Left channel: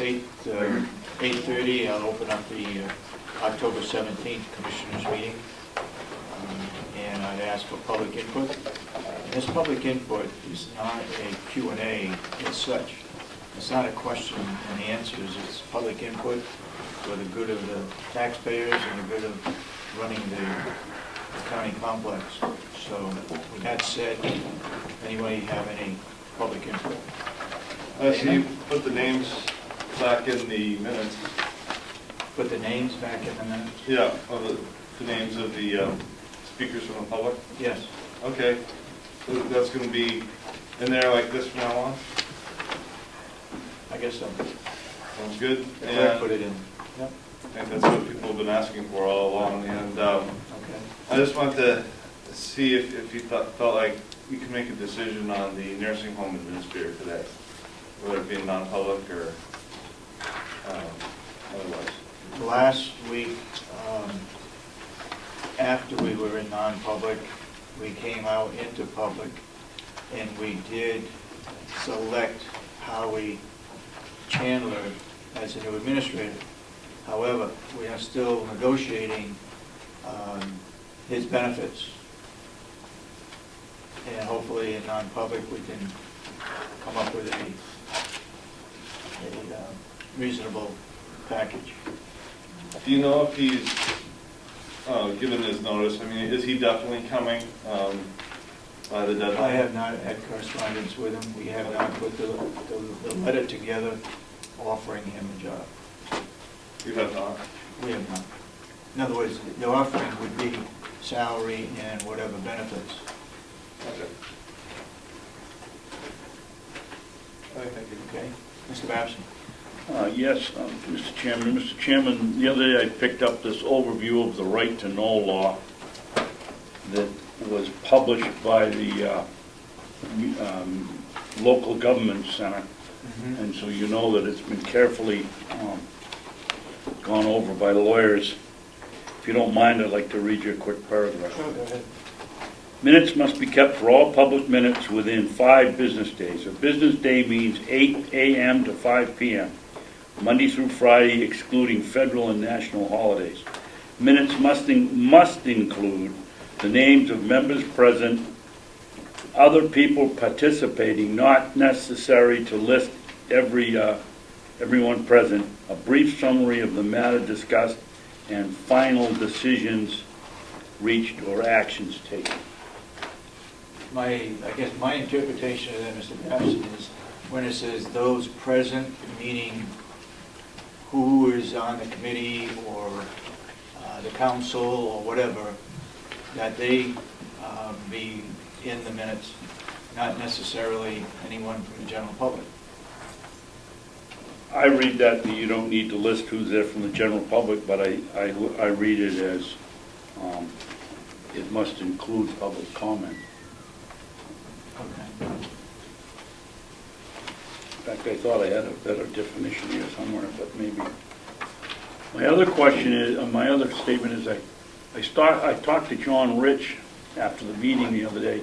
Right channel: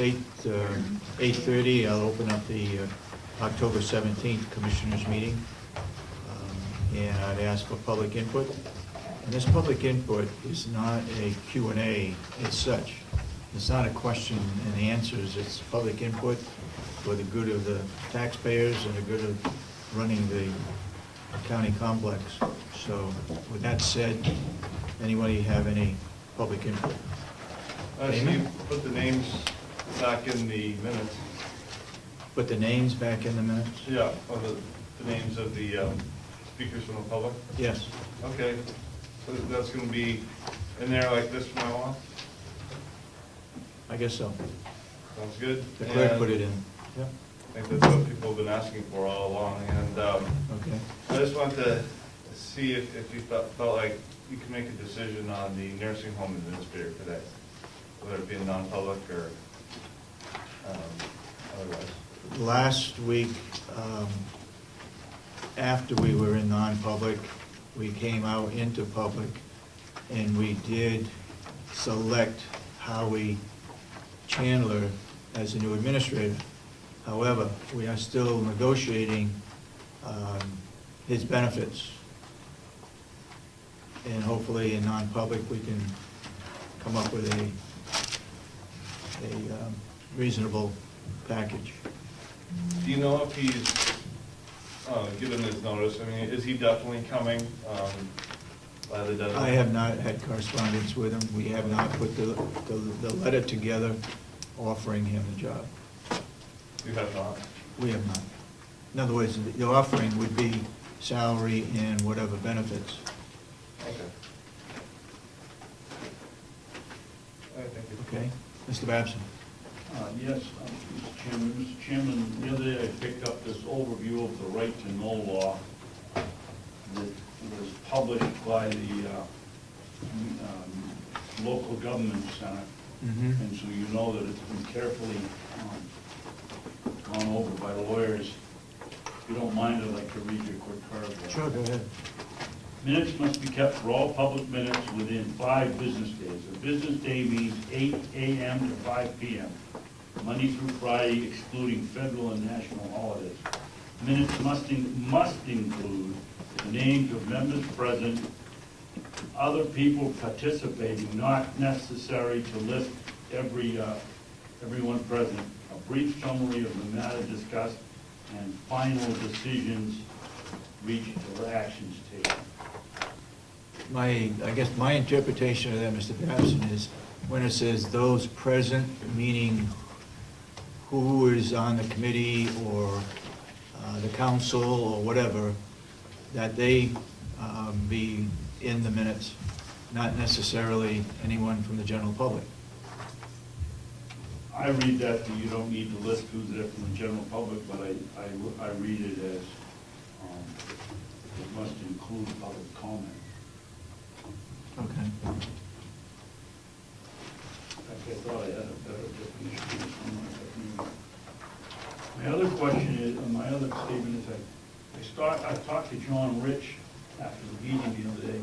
8:30. I'll open up the October 17th Commissioners meeting. And I'd ask for public input. And this public input is not a Q&A as such. It's not a question and answers. It's public input for the good of the taxpayers and the good of running the county complex. So with that said, anybody have any public input? I see you put the names back in the minutes. Put the names back in the minutes? Yeah, of the names of the speakers from the public. Yes. Okay, so that's going to be in there like this from now on? I guess so. Sounds good. The clerk put it in. Yep. And that's what people have been asking for all along. And Okay. I just wanted to see if you felt like you could make a decision on the nursing home administrator today, whether it be non-public or otherwise. Last week, after we were in non-public, we came out into public and we did select Howie Chandler as the new administrator. However, we are still negotiating his benefits. And hopefully in non-public, we can come up with a reasonable package. Do you know if he's given his notice? I mean, is he definitely coming by the deadline? I have not had correspondence with him. We have not put the letter together offering him a job. You have not? We have not. In other words, the offering would be salary and whatever benefits. Okay. All right, thank you. Okay? Mr. Babson? Yes, Mr. Chairman. Mr. Chairman, the other day I picked up this overview of the right to know law that was published by the local government center. Mm-hmm. And so you know that it's been carefully gone over by lawyers. If you don't mind, I'd like to read you a quick paragraph. Sure, go ahead. Minutes must be kept for all public minutes within 5 business days. A business day means 8 a.m. to 5 p.m., Monday through Friday, excluding federal and national holidays. Minutes must include the names of members present, other people participating, not necessary to list everyone present, a brief summary of the matter discussed, and final decisions reached or actions taken. I guess my interpretation of that, Mr. Babson, is when it says those present, meaning who is on the committee or the council or whatever, that they be in the minutes, not necessarily anyone from the general public. I read that you don't need to list who's there from the general public, but I read it as it must include public comment. Okay. In fact, I thought I had a better definition here somewhere, but maybe. My other question is, my other statement is I talked to John Rich after the meeting the other day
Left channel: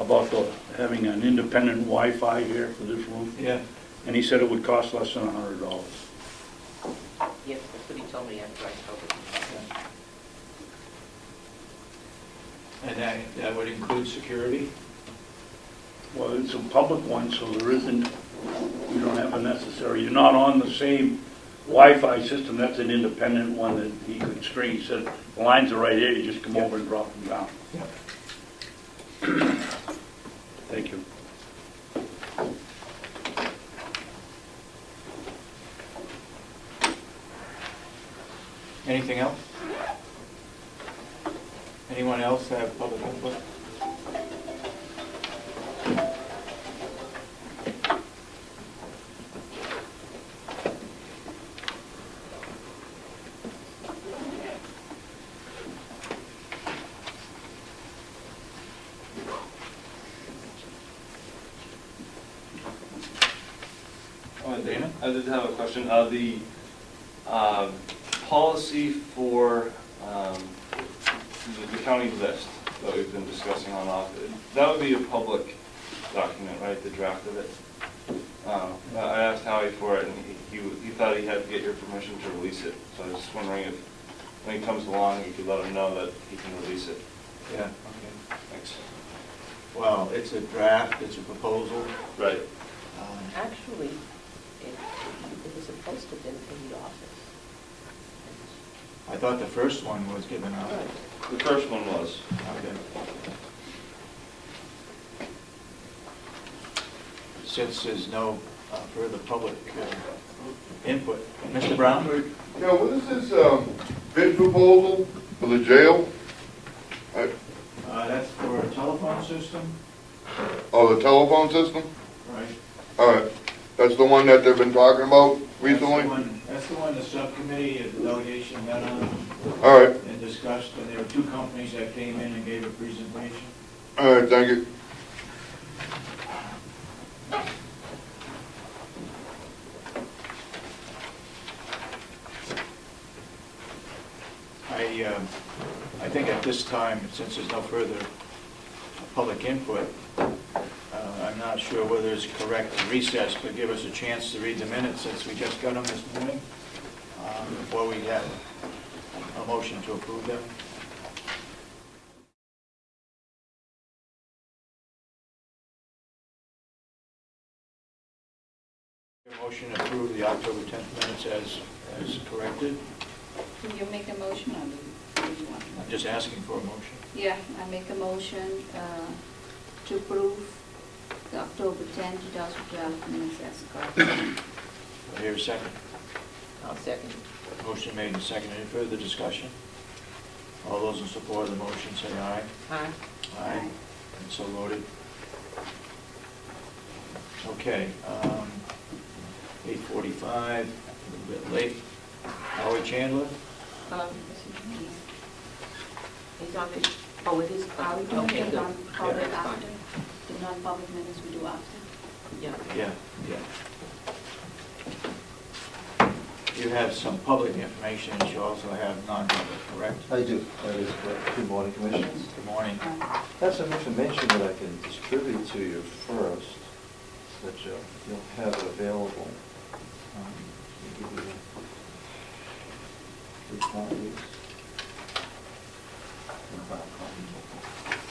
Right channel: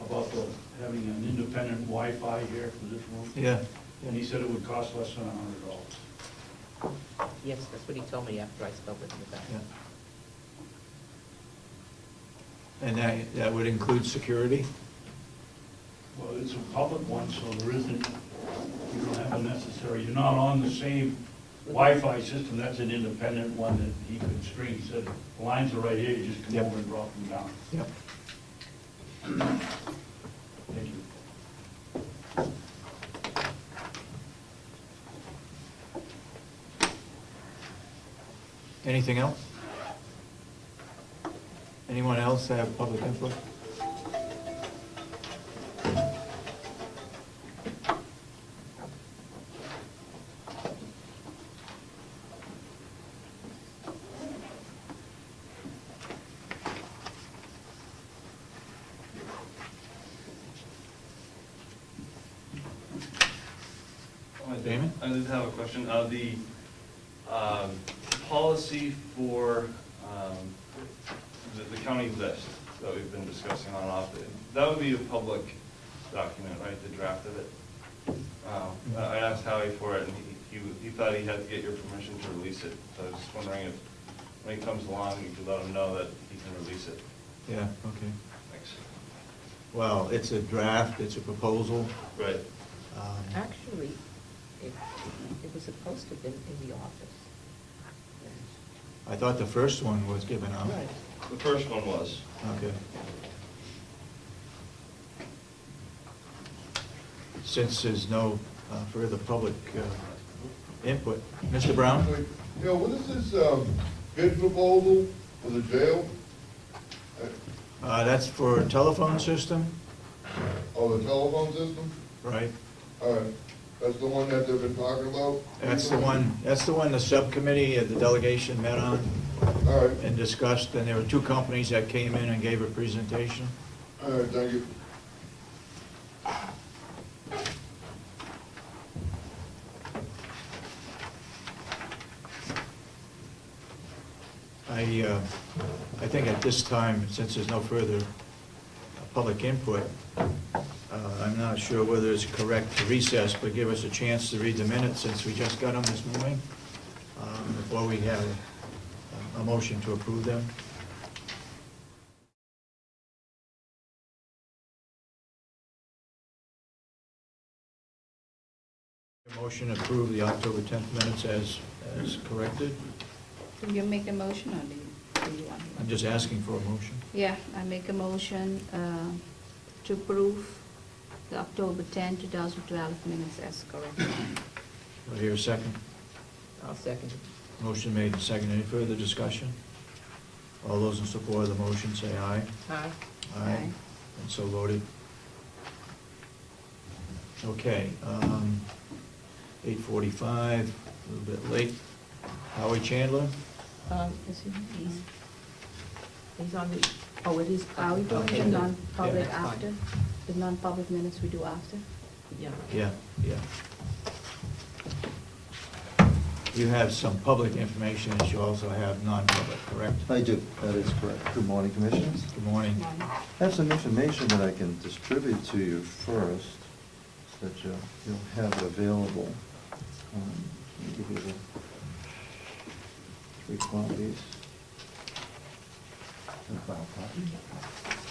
about having an independent Wi-Fi here for this room. Yeah. And he said it would cost less than $100. Yes, that's what he told me after I spoke with him. Yeah. And that would include security? Well, it's a public one, so there isn't, you don't have a necessary, you're not on the same Wi-Fi system. That's an independent one that he could string. He said, the lines are right here, you just come over and drop them down. Yep. Thank you. Anything else? Anyone else have public input? Damon? I did have a question. The policy for the county list that we've been discussing on off, that would be a public document, right, the draft of it? I asked Howie for it, and he thought he had to get your permission to release it. So I was just wondering if, when he comes along, you could let him know that he can release it. Yeah, okay. Thanks. Well, it's a draft, it's a proposal. Right. Actually, it was posted in the office. I thought the first one was given out. The first one was. Okay. Since there's no further public input, Mr. Brown? Yeah, what is this bid proposal for the jail? That's for a telephone system, Oh, the telephone system? right? All right, that's the one that they've been talking about That's the recently? one the subcommittee, the delegation met on All right, and discussed, and there were two companies that came in and gave a presentation. all right, thank you. I think at this time, since there's no further public input, I'm not sure whether it's correct to recess, but give us a chance to read the minutes since we just got them this morning, before we have a motion to approve them. A motion to approve the October 10th minutes as corrected. Will you make a motion, or do you want? I'm just asking for a motion. Yeah, I make a motion to approve the October 10, 2012 minutes as correct. Do I hear a second? I'll second it. Motion made and seconded. Any further discussion? All those in support of the motion say aye. Aye. Aye. And so voted. Okay, 8:45, a little bit late. Howard Chandler? He's on the, oh, it is. Are we doing Okay, the good. non-public Yeah, that's fine. after? The non-public minutes we do after? Yeah. Yeah. You have some public information, and you also have non-public, correct? I do, that is correct. Good morning, Commissioners. Good morning. I have some information that I can distribute to you first, so that you'll have it available. Let me give you the 3 copies. 5 copies.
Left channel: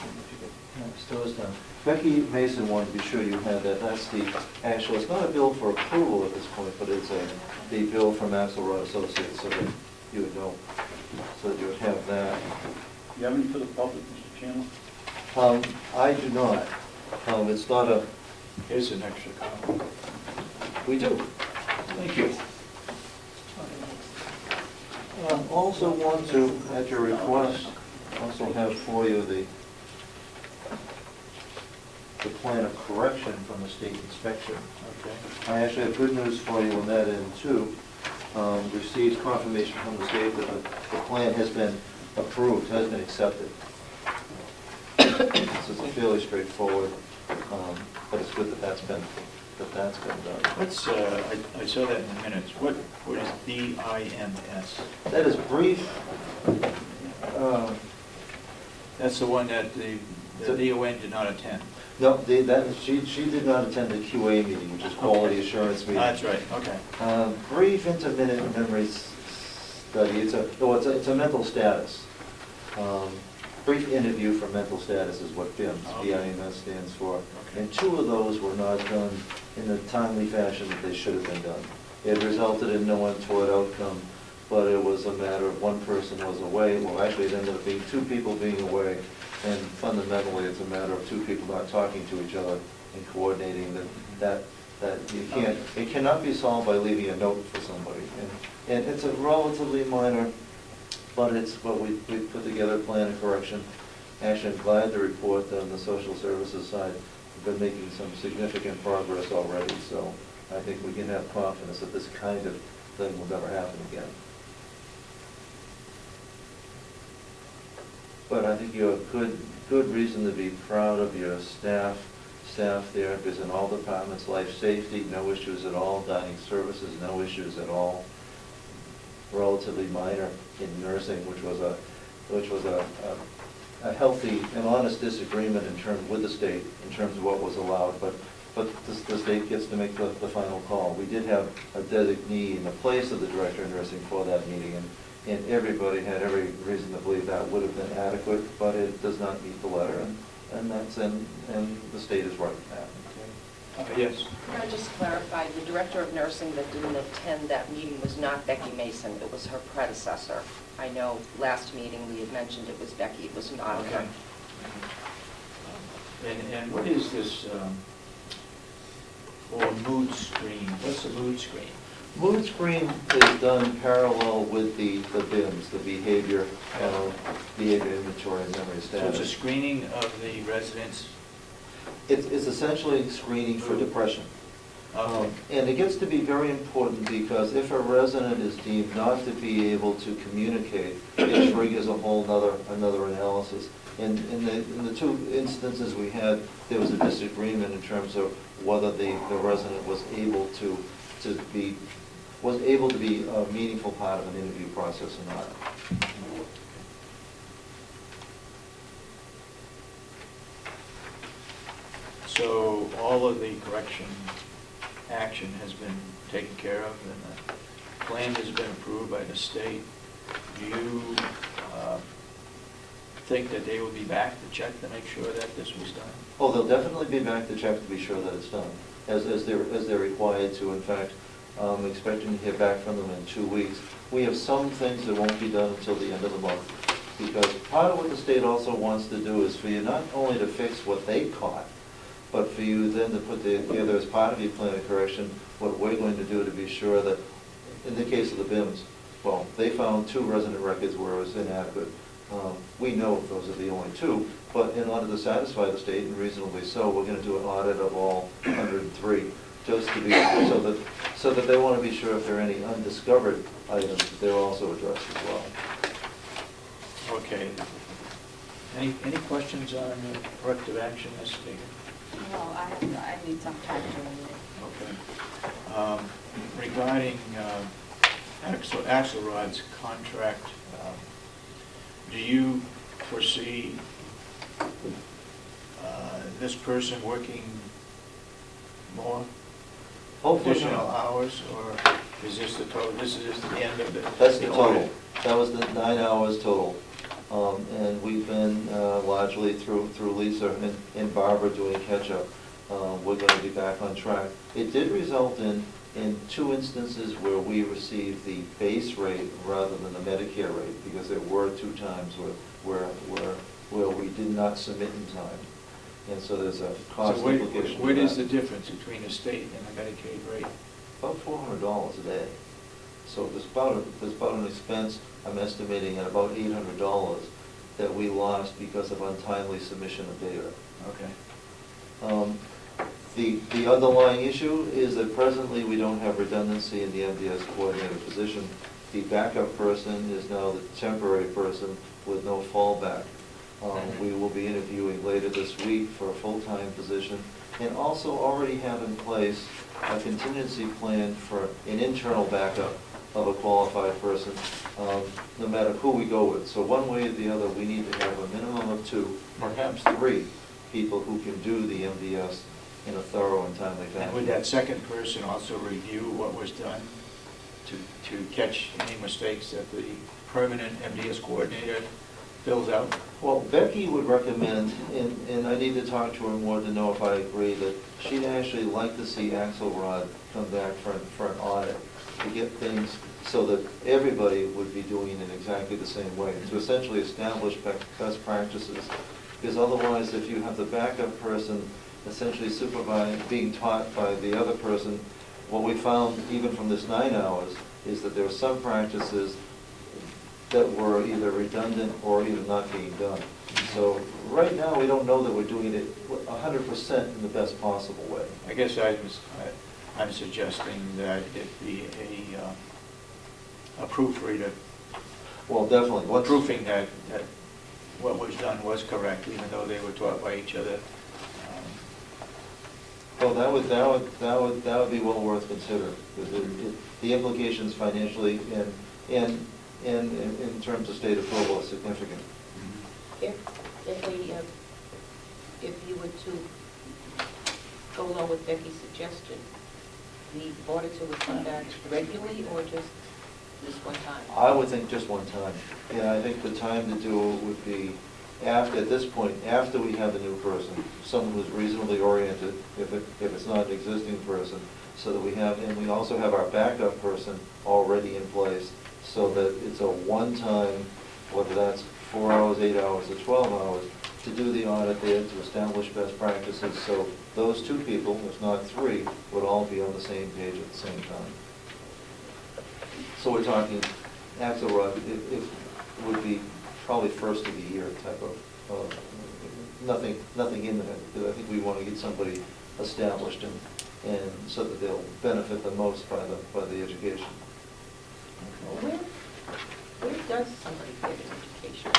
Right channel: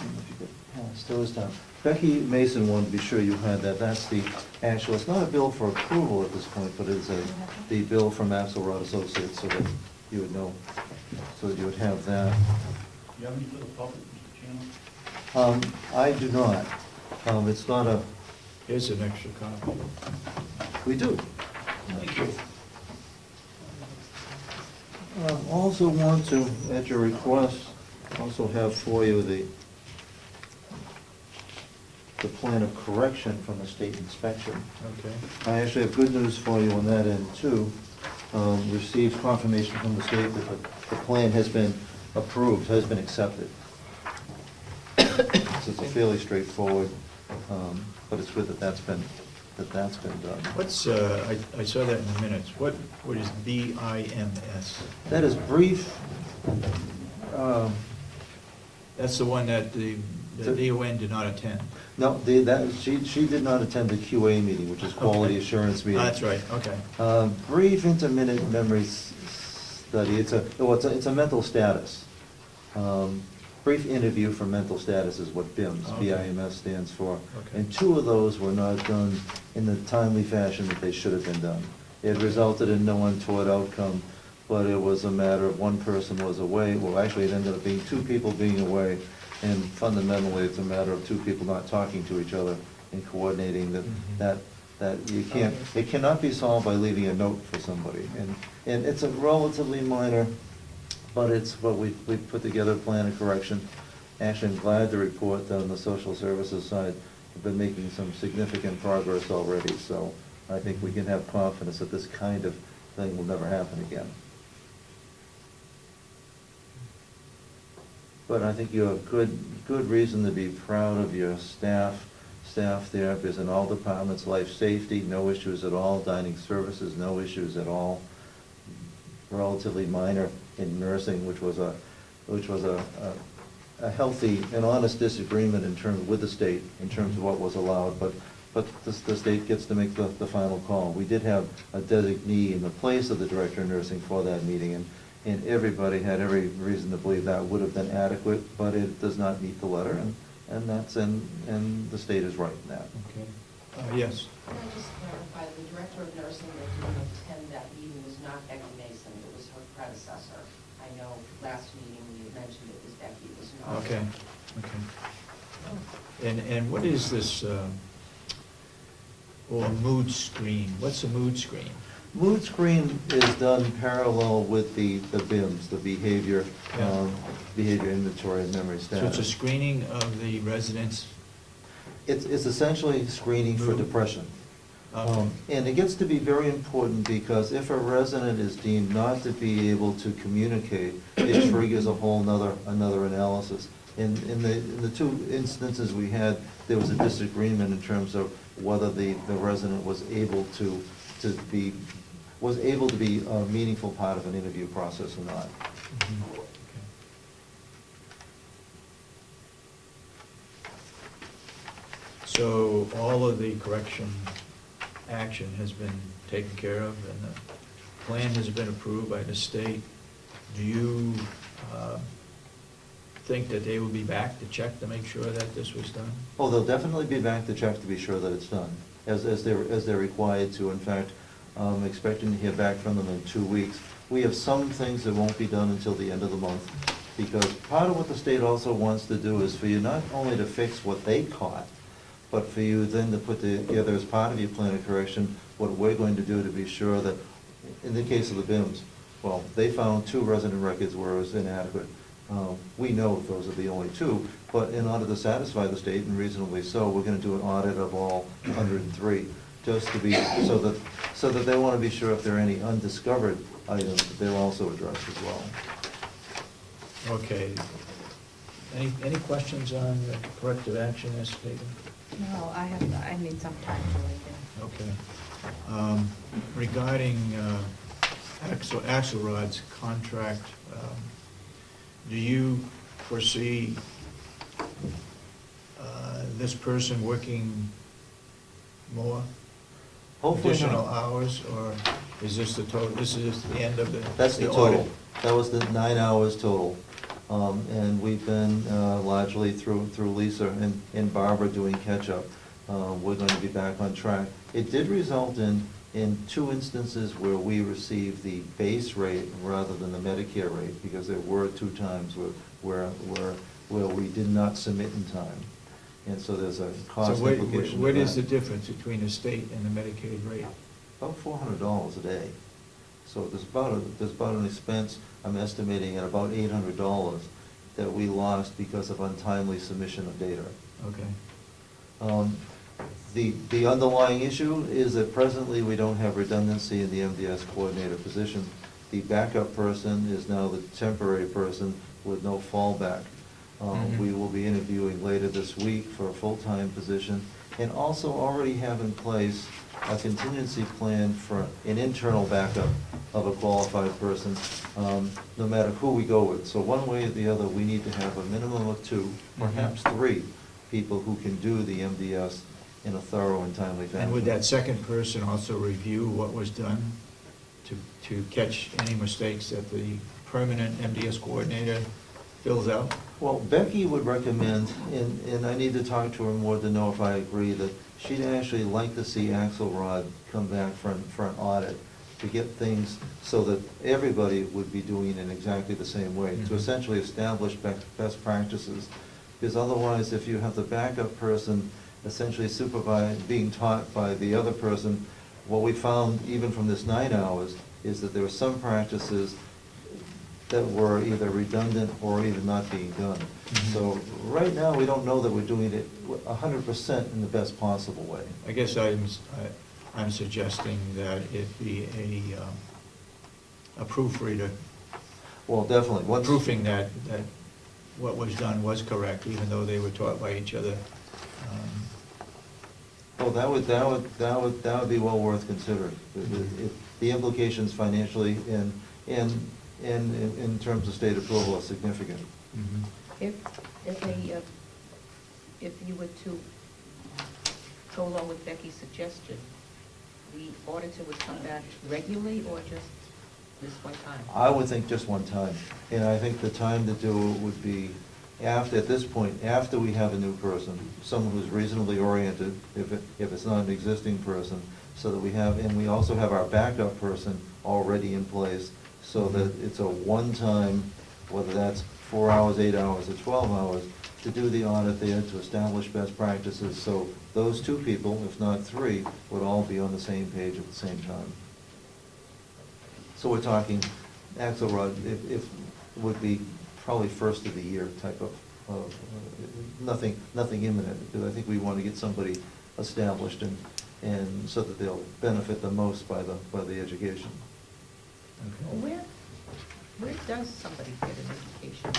If you get- yeah, still this time. Becky Mason wanted to be sure you had that. That's the actual, it's not a bill for approval at this point, but it's the bill from Axelrod Associates, so that you would know, so that you would have that. You have any for the public, Mr. Chairman? I do not. It's not a, Here's an extra copy. we do. Thank you. Also want to, at your request, also have for you the plan of correction from the state inspection. Okay. I actually have good news for you on that end too. Received confirmation from the state that the plan has been approved, has been accepted. So it's fairly straightforward, but it's good that that's been done. What's, I saw that in the minutes. What is BIMS? That is brief. That's the one that the DON did not attend. No, she did not attend the QA meeting, which is quality assurance meeting. That's right, okay. Brief intermittent memory study, it's a mental status. Brief interview for mental status is what BIMS, Okay. BIMS stands for. Okay. And 2 of those were not done in the timely fashion that they should have been done. It resulted in no untoward outcome, but it was a matter of one person was away. Well, actually, it ended up being 2 people being away. And fundamentally, it's a matter of 2 people not talking to each other and coordinating that you can't, it cannot be solved by leaving a note for somebody. And it's a relatively minor, but we put together a plan of correction. Actually, I'm glad to report that on the social services side, we've been making some significant progress already. So I think we can have confidence that this kind of thing will never happen again. But I think you have good reason to be proud of your staff there, because in all departments, life safety, no issues at all, dining services, no issues at all. Relatively minor in nursing, which was a healthy and honest disagreement in terms with the state, in terms of what was allowed, but but the state gets to make the final call. We did have a designee in the place of the director of nursing for that meeting, and everybody had every reason to believe that would have been adequate, but it does not meet the letter, and the state is right in that. Okay. Yes. Can I just clarify, the director of nursing that didn't attend that meeting was not Becky Mason, it was her predecessor. I know last meeting we had mentioned it was Becky, it was not Okay. her. Okay. And what is this, or mood screen? What's a mood screen? Mood screen is done parallel with the BIMS, the behavior inventory and memory status. So it's a screening of the residents? It's essentially screening for Mood. depression. Okay. And it gets to be very important because if a resident is deemed not to be able to communicate, it triggers a whole another analysis. In the two instances we had, there was a disagreement in terms of whether the resident was able to be a meaningful part of an interview process or not. So all of the correction action has been taken care of, and the plan has been approved by the state. Do you think that they will be back to check to make sure that this was done? Oh, they'll definitely be back to check to be sure that it's done, as they're required to. In fact, expecting to hear back from them in 2 weeks. We have some things that won't be done until the end of the month, because part of what the state also wants to do is for you not only to fix what they caught, but for you then to put together as part of your plan of correction, what we're going to do to be sure that, in the case of the BIMS, well, they found 2 resident records where it was inadequate. We know those are the only 2, but in order to satisfy the state, and reasonably so, we're gonna do an audit of all 103, just to be, so that they wanna be sure if there are any undiscovered items, they're also addressed as well. Okay. Any questions on the corrective action as taken? No, I need some time to read it. Okay. Regarding Axelrod's contract, do you foresee this person working more? Hopefully Additional not. hours, or is this the total, this is the end of the? That's the total. audit? That was the 9 hours total. And we've been largely through Lisa and Barbara doing catch-up. We're going to be back on track. It did result in 2 instances where we received the base rate rather than the Medicare rate, because there were 2 times where we did not submit in time. And so there's a cost So implication. what to is the that. difference between the state and the Medicaid rate? About $400 a day. So there's about an expense, I'm estimating, at about $800 that we lost because of untimely submission of data. Okay. The underlying issue is that presently we don't have redundancy in the MDS coordinator position. The backup person is now the temporary person with no fallback. We will be interviewing later this week for a full-time position, and also already have in place a contingency plan for an internal backup of a qualified person, no matter who we go with. So one way or the other, we need to have a minimum of 2, perhaps 3 people who can do the MDS in a thorough and timely fashion. And would that second person also review what was done to catch any mistakes that the permanent MDS coordinator fills out? Well, Becky would recommend, and I need to talk to her more to know if I agree, that she'd actually like to see Axelrod come back for an audit to get things so that everybody would be doing it in exactly the same way, to essentially establish best practices. Because otherwise, if you have the backup person essentially supervised, being taught by the other person, what we found even from this 9 hours is that there were some practices that were either redundant or even not being done. So right now, we don't know that we're doing it 100% in the best possible way. I guess I'm suggesting that it be a proofreader, Well, definitely. proofing that what was done was correct, even though they were taught by each other. Well, that would be well worth considering. The implications financially and in terms of state approval are significant. Mhm. If you were to go along with Becky's suggestion, the auditor would come back regularly or just this one time? I would think just one time, and I think the time to do it would be after, at this point, after we have a new person, someone who's reasonably oriented, if it's not an existing person, so that we have, and we also have our backup person already in place, so that it's a one-time, whether that's 4 hours, 8 hours, or 12 hours, to do the audit there, to establish best practices, so those two people, if not three, would all be on the same page at the same time. So we're talking, Axelrod, it would be probably first of the year type of, nothing imminent, because I think we want to get somebody established and so that they'll benefit the most by the education. Where does somebody get an education?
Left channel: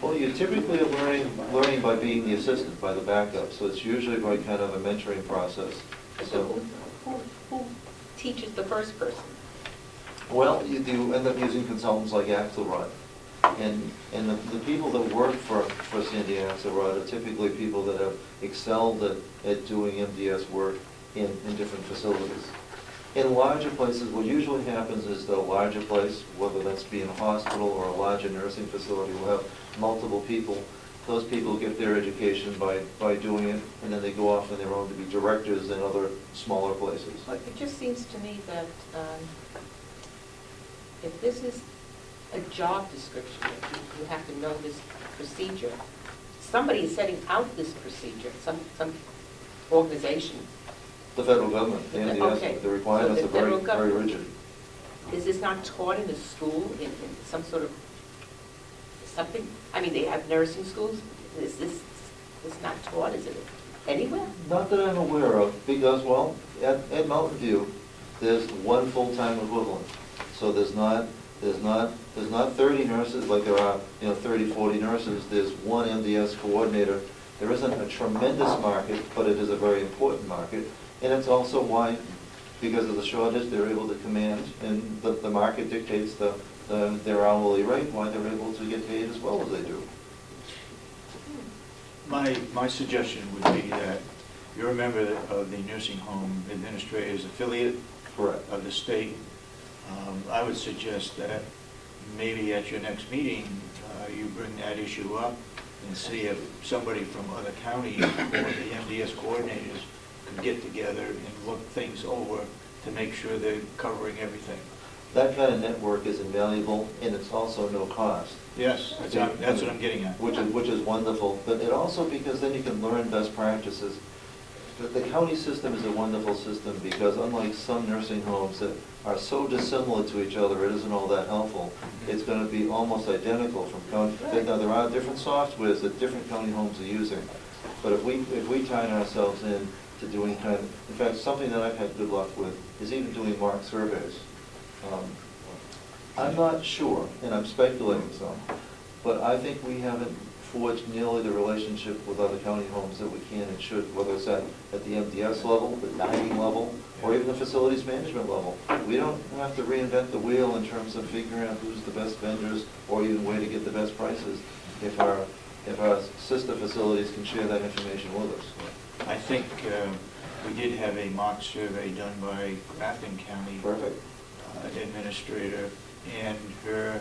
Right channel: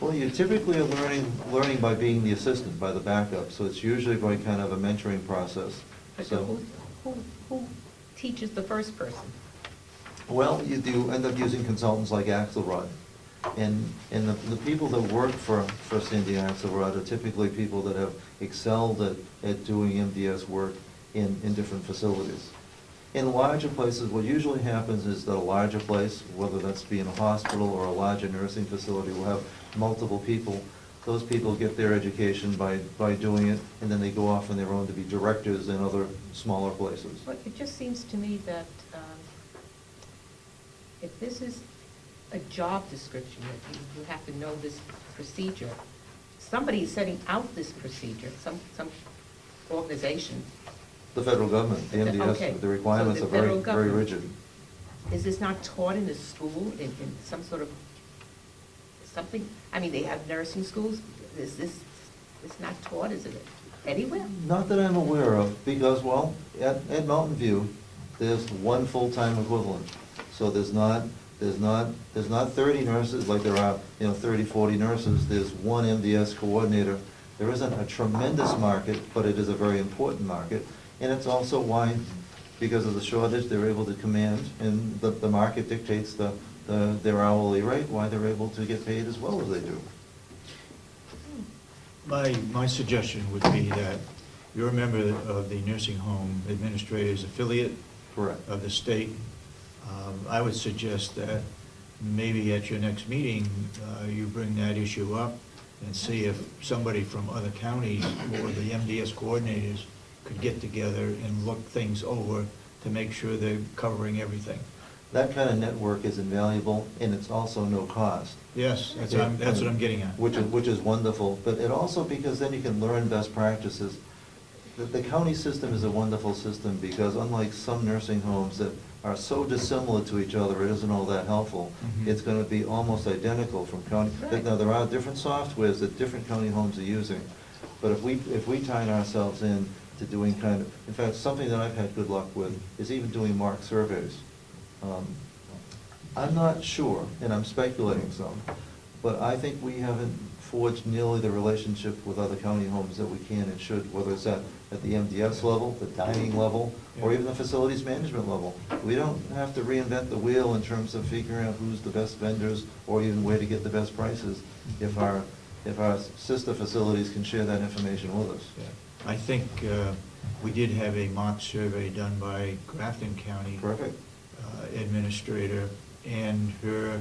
Well, you're typically learning by being the assistant, by the backup, so it's usually by kind of a mentoring process. So who teaches the first person? Well, you do end up using consultants like Axelrod. And the people that work for Cindy Axelrod are typically people that have excelled at doing MDS work in different facilities. In larger places, what usually happens is that a larger place, whether that's being a hospital or a larger nursing facility, will have multiple people. Those people get their education by doing it, and then they go off on their own to be directors in other smaller places. But it just seems to me that if this is a job description, you have to know this procedure. Somebody is setting out this procedure, some organization. The federal government, the Okay. MDS, the requirements So are the federal very government. rigid. Is this not taught in a school, in some sort of, something? I mean, they have nursing schools. Is this, it's not taught, is it, anywhere? Not that I'm aware of, because, well, at Mountain View, there's one full-time equivalent. So there's not 30 nurses like there are, 30, 40 nurses. There's one MDS coordinator. There isn't a tremendous market, but it is a very important market. And it's also why, because of the shortage, they're able to command, and the market dictates their hourly rate, why they're able to get paid as well as they do. My suggestion would be that you're a member of the Nursing Home Administrators Affiliate Correct. of the state. I would suggest that maybe at your next meeting, you bring that issue up and see if somebody from other counties or the MDS coordinators could get together and look things over to make sure they're covering everything. That kind of network is invaluable, and it's also no cost. Yes, that's what I'm getting at. Which is wonderful, but it also, because then you can learn best practices. The county system is a wonderful system, because unlike some nursing homes that are so dissimilar to each other, it isn't all that helpful. Mhm. It's gonna be almost identical from county, now there are different softwares that different county homes are using, but if we tie ourselves in to doing kind of, in fact, something that I've had good luck with is even doing mock surveys. I'm not sure, and I'm speculating some, but I think we haven't forged nearly the relationship with other county homes that we can and should, whether it's at the MDS level, the dining level, or even the facilities management level. We don't have to reinvent the wheel in terms of figuring out who's the best vendors or even where to get the best prices if our sister facilities can share that information with us. I think we did have a mock survey done by Grafton County Perfect. Administrator, and her,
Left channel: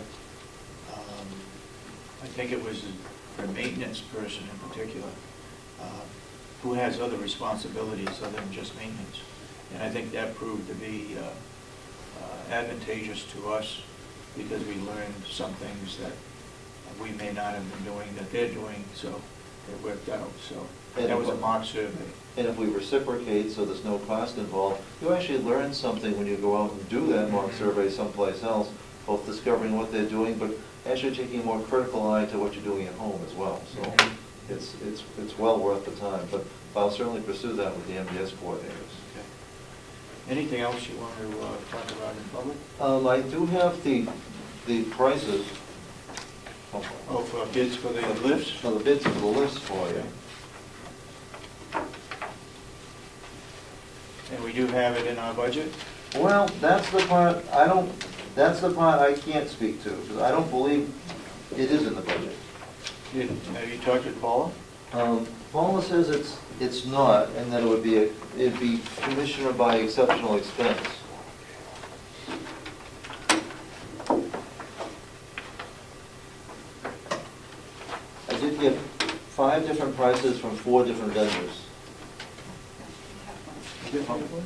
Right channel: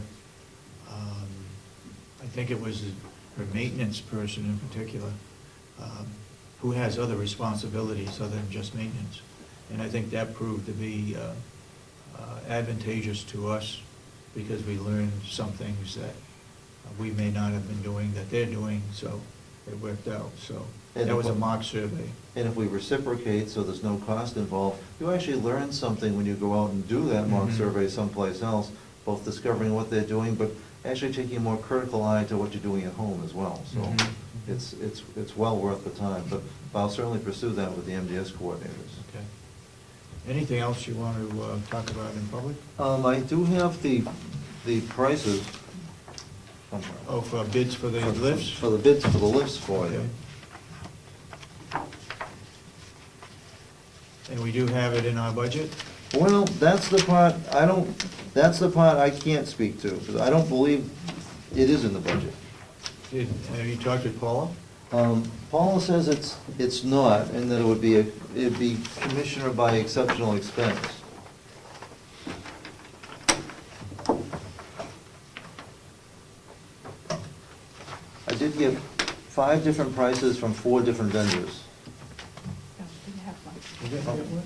I think it was her maintenance person in particular, who has other responsibilities other than just maintenance. And I think that proved to be advantageous to us, because we learned some things that we may not have been doing that they're doing, so it worked out. So that was a mock survey. And if we reciprocate, so there's no cost involved, you actually learn something when you go out and do that mock Mhm. survey someplace else, both discovering what they're doing, but actually taking a more critical eye to what you're doing at home as well. So Mhm. it's well worth the time, but I'll certainly pursue that with the MDS coordinators. Okay. Anything else you want to talk about in public? I do have the prices. Oh, for bids for the lifts? For the bids for the lifts for you. Okay. And we do have it in our budget? Well, that's the part I can't speak to, because I don't believe it is in the budget. Have you talked with Paula? Paula says it's not, and that it'd be commissioner by exceptional expense. I did get 5 different prices from 4 different vendors. Do you have one?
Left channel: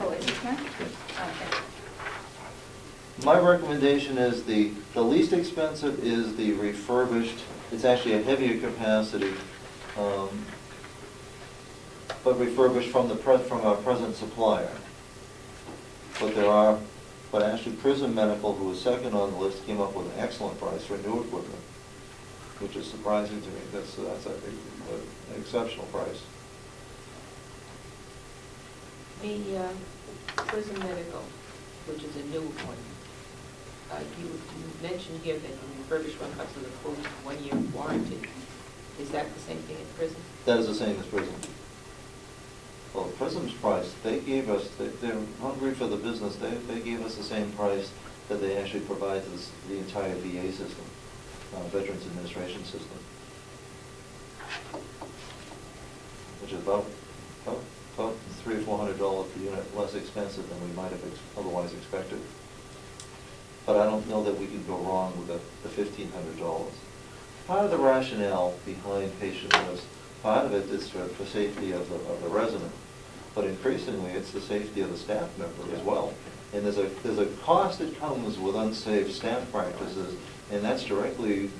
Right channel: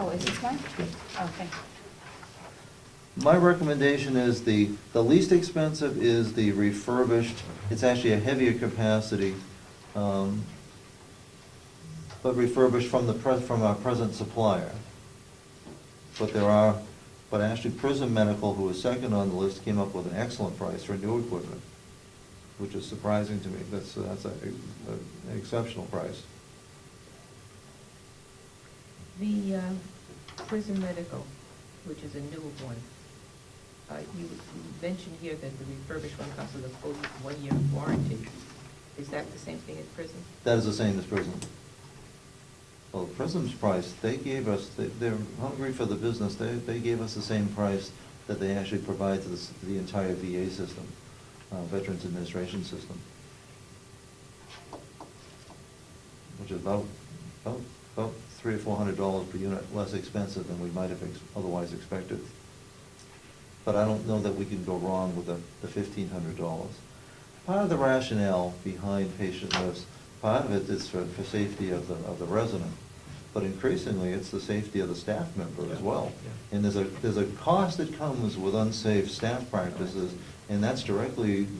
Oh, is this one? Okay. My recommendation is the least expensive is the refurbished. It's actually a heavier capacity, but refurbished from our present supplier. But actually Prism Medical, who was second on the list, came up with an excellent price for new equipment, which is surprising to me. That's an exceptional price. The Prism Medical, which is a new one, you mentioned here that the refurbished one comes with a full 1-year warranty. Is that the same thing at Prism? That is the same as Prism. Well, Prism's price, they gave us, they're hungry for the business, they gave us the same price that they actually provide to the entire VA system, Veterans Administration System. Which is about $300 or $400 per unit less expensive than we might have otherwise expected. But I don't know that we could go wrong with the $1,500. Part of the rationale behind patient lists, part of it is for safety of the resident, but increasingly it's the safety of the staff member as well. And there's a cost that comes with unsafe staff practices, and that's directly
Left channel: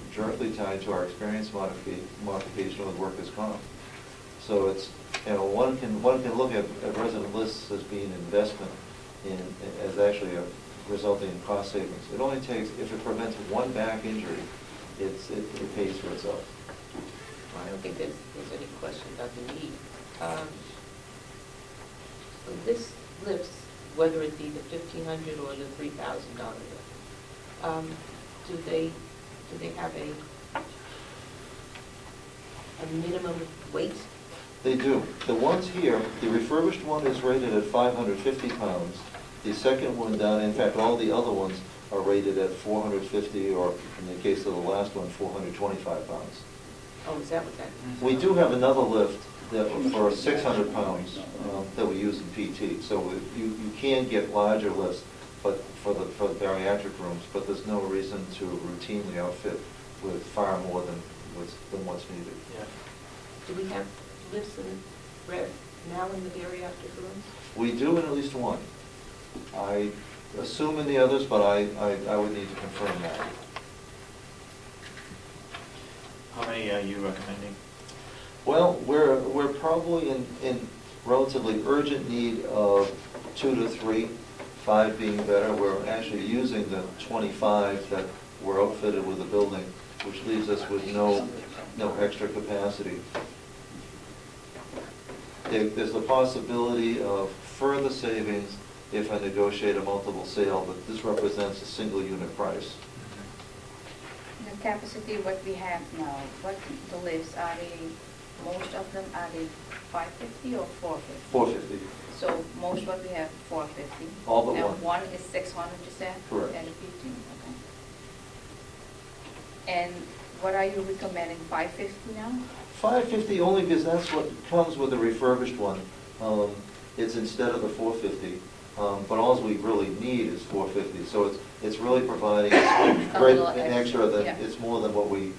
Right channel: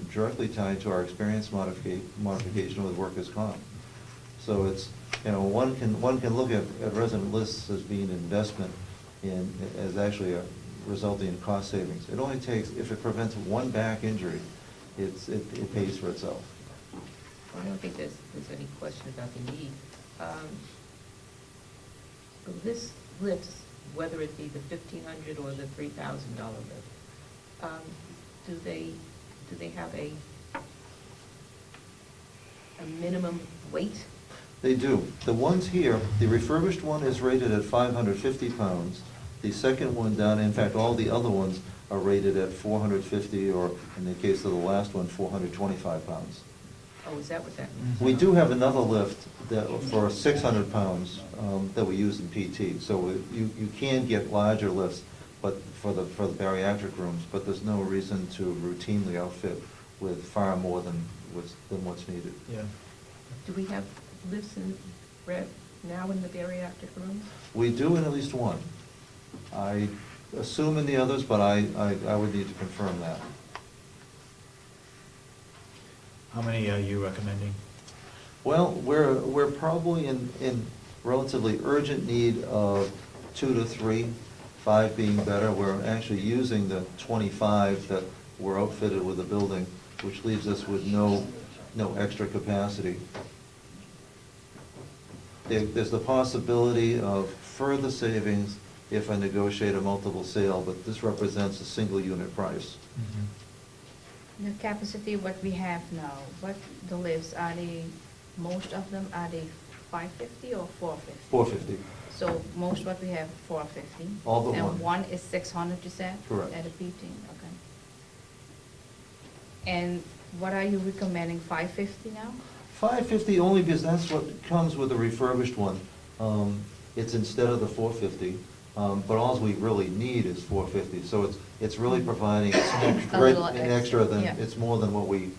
tied to our experience modification with workers' comp. So it's, one can look at resident lists as being investment as actually resulting in cost savings. It only takes, if it prevents one back injury, it pays for itself. Well, I don't think there's any question about the need. So this lifts, whether it be the $1,500 or the $3,000 lift, do they have a minimum weight? They do. The ones here, the refurbished one is rated at 550 pounds. The second one down, in fact, all the other ones are rated at 450, or in the case of the last one, 425 pounds. Oh, is that what that is? We do have another lift for 600 pounds that we use in PT. So you can get larger lifts, but for the bariatric rooms, but there's no reason to routinely outfit with far more than what's needed. Yeah. Do we have lifts now in the bariatric rooms? We do in at least one. I assume in the others, but I would need to confirm that. How many are you recommending? Well, we're probably in relatively urgent need of 2 to 3, 5 being better. We're actually using the 25 that were outfitted with the building, which leaves us with no extra capacity. There's the possibility of further savings if I negotiate a multiple sale, but this represents a single unit price. The capacity what we have now, what the lifts, are they, most of them, are they 550 or 450? 450. So most what we have, 450. All but one. And one is 600, you said? Correct. At a 15, okay. And what are you recommending, 550 now? 550 only because that's what comes with the refurbished one. It's instead of the 450, but all we really need is 450. So it's really providing an extra than, yeah. it's more than what we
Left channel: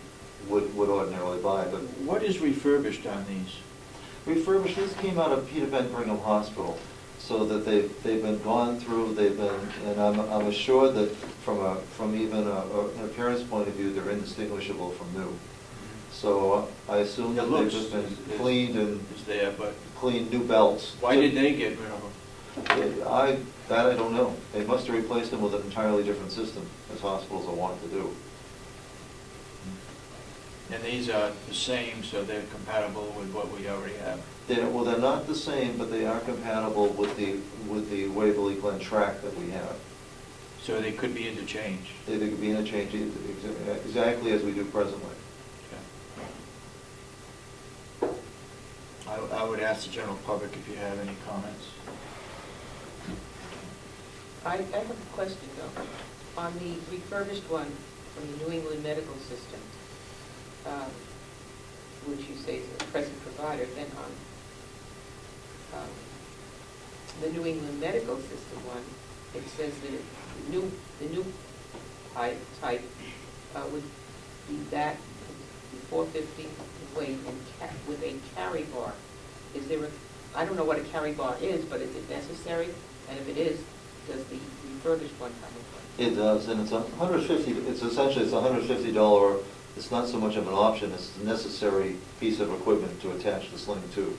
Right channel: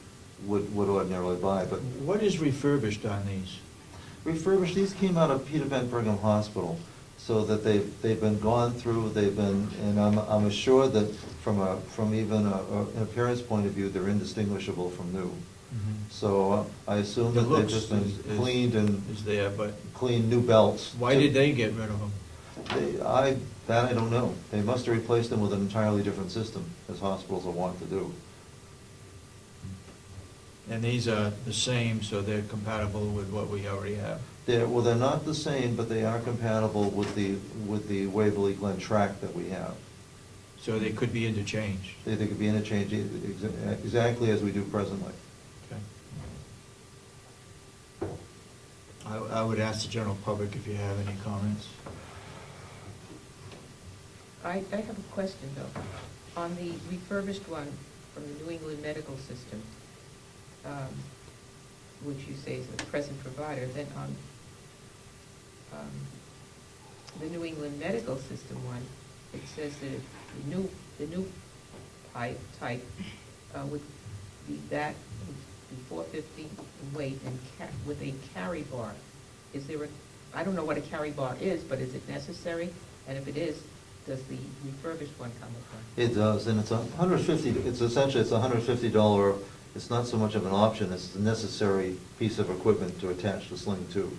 would ordinarily buy. But What is refurbished on these? refurbished, these came out of Peter Pan Brigham Hospital, so that they've been gone through, and I'm assured that from even an appearance point of view, they're indistinguishable from new. So I assume The that they've looks just been is- cleaned and Is there, but cleaned new belts. why did they get rid of them? I don't know. They must have replaced them with an entirely different system, as hospitals are wont to do. And these are the same, so they're compatible with what we already have? They're not the same, but they are compatible with the Waverly Glen track that we have. So they could be interchanged? They could be interchanged exactly as we do presently. Okay. I would ask the general public if you have any comments. I have a question though. On the refurbished one from the New England Medical System, which you say is a present provider, then on the New England Medical System one, it says that the new type would be that, be 450 in weight and with a carry bar. Is there I don't know what a carry bar is, but is it necessary? And if it is, does the refurbished one come with one? It does, and it's $150, it's essentially, it's $150, it's not so much of an option, it's a necessary piece of equipment to attach the sling to.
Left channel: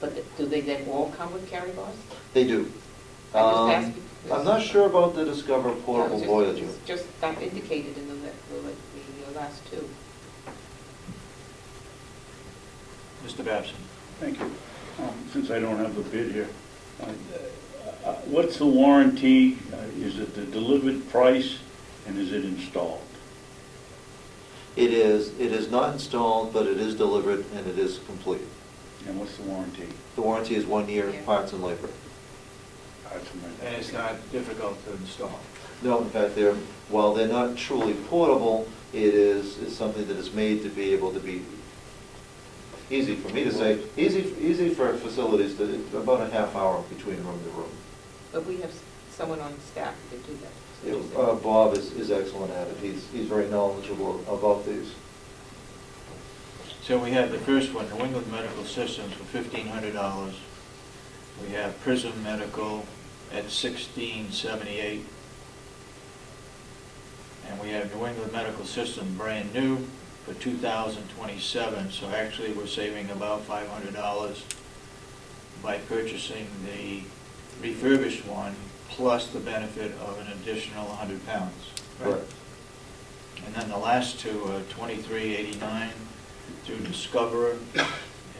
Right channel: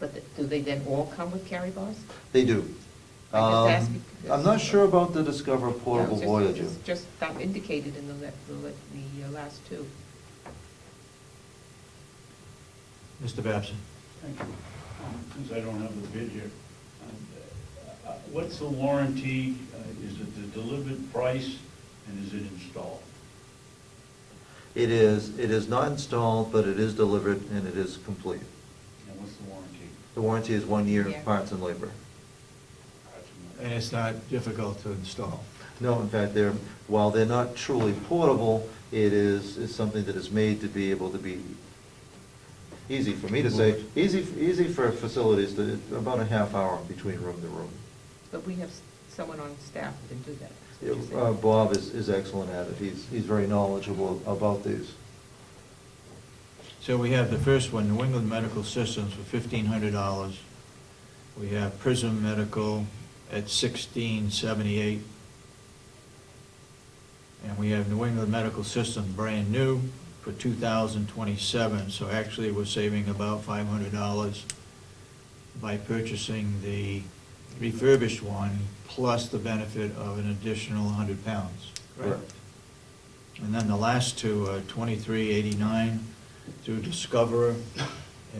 But do they then all come with carry bars? They do. I just asked you because- I'm not sure about the Discover Portable No, Voyager. it's just not indicated in the last two. Mr. Babson? Thank you. Since I don't have the bid here, what's the warranty? Is it the delivered price, and is it installed? It is not installed, but it is delivered and it is complete. And what's the warranty? The warranty is 1 year, Yeah. parts and labor. And it's not difficult to install. No, in fact, while they're not truly portable, it's something that is made to be able to be, easy for me to say, easy for facilities, that about a half hour between room to room. But we have someone on staff who can do that. That's what you're saying. Bob is excellent at it. He's very knowledgeable about these. So we have the first one, New England Medical Systems for $1,500. We have Prism Medical at $1,678. And we have New England Medical Systems brand new for $2,027. So actually, we're saving about $500 by purchasing the refurbished one, plus the benefit of an additional 100 pounds. Correct. And then the last two are $23.89 through Discover,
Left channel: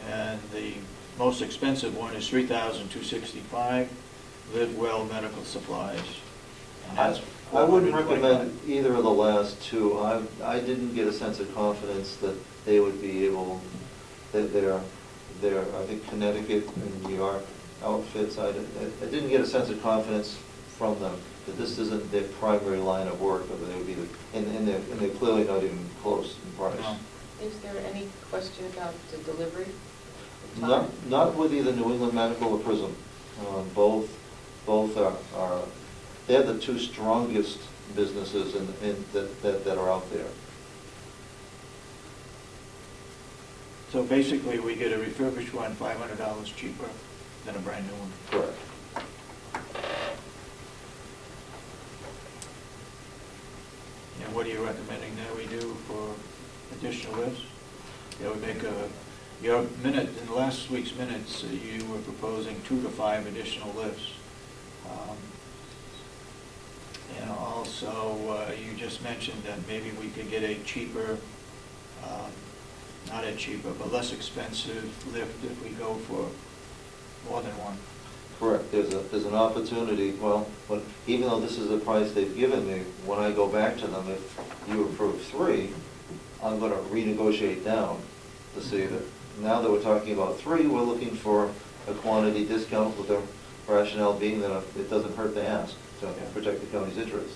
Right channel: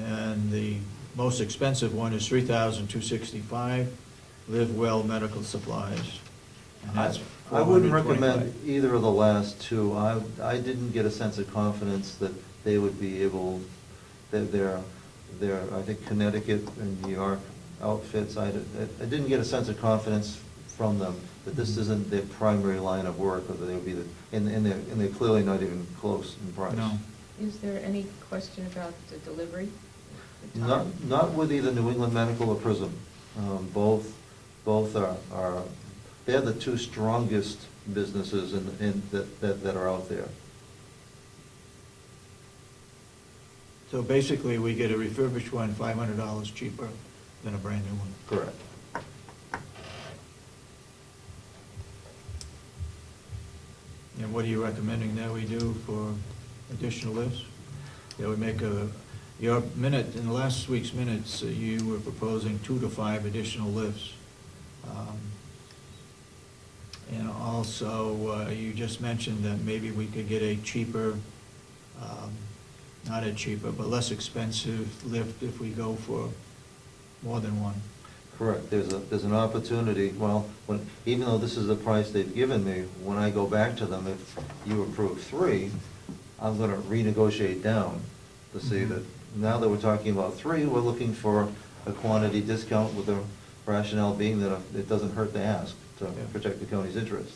and the most expensive one is $3,265, Live Well Medical Supplies. And that's I wouldn't $425. recommend either of the last two. I didn't get a sense of confidence that they would be able, that they're, I think Connecticut and New York outfits, I didn't get a sense of confidence from them that this isn't their primary line of work, or they would be, and they're clearly not even close in price. No. Is there any question about the delivery? The time? Not with either New England Medical or Prism. Both are, they're the two strongest businesses that are out there. So basically, we get a refurbished one $500 cheaper than a brand new one. Correct. And what are you recommending that we do for additional lifts? You know, your minute, in last week's minutes, you were proposing 2 to 5 additional lifts. And also, you just mentioned that maybe we could get a cheaper, not a cheaper, but less expensive lift if we go for more than one. Correct. There's an opportunity, well, even though this is the price they've given me, when I go back to them, if you approve 3, I'm gonna renegotiate down to see that, now that we're talking about 3, we're looking for a quantity discount, with the rationale being that it doesn't hurt to ask, to protect the county's interest.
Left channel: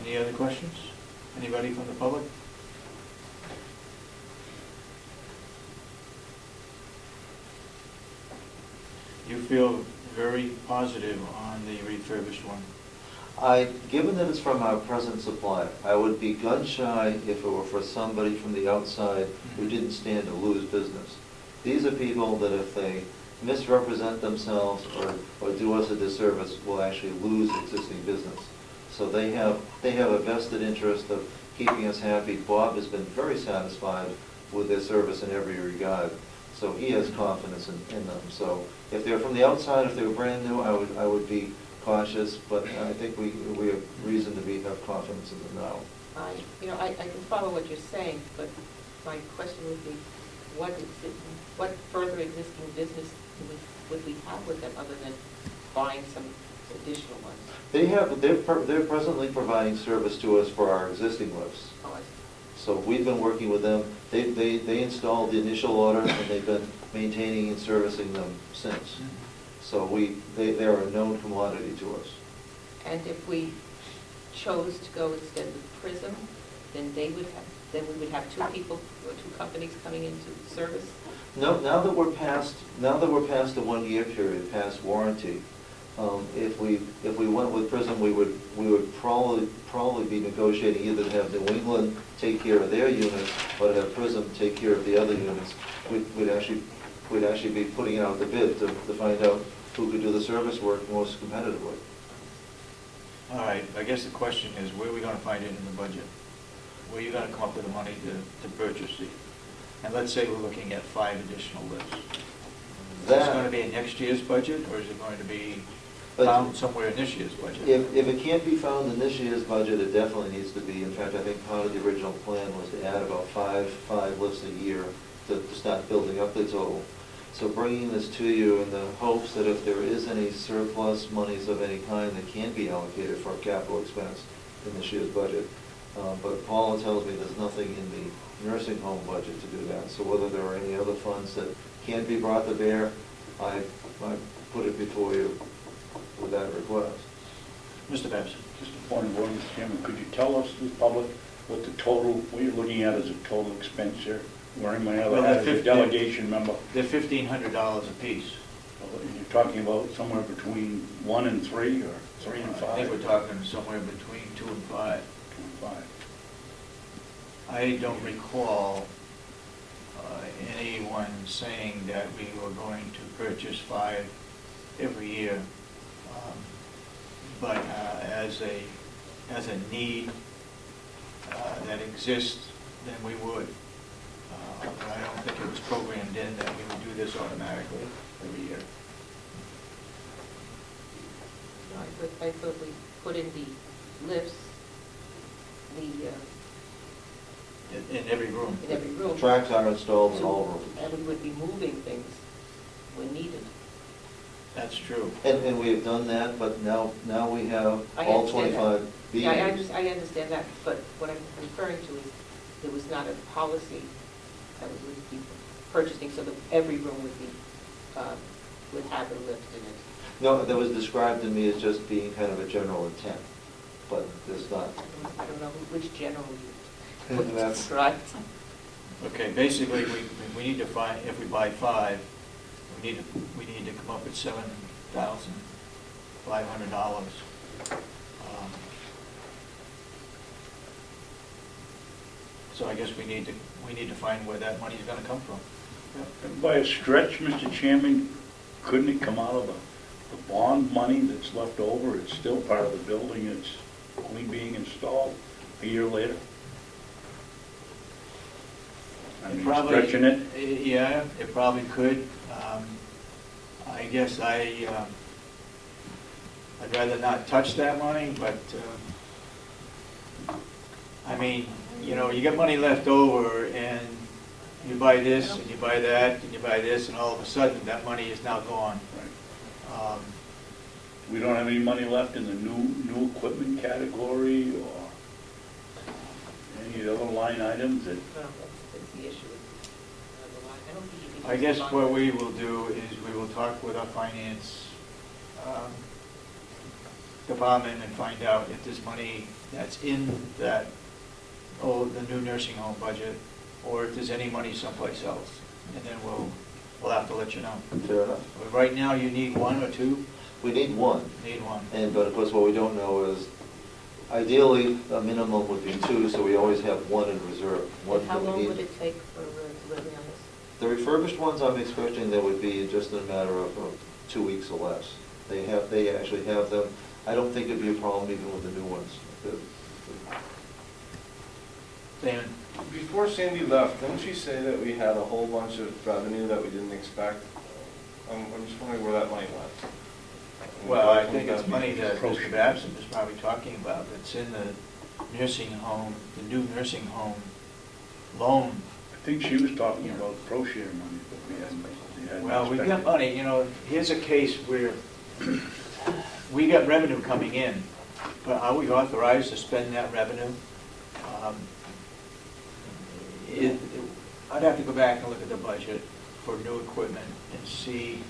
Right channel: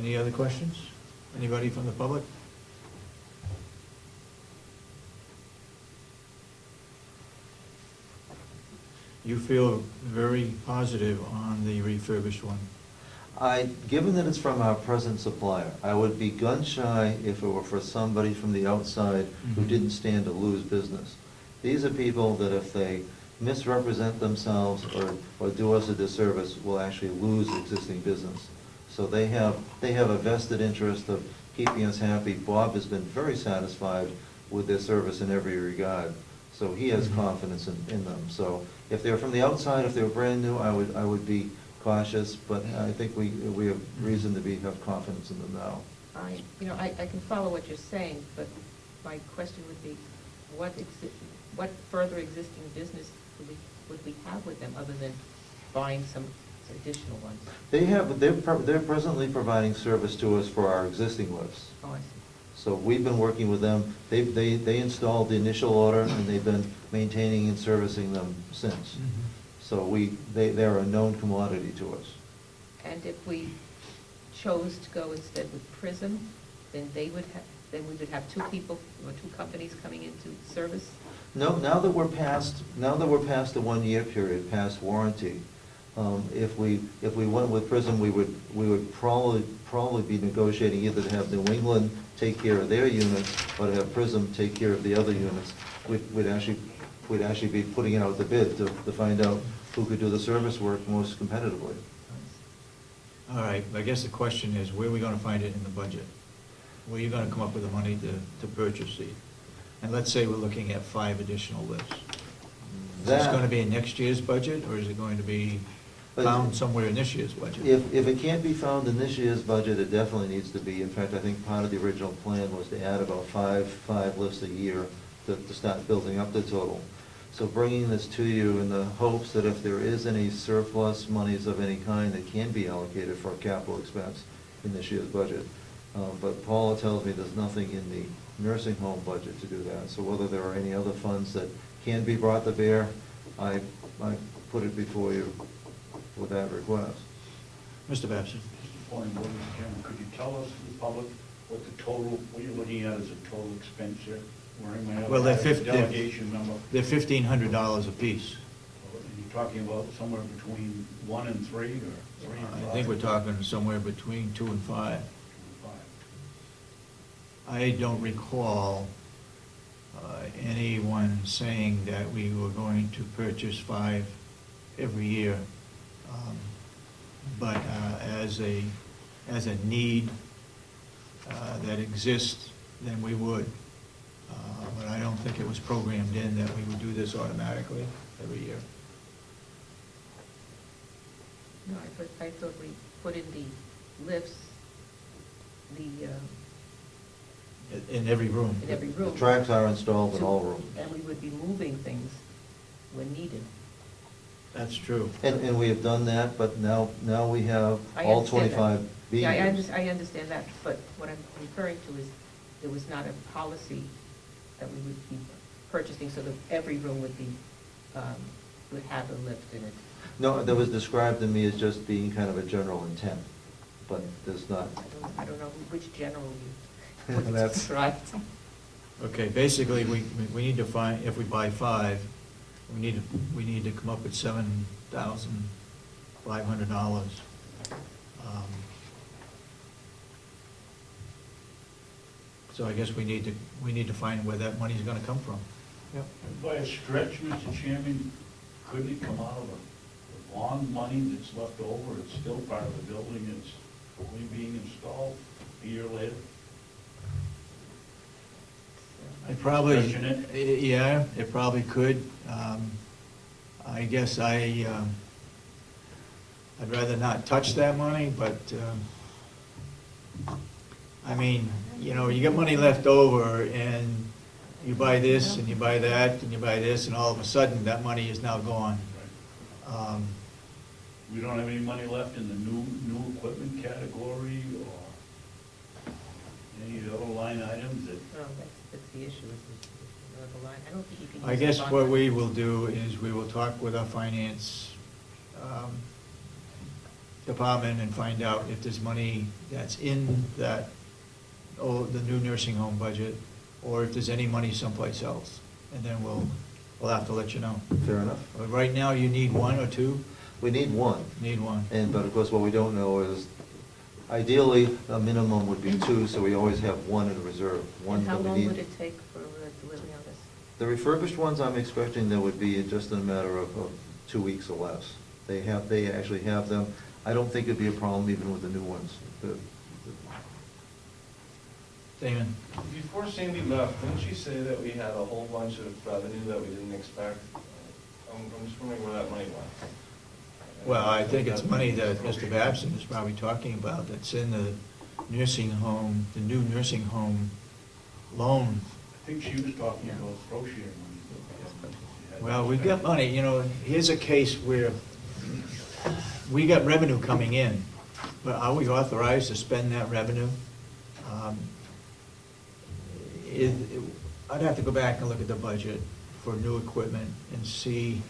Any other questions? Anybody from the public? You feel very positive on the refurbished one? Given that it's from our present supplier, I would be gun shy if it were for somebody from the outside who Mhm. didn't stand to lose business. These are people that if they misrepresent themselves or do us a disservice, will actually lose existing business. So they have a vested interest of keeping us happy. Bob has been very satisfied with their service in every regard, so he has Mhm. confidence in them. So if they're from the outside, if they're brand new, I would be cautious, but I think we have reason to have confidence in them now. I can follow what you're saying, but my question would be, what further existing business would we have with them other than buying some additional ones? They're presently providing service to us for our existing lifts. Oh, I see. So we've been working with them. They installed the initial order, and they've been maintaining and servicing them since. So they're a known commodity to us. And if we chose to go instead with Prism, then we would have two people, or two companies coming into service? No, now that we're past the 1 year period, past warranty, if we went with Prism, we would probably be negotiating either to have New England take care of their units, or to have Prism take care of the other units. We'd actually be putting out the bid to find out who could do the service work most competitively. All right, I guess the question is, where are we gonna find it in the budget? Where are you gonna come up with the money to purchase these? And let's say we're looking at 5 additional lifts. Is this gonna be in next year's budget, or is it going to be found somewhere in this year's budget? If it can't be found in this year's budget, it definitely needs to be. In fact, I think part of the original plan was to add about five lifts a year to start building up the total. So bringing this to you in the hopes that if there is any surplus monies of any kind that can be allocated for a capital expense in this year's budget. But Paula tells me there's nothing in the nursing home budget to do that. So whether there are any other funds that can be brought to bear, I put it before you with that request. Mr. Babson? Just a point of order, Mr. Chairman, could you tell us, the public, what the total, what you're looking at as a total expense here? Wearing my Well, other that delegation member. They're $1,500 apiece. You're talking about somewhere between 1 and 3, or 3 and 5? I think we're talking somewhere between 2 and 5. 5. I don't recall anyone saying that we were going to purchase 5 every year. But as a need that exists, then we would. But I don't think it was programmed in that we would do this automatically every year. No, I thought we put in the lifts, In every room. in every room. Tracks are installed in all rooms. And we would be moving things when needed. That's true. And we have done that, but now we have I all understand that. 25 being. Yeah, I understand that, but what I'm referring to is, there was not a policy that we would be purchasing, so that every room would be, would have a lift in it. No, that was described to me as just being kind of a general intent, but there's not. I don't know which general you would That's- describe. Okay, basically, we need to find, if we buy 5, we need to come up with $7,500. So I guess we need to find where that money's gonna come from. And by a stretch, Mr. Chairman, couldn't it come out of the bond money that's left over? It's still part of the building, it's only being installed a year later. I'm Probably, stretching it. yeah, it probably could. I guess I'd rather not touch that money, but, I mean, you know, you get money left over and you buy this and you buy that and you buy this, and all of a sudden that money is now gone. We don't have any money left in the new equipment category or any of the other line items that, Well, that's the issue. I don't think you can I use guess the what bond. we will do is we will talk with our finance department and find out if there's money that's in that, the new nursing home budget, or if there's any money someplace else. And then we'll have to let you know. Fair enough. But right now, you need 1 or 2? We need one. Need 1. But of course, what we don't know is, ideally, a minimum would be 2, so we always have 1 in reserve. One And how that we long need. would it take for delivery on this? The refurbished ones, I'm expecting there would be just in a matter of 2 weeks or less. They actually have them. I don't think it'd be a problem even with the new ones. Dan? Before Sandy left, didn't she say that we had a whole bunch of revenue that we didn't expect? I'm just wondering where that money went. Well, I think it's money that Mr. Babson is probably talking about, that's in the nursing home, the new nursing home loan. I think she was talking about pro share money. But we hadn't Well, we've spent. got money, you know, here's a case where we got revenue coming in, but are we authorized to spend that revenue? I'd have to go back and look at the budget for new equipment and see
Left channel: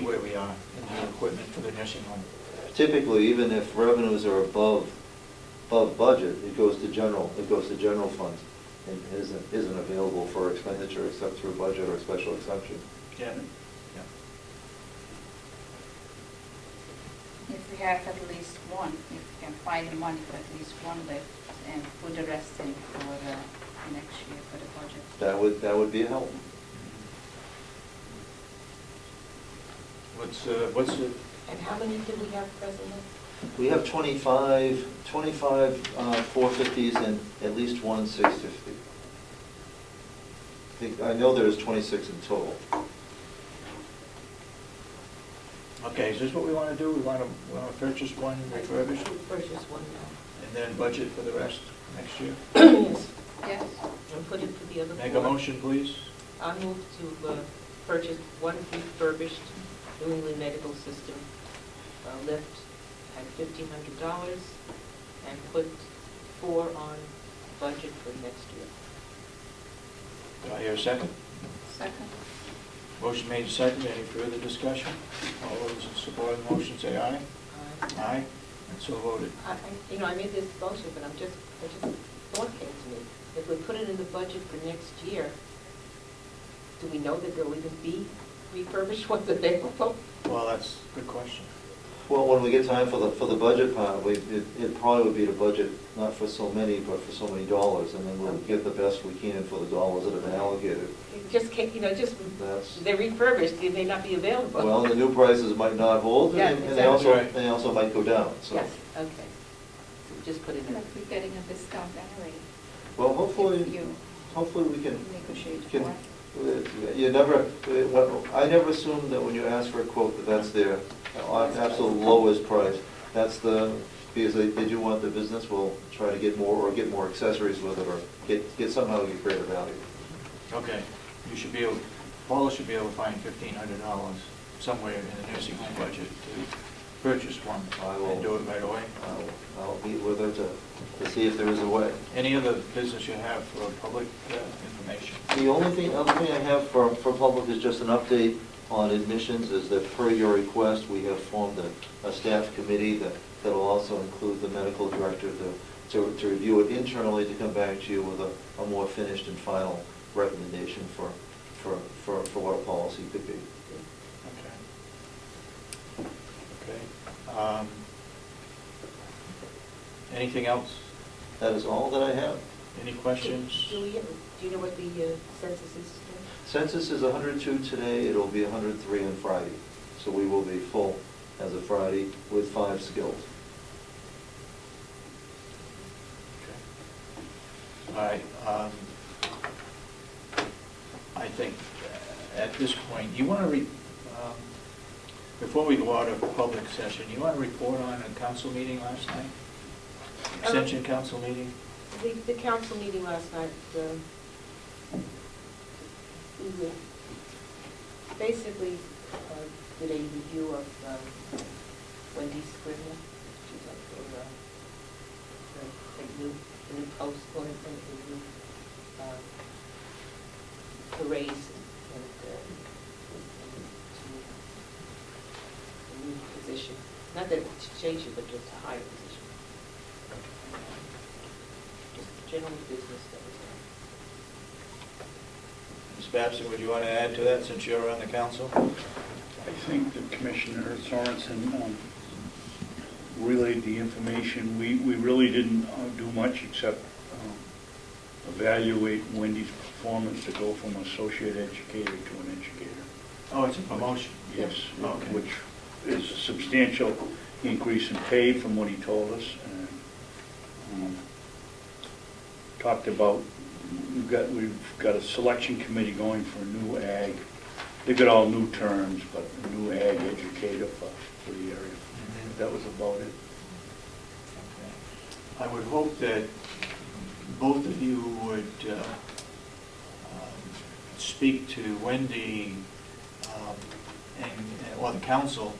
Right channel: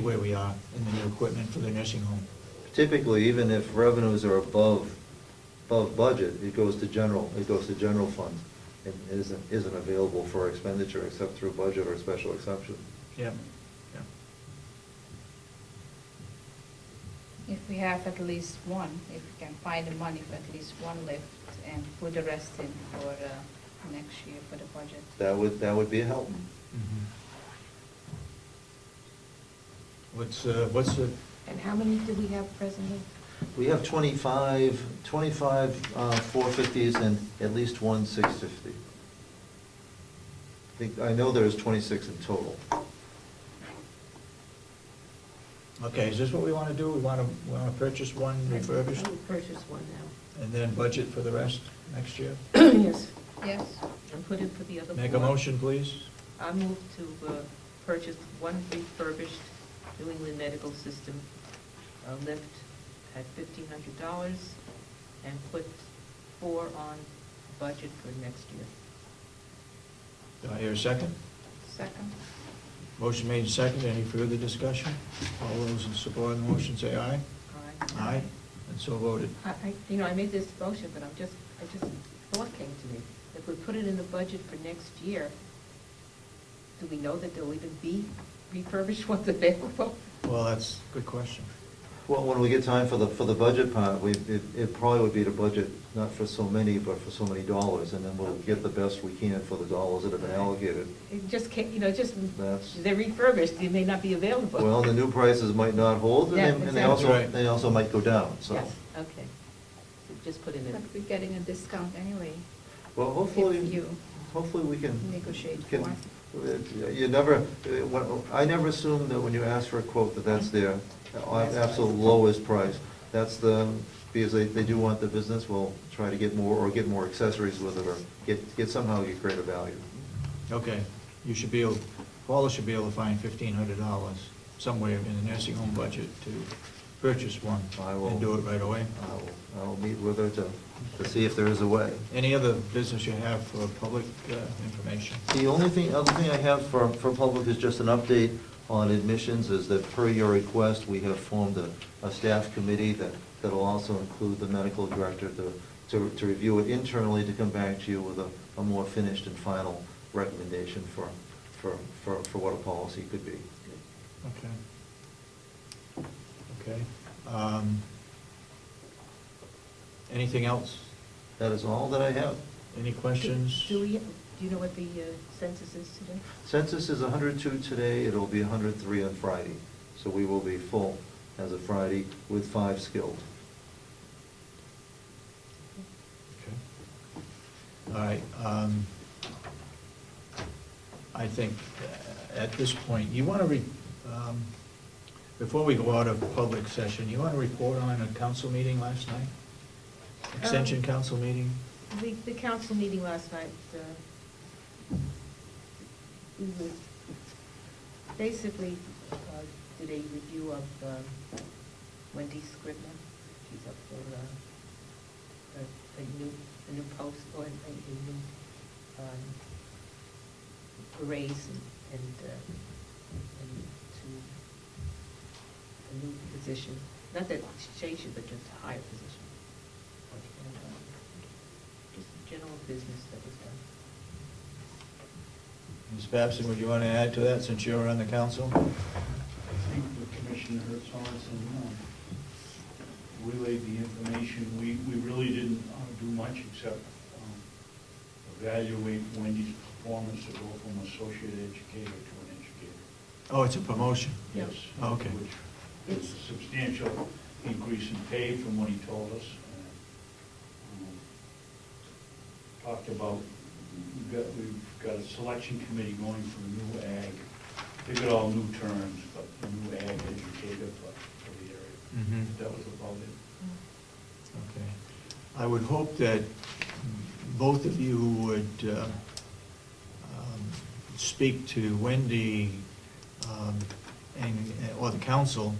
where we are in the new equipment for the nursing home. typically, even if revenues are above budget, it goes to general funds and isn't available for expenditure except through budget or special exception. Yeah, yeah. If we have at least one, if we can find the money for at least one lift and put the rest in for next year for the budget. That would be a help. Mhm. What's the, And how many do we have presently? We have 25 450s and at least one 650. I know there's 26 in total. okay, is this what we want to do? We want to purchase one refurbished Purchase one now. and then budget for the rest next year? Yes, Yes, and put it for the other four. Make a motion, please. I move to purchase one refurbished New England Medical System lift at $1,500 and put 4 on budget for next year. Do I hear a second? second. Motion made second. Any further discussion? All those in support of the motion say aye. Aye. And so voted. I made this motion, but thought came to me. If we put it in the budget for next year, do we know that there'll even be refurbished ones available? Well, that's a good question. Well, when we get time for the budget part, it probably would be to budget not for so many, but for so many dollars, and then we'll get the best we can for the dollars that have been allocated. It just can't, That's, they're refurbished, they may not be available. well, the new prices might not hold, Yeah, and exactly. they also might go down, so. Yes, okay. Just put it in. But we're getting a discount anyway, Well, if hopefully we can negotiate Can- for. You never, I never assume that when you ask for a quote that that's their absolute lowest price. That's because they do want the business, we'll try to get more, or get more accessories with it, or get somehow get greater value. Okay, Paula should be able to find $1,500 somewhere in the nursing home budget to purchase one I will- and do it right away. I'll meet with her to see if there is a way. Any other business you have for public information? The other thing I have for public is just an update on admissions, is that per your request, we have formed a staff committee that'll also include the medical director to review it internally, to come back to you with a more finished and final recommendation for what a policy could be. Okay. Anything else? That is all that I have. Any questions? Do you know what the census is today? Census is 102 today, it'll be 103 on Friday. So we will be full as of Friday with 5 skills. Okay. All right. I think at this point, you want to, before we go out of public session, you want to report on a council meeting last night? Extension council meeting? The council meeting last night, we were basically did a review of Wendy Scrivener. She's up for the new post, or the new the raise and to a new position. Not that it's changed it, but just a higher position. Just general business that was done. Ms. Babson, would you want to add to that since you're on the council? I think the Commissioner Sorensen relayed the information. We really didn't do much except evaluate Wendy's performance to go from associate educator to an educator. Oh, it's a promotion. Yes. Okay. Which is a substantial increase in pay from what he told us. And, talked about, we've got a selection committee going for a new ag. They've got all new terms, but a new ag educator for the area. Mhm. That was about it. Okay. I would hope that both of you would speak to Wendy or the council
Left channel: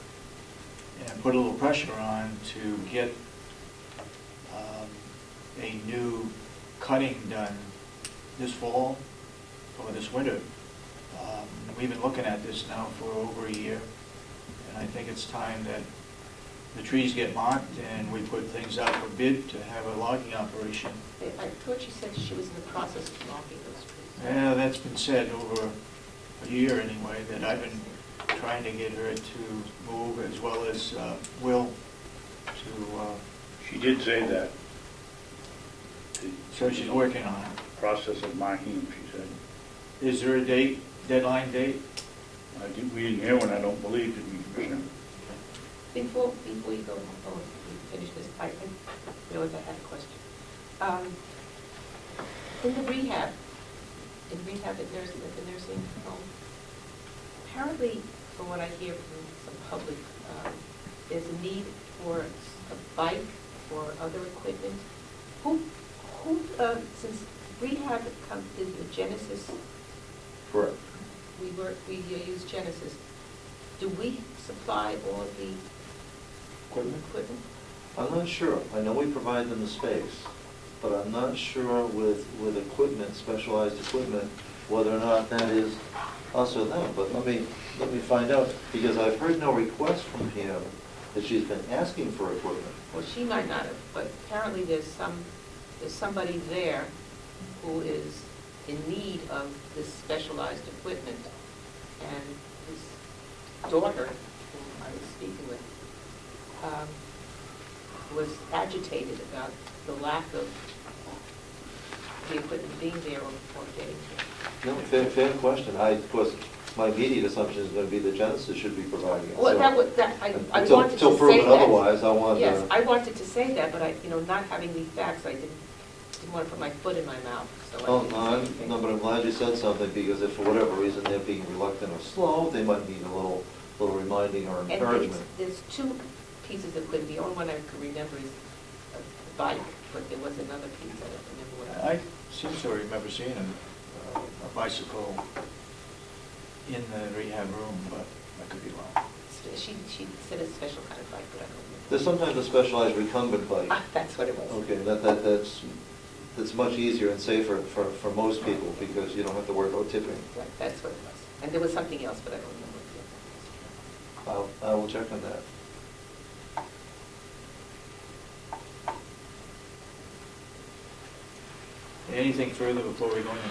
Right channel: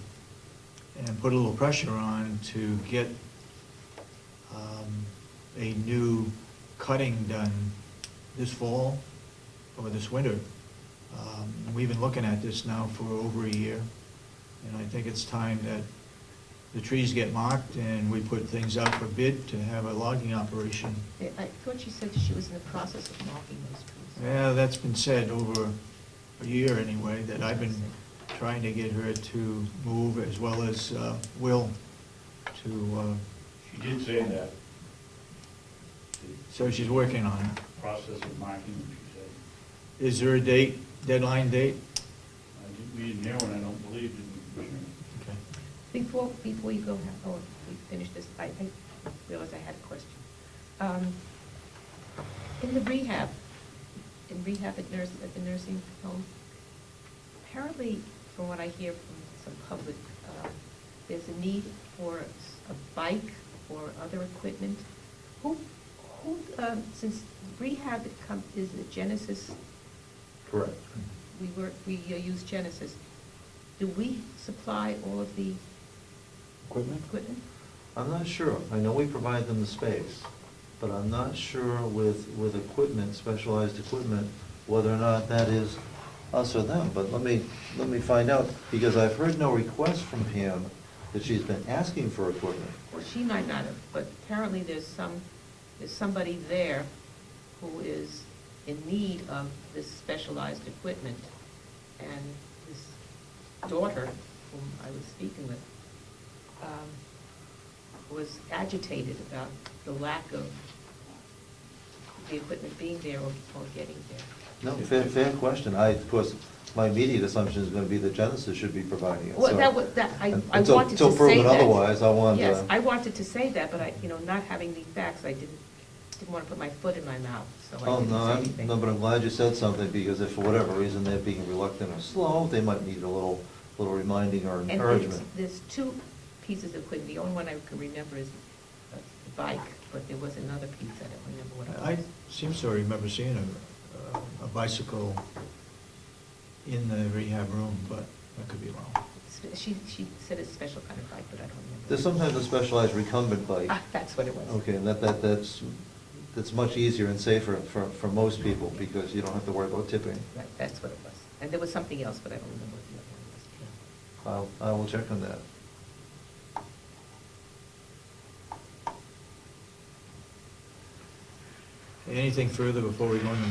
and put a little pressure on to get a new cutting done this fall or this winter. And we've been looking at this now for over a year, and I think it's time that the trees get marked, and we put things out for bid to have a logging operation. I thought she said she was in the process of marking those trees. Yeah, that's been said over a year anyway, that I've been trying to get her to move, as well as Will, to, She did say that. The so she's working on it. process of marking, she said. Is there a date, deadline date? We didn't hear one, I don't believe, did we, Commissioner? Before you go, you finish this, I realized I had a question. In the rehab at the nursing home, apparently, from what I hear from some public, there's a need for a bike or other equipment. Since rehab is the Genesis, Correct. we use Genesis, do we supply all of the Equipment? equipment? I'm not sure. I know we provide them the space, but I'm not sure with equipment, specialized equipment, whether or not that is us or them. But let me find out, because I've heard no request from Pam that she's been asking for equipment. Well, she might not have, but apparently there's somebody there who is in need of this specialized equipment. And his daughter, whom I was speaking with, was agitated about the lack of the equipment being there or getting there. No, fair question. Of course, my immediate assumption is going to be that Genesis should be providing it. Well, So, I until- wanted to say Until proven that. otherwise, I want to... Yes, I wanted to say that, but not having the facts, I didn't want to put my foot in my mouth, so I Oh, didn't no, say anything. no, but I'm glad you said something, because if for whatever reason they're being reluctant or slow, they might need a little reminding or And encouragement. there's two pieces of equipment. The only one I can remember is a bike, but there was another piece, I don't remember what it I was. seem to remember seeing a bicycle in the rehab room, but I could be wrong. She said a special kind of bike, but I don't remember. There's sometimes a specialized recumbent bike. Ah, that's what it was. Okay, that's much easier and safer for most people, because you don't have to worry about tipping. Right, that's what it was. And there was something else, but I don't remember what the other was. I will check on that. Anything further before we go into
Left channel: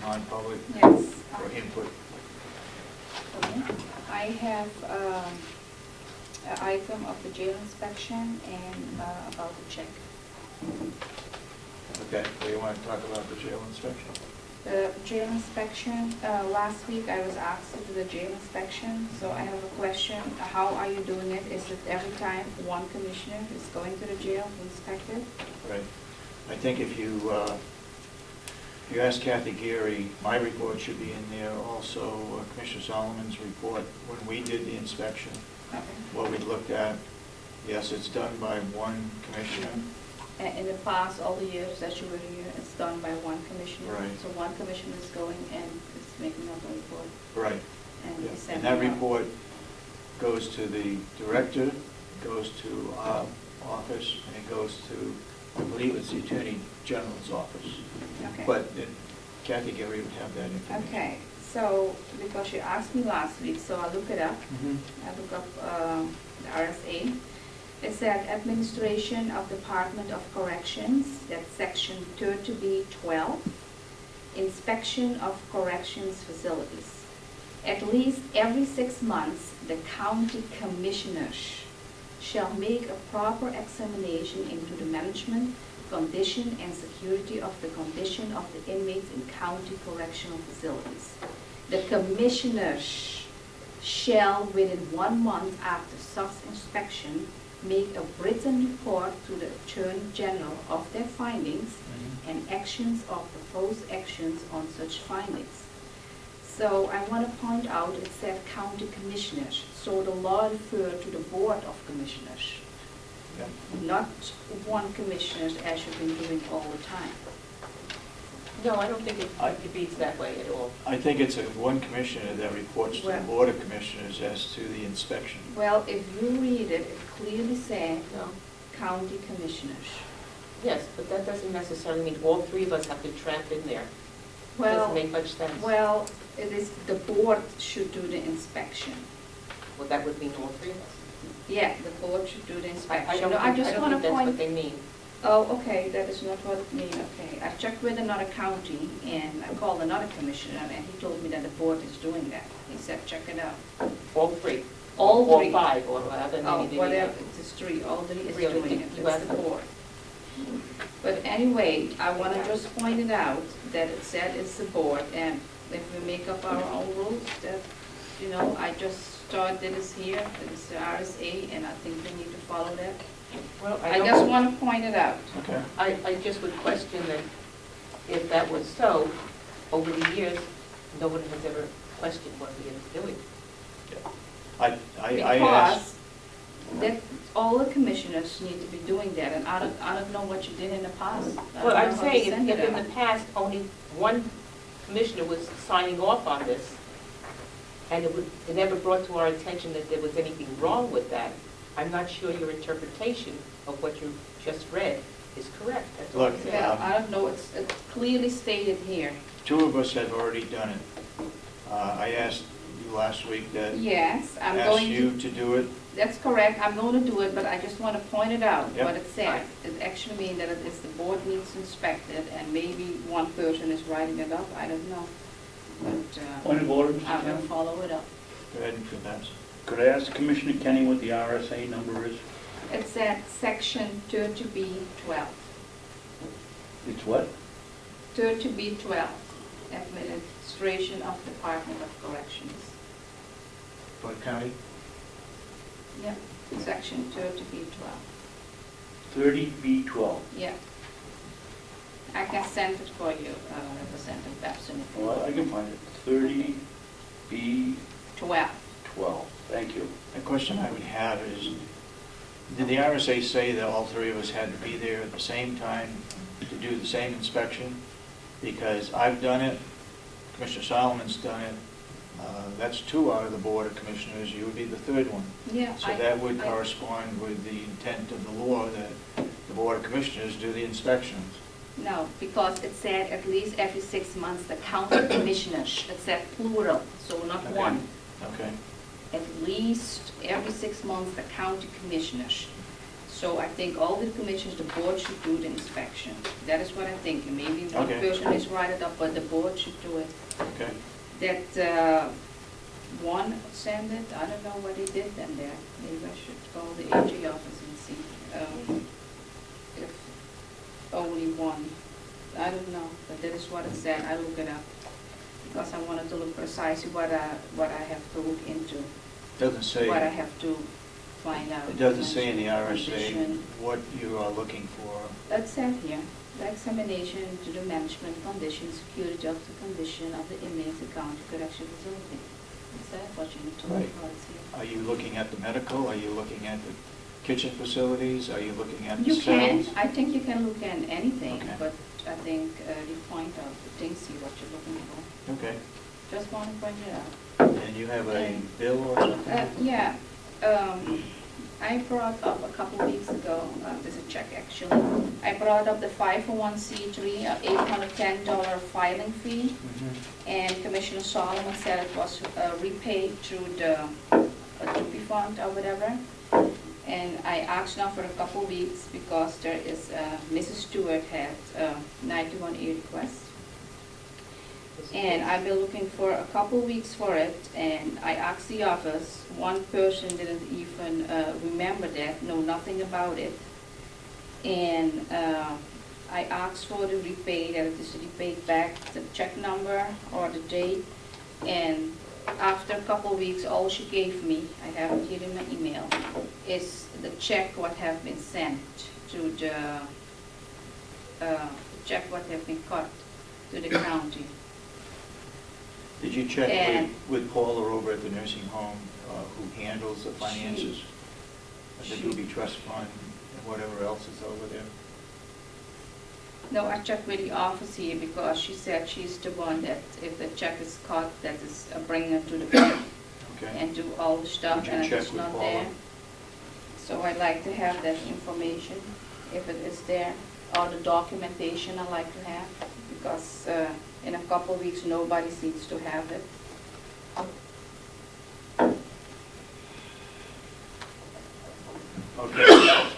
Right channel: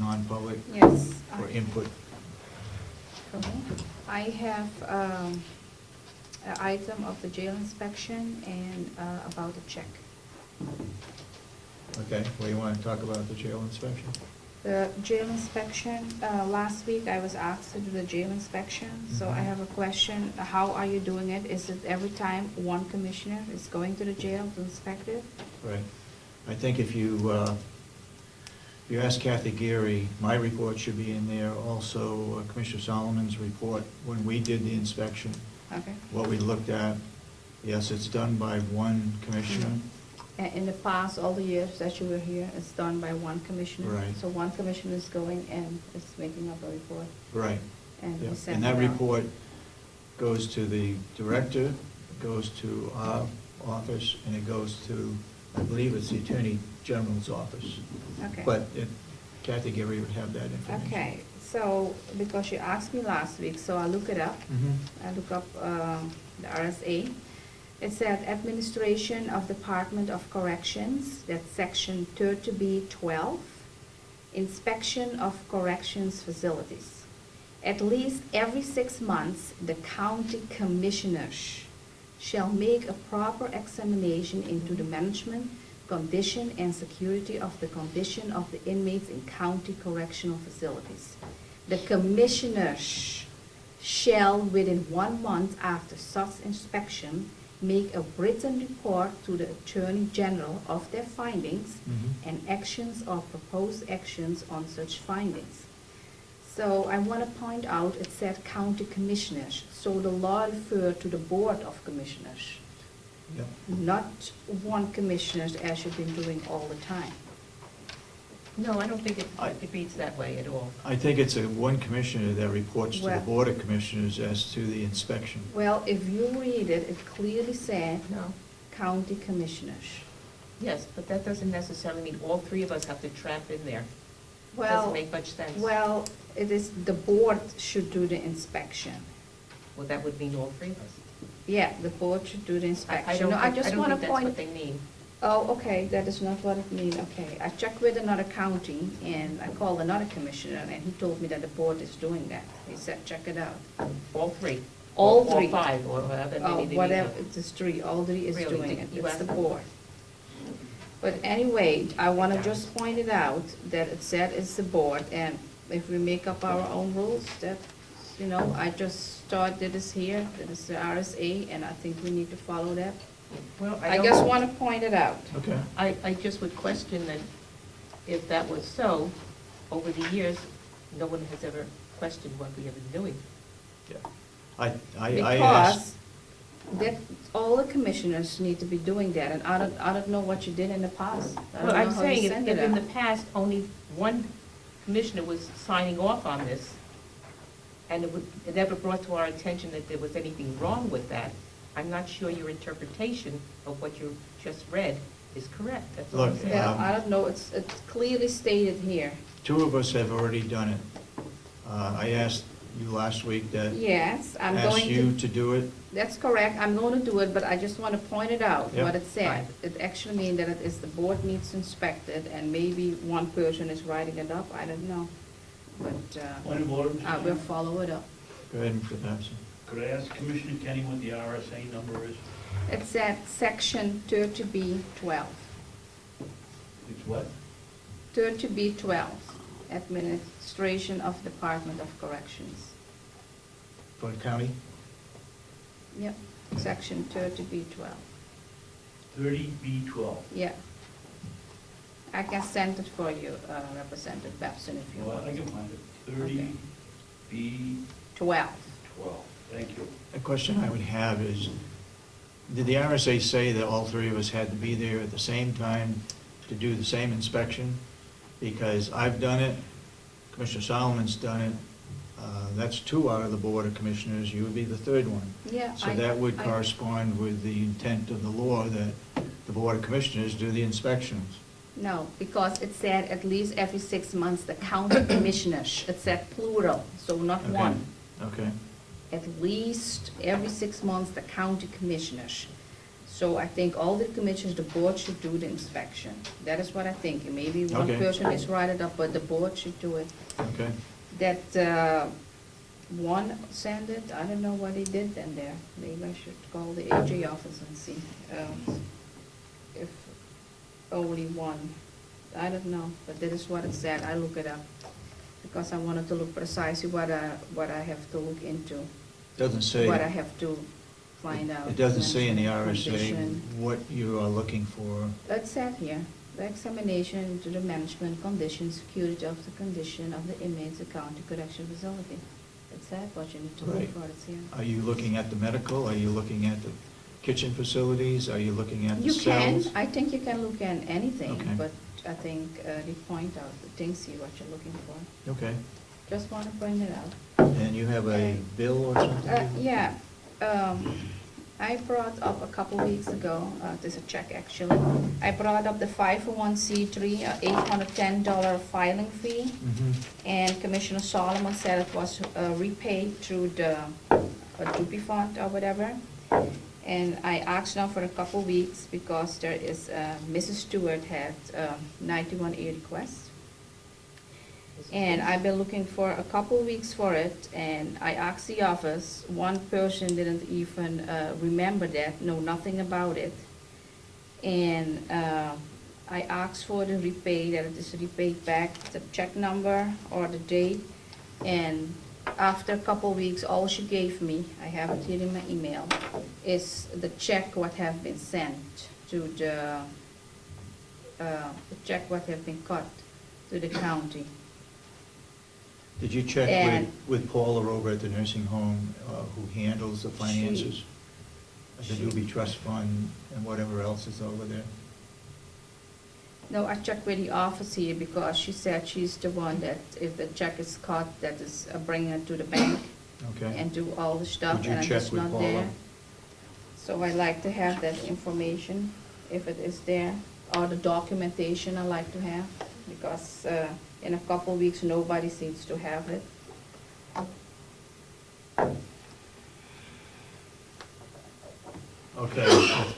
non-public Yes. or input? I have an item of the jail inspection and about the check. Okay, do you want to talk about the jail inspection? The jail inspection, last week I was asked to do the jail inspection, so I have a question. How are you doing it? Is it every time one commissioner is going to the jail to inspect it? Right. I think if you ask Kathy Geary, my report should be in there, also Commissioner Solomon's report, when we did the inspection, Okay. what we looked at. Yes, it's done by one commissioner. And in the past, all the years that you were here, it's done by one commissioner. Right. So one commissioner is going and is making up a report. Right. And Yeah. he sent And that it out. report goes to the director, it goes to our office, and it goes to, I believe it's the Attorney General's office. Okay. But Kathy Geary would have that information. Okay, so, because you asked me last week, so I look it up. Mhm. I look up the RSA. It said Administration of Department of Corrections, that's section 30B12, Inspection of Corrections Facilities. At least every 6 months, the county commissioners shall make a proper examination into the management, condition, and security of the condition of the inmates in county correctional facilities. The commissioners shall, within 1 month after such inspection, make a written report to the Attorney General of their findings Mhm. and actions or proposed actions on such findings. So I want to point out, it said county commissioners, so the law referred to the Board of Commissioners, Yeah. not one commissioner as you've been doing all the time. No, I don't think it reads that way at all. I think it's one commissioner that reports to the Well- Board of Commissioners as to the inspection. Well, if you read it, it clearly said No. county commissioners. Yes, but that doesn't necessarily mean all three of us have to tramp in there. Well, Doesn't make much sense. well, it is, the board should do the inspection. Well, that would mean all three of us. Yeah, the board should do the I inspection. don't No, think, I just don't wanna think that's what point. they mean. Oh, okay, that is not what it means, okay. I checked with another county, and I called another commissioner, and he told me that the board is doing that. He said, check it out. All three. All Or three. five, or whatever. Oh, maybe they whatever, need. it's three, all three is Really? doing Did it, you it's ask the them? board. But anyway, I wanna just point it out, that it said it's the board, and if we make up our own rules, that, you know, I just thought that it's here, that it's the RSA, and I think we need to follow that. Well, I don't- just wanna point it out. Okay. I just would question that if that was so, over the years, no one has ever questioned what we are doing. I asked, Because that, all the commissioners need to be doing that, and I don't know what you did in the past. I don't Well, I'm know how you saying, send if it in the out. past, only one commissioner was signing off on this, and it never brought to our attention that there was anything wrong with that, I'm not sure your interpretation of what you just read is correct, that's all I'm Look, saying. Yeah, I don't know, it's clearly stated here. two of us have already done it. I asked you last week that, Yes, I'm asked going you to, to do it. that's correct, I'm going to do it, but I just want to point it out, Yep. what it says. Fine. It actually means that it is the board needs inspected, and maybe one person is writing it up, I don't know. But Point of order, Mr. I will Chairman. follow it up. Go ahead, Mr. Benson. Could I ask Commissioner Kenny what the RSA number is? It's at section 30B12. It's what? 30B12, Administration of Department of Corrections. Cook County? Yep, section 30B12. 30B12. Yeah. I can send it for you, Representative Babson, if you Well, want. I can find it. 30B12. 12. Thank you. The question I would have is, did the RSA say that all three of us had to be there at the same time to do the same inspection? Because I've done it, Commissioner Solomon's done it, that's two out of the Board of Commissioners, you would be the third one. Yeah. So that would correspond with the intent of the law that the Board of Commissioners do the inspections. No, because it said at least every 6 months, the county commissioners, it said plural, so not Okay. one. Okay, At least every 6 months, the county commissioners. So I think all the commissioners, the board should do the inspection. That is what I think. Maybe one Okay. person is write it up, but the board should do it. okay. That one sent it, I don't know what he did then there. Maybe I should call the AG office and see if only one. I don't know, but that is what it said. I look it up because I wanted to look precisely what I have to look into, Doesn't say, what I have to find out. it doesn't say in the RSA Condition. what you are looking for. That said here, the examination to the management condition, security of the condition of the inmates at county correction facility. That's that, what you need to look Right. for, it's here. Are you looking at the medical? Are you looking at the kitchen facilities? Are you looking at the You can, cells? I think you can look at anything, Okay. but I think the point of the thing, see what you're looking for. Okay. Just want to bring it out. And you have a bill or something? Yeah, I brought up a couple weeks ago, there's a check actually. I brought up the 501c3, $810 filing fee. Mhm. And Commissioner Solomon said it was repaid through the Dupi fund or whatever. And I asked now for a couple weeks because there is, Mrs. Stewart had 91A request. And I've been looking for a couple weeks for it, and I asked the office, one person didn't even remember that, know nothing about it. And I asked for the repay, that it is repaid back, the check number or the date. And after a couple weeks, all she gave me, I have it here in my email, is the check what have been sent to the check what have been cut to the county. Did you check And- with Paula over at the nursing home who handles the finances? The she- Doobie Trust Fund and whatever else is over there? No, I checked with the office here because she said she's the one that if the check is cut, that is bringing it to the bank Okay. and do all the stuff, Did you and check it's with not Paula? there. So I like to have that information, if it is there, or the documentation I like to have, because in a couple weeks, nobody seems to have it. Okay,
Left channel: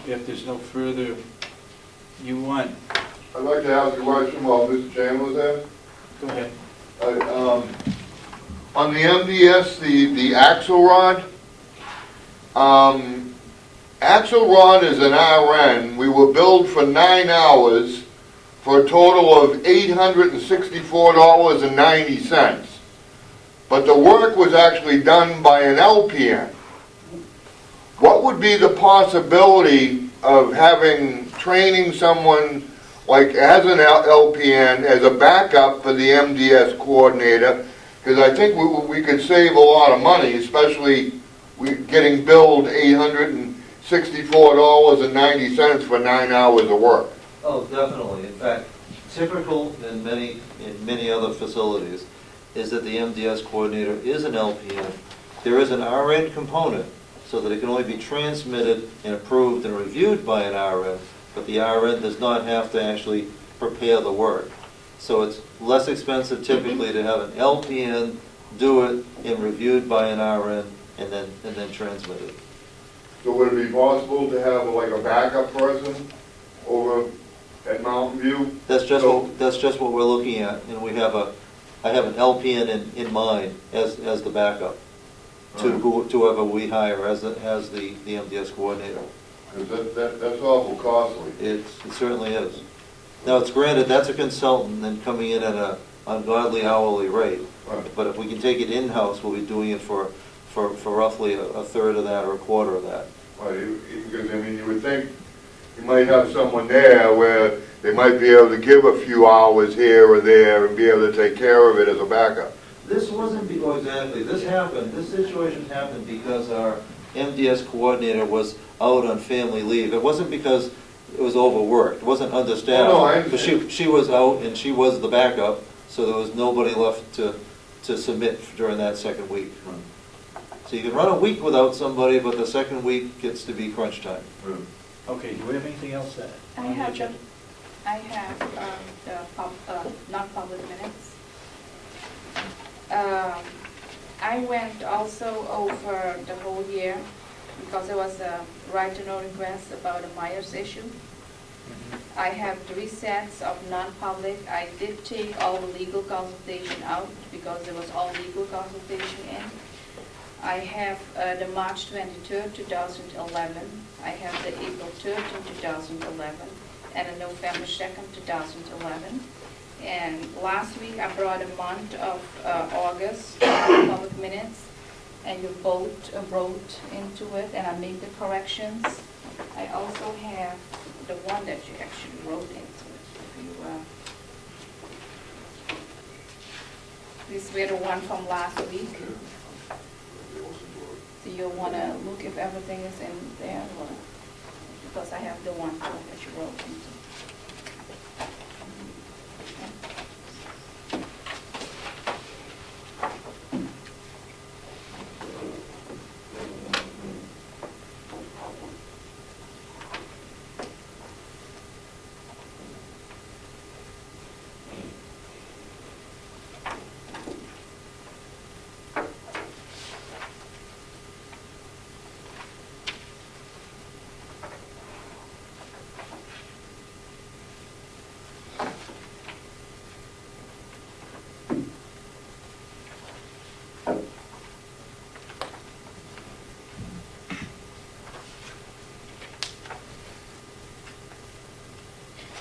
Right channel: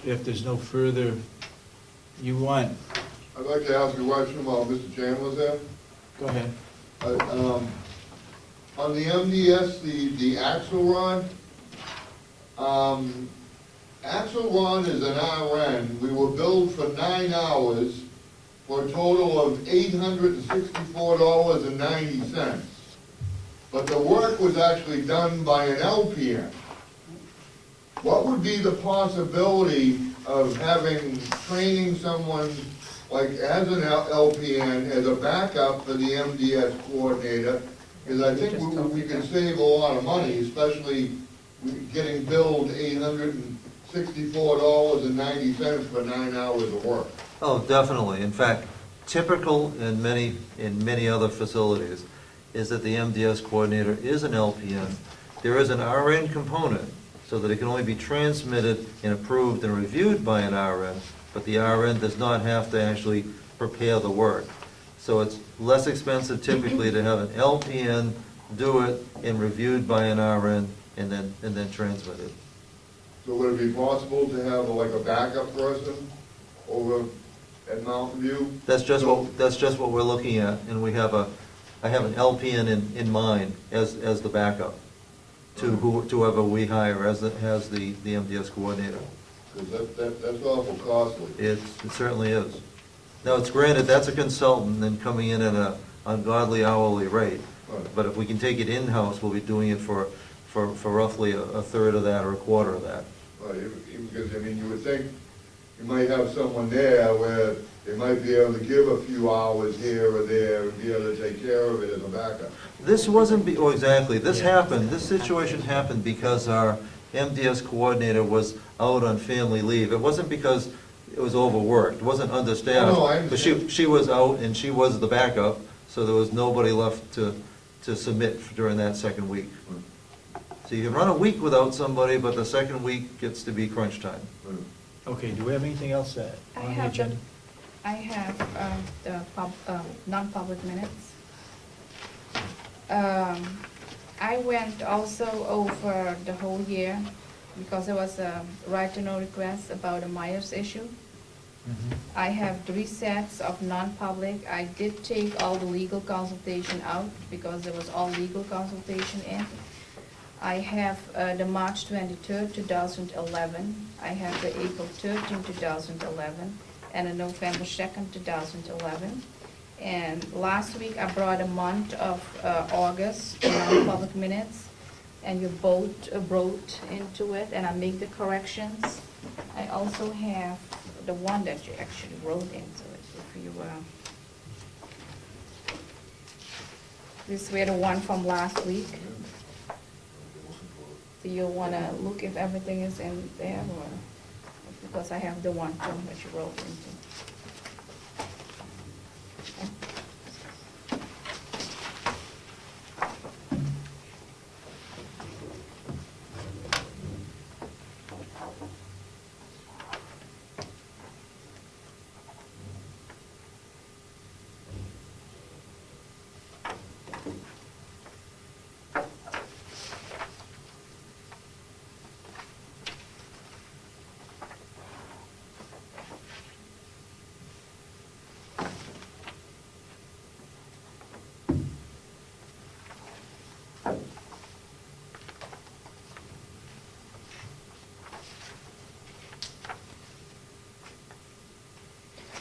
if there's no further, you want, I'd like to ask a question while Mr. Chairman was there. go ahead. On the MDS, the Axelrod, Axelrod is an RN. We were billed for 9 hours for a total of $864.90. But the work was actually done by an LPN. What would be the possibility of having, training someone like as an LPN as a backup for the MDS coordinator? Because I think we could save a lot of money, especially getting billed $864.90 for 9 hours of work. Oh, definitely. In fact, typical in many other facilities is that the MDS coordinator is an LPN. There is an RN component, so that it can only be transmitted and approved and reviewed by an RN, but the RN does not have to actually prepare the work. So it's less expensive typically to have an LPN do it and reviewed by an RN and then transmitted. So would it be possible to have like a backup person over at Mountain View? That's just what we're looking at, and I have an LPN in mind as the backup to whoever we hire as the MDS coordinator. Because that's awful costly. It certainly is. Now, it's granted, that's a consultant and coming in at an ungodly hourly rate. Right. But if we can take it in-house, we'll be doing it for roughly a third of that or a quarter of that. Right, because I mean, you would think you might have someone there where they might be able to give a few hours here or there and be able to take care of it as a backup. This wasn't, exactly, this situation happened because our MDS coordinator was out on family leave. It wasn't because it was overworked, it wasn't understaffed. Oh, no, I But understand. she was out and she was the backup, so there was nobody left to submit during that second week. So you can run a week without somebody, but the second week gets to be crunch time. Okay, do we have anything else that? I have the non-public minutes. I went also over the whole year because there was a right-to-know request about a Myers issue. I have 3 sets of non-public. I did take all the legal consultation out because there was all legal consultation in. I have the March 23rd, 2011. I have the April 13th, 2011, and the November 2nd, 2011. And last week I brought a month of August public minutes, and you both wrote into it, and I made the corrections. I also have the one that you actually wrote into it. If you, this were the one from last week. So you want to look if everything is in there, or because I have the one too that you wrote into.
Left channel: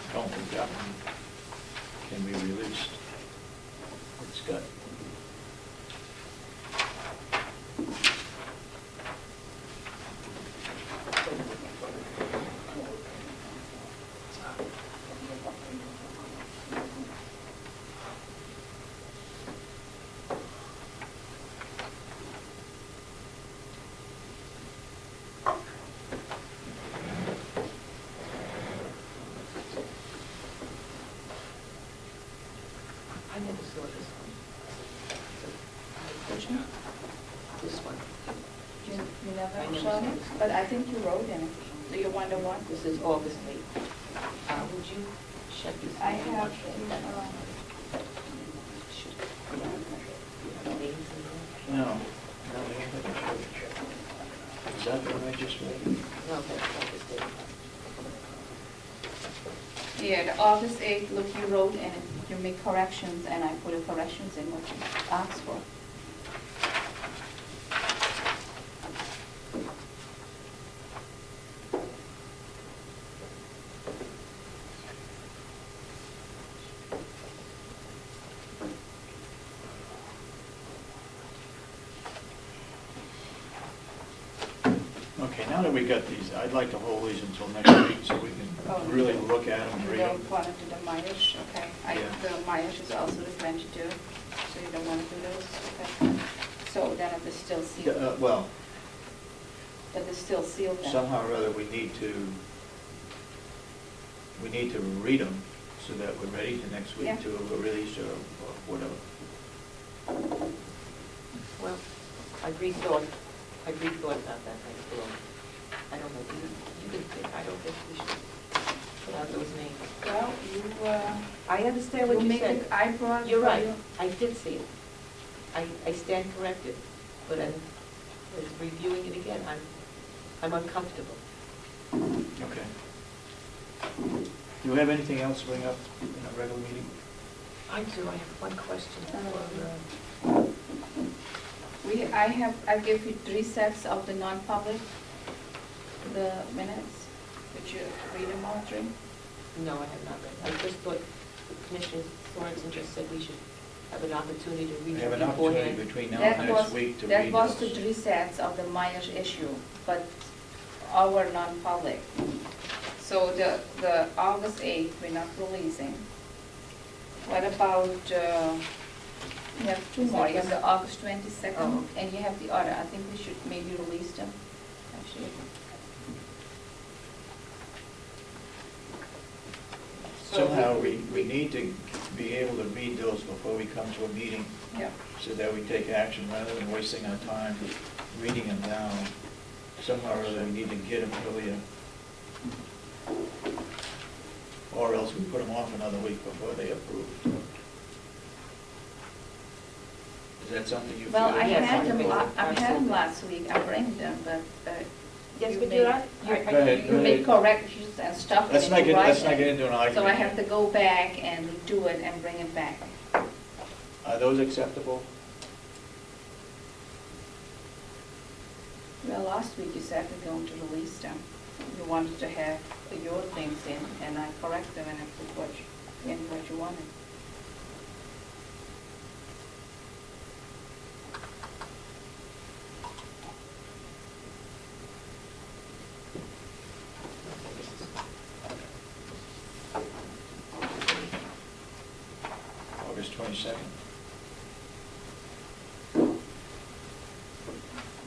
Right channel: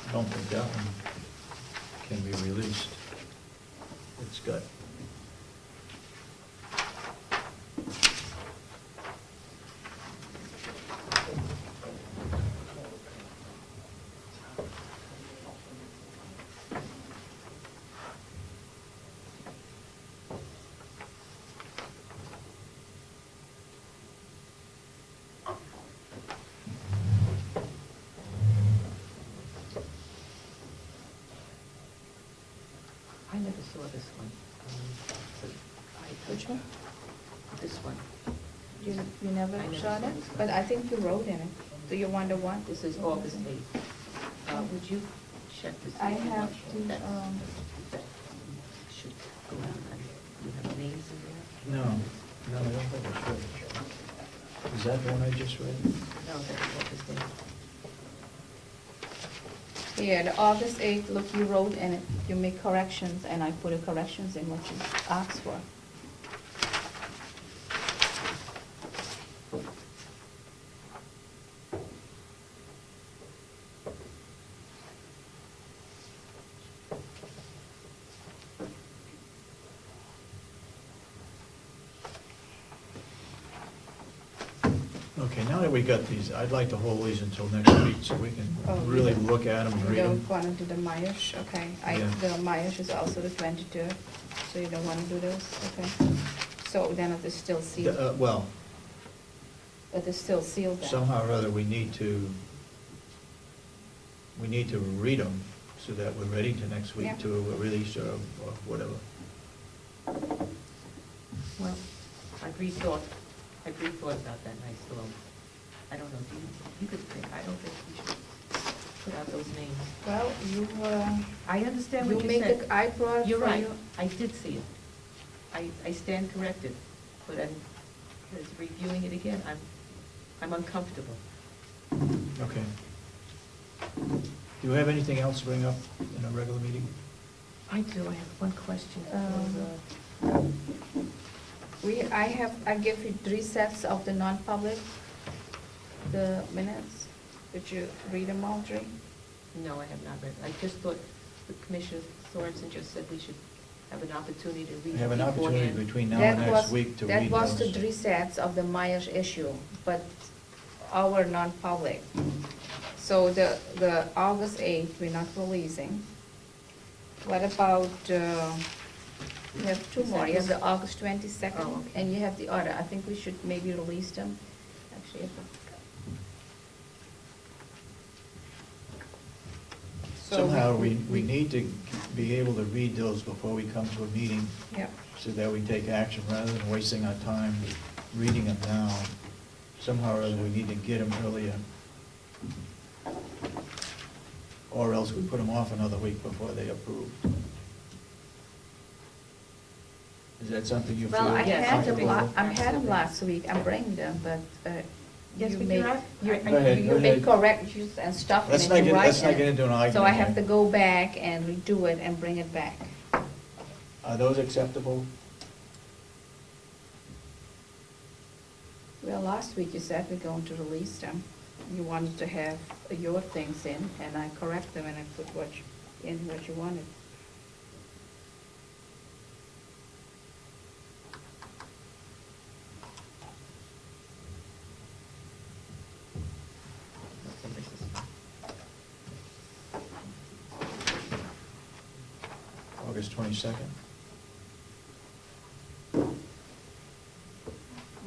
I don't think that one can be released. It's got. I never saw this one. Which one? This one. You never I never saw saw it? this. But I think you wrote in it. Do you wonder what? This is August 8th. Would you check this? I have to, You have names in there? No, no, I don't think I should. Is Is that the one I just read? No, that's not the state. Yeah, the August 8th, look, you wrote and you make corrections, and I put the corrections in what you asked for. Okay, now that we got these, I'd like to hold these until next week so we Oh, can really look at them, You read them. don't want to do the Myers, okay. Yeah. The Myers is also the 22, so you don't want to do those, okay. So then it is still sealed, Well, it is still sealed then. somehow or other, we need to read them so that we're ready to next Yeah. week to release or whatever. Well, I rethought about that, and I still, I don't know, you could think, I don't think we should put out those names. Well, you, I understand what you you make said. it, I brought it You're for right, you. I did see it. I stand corrected, but as reviewing it again, I'm uncomfortable. Okay. Do you have anything else to bring up in a regular meeting? I do, I have one question. I give you 3 sets of the non-public, the minutes. Would you read them all, Drew? No, I have not read. I just thought Commissioner Sorensen just said we should have an opportunity to read We have an it opportunity beforehand. between now and next week to read That was the those. 3 sets of the Myers issue, but our non-public. So the August 8th, we're not releasing. What about, you have 2 more, you have the August 22nd, Oh, okay. and you have the other, I think we should maybe release them, actually. So Somehow, we need to be able to read those before we come to a meeting Yeah, so that we take action rather than wasting our time reading them now. Somehow or other, we need to get them earlier. Or else we put them off another week before they approve. Is that something you feel well, I Yes, had them, comfortable? I had them last week, I bring them, but, Yes, you but made- you're right. Go ahead, you go made ahead. corrections and stuff, and Let's if not you get, write let's not them. get into an argument. So I have to here. go back and redo it and bring it back. Are those acceptable? Well, last week you said we're going to release them. You wanted to have your things in, and I correct them and I put what you wanted. August 22nd?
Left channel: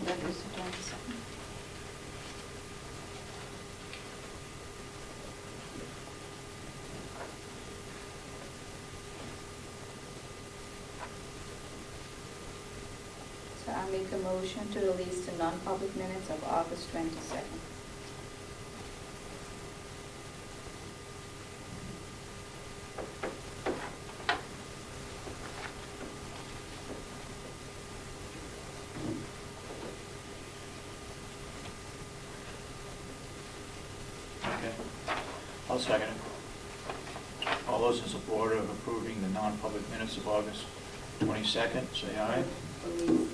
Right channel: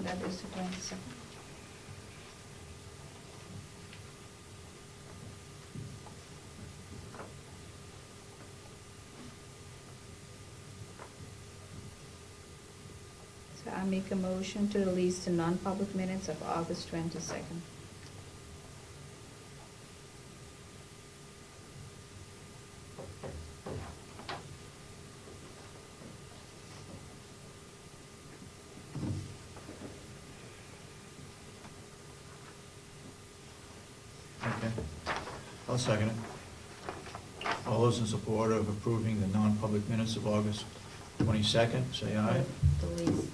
That is the 22nd. So I make a motion to release the non-public minutes of August 22nd. Okay. I'll second it. All those in support of approving the non-public minutes of August 22nd, say aye. Release.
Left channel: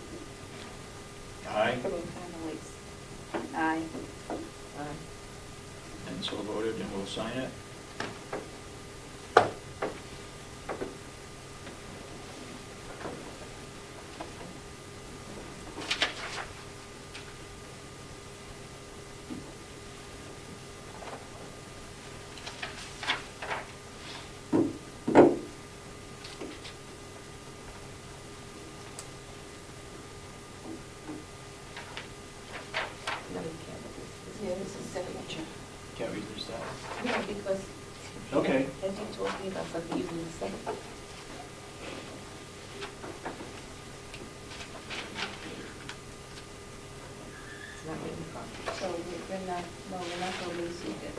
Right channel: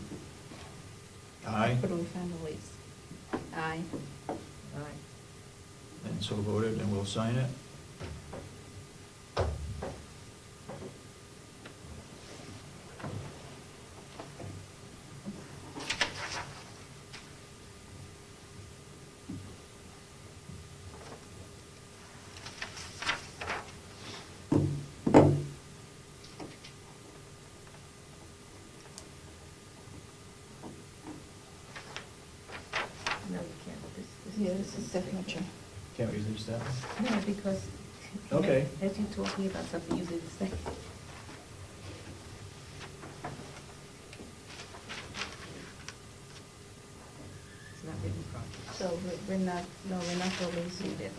Aye. Approve and release. Aye. Aye. And so voted, and we'll sign it. No, you can't. Yeah, this is signature. Can't we use that one? No, because. Okay. As you're talking about something, using the second. It's not really proper. So we're not, no, we're not releasing it.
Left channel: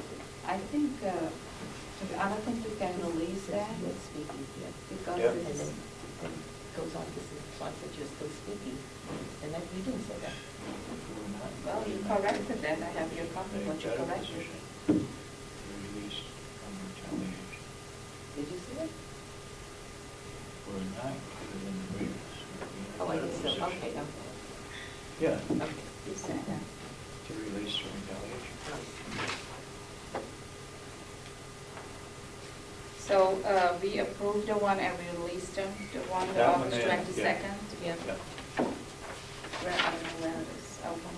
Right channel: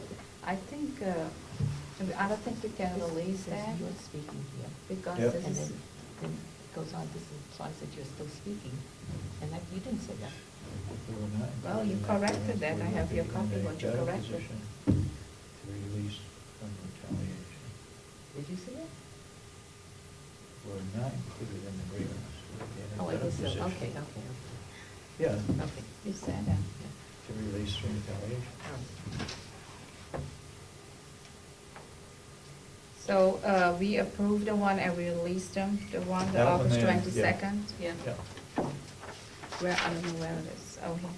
I think, I don't think we can release that You're speaking here. because Yep. this And is, then, and it goes on, this is, so I said you're still speaking, and then you didn't say that. Well, you corrected that. I have your copy, but you corrected. Released from retaliation. Did you see that? Or not included in the grievance. Oh, I guess so, okay, okay. Yeah, Okay. You said that. to release from retaliation. So, we approved the one and we released them, the one, the That one August there, yeah. 22nd? Yeah. Yeah. Where, I don't know where it is. Oh. Okay.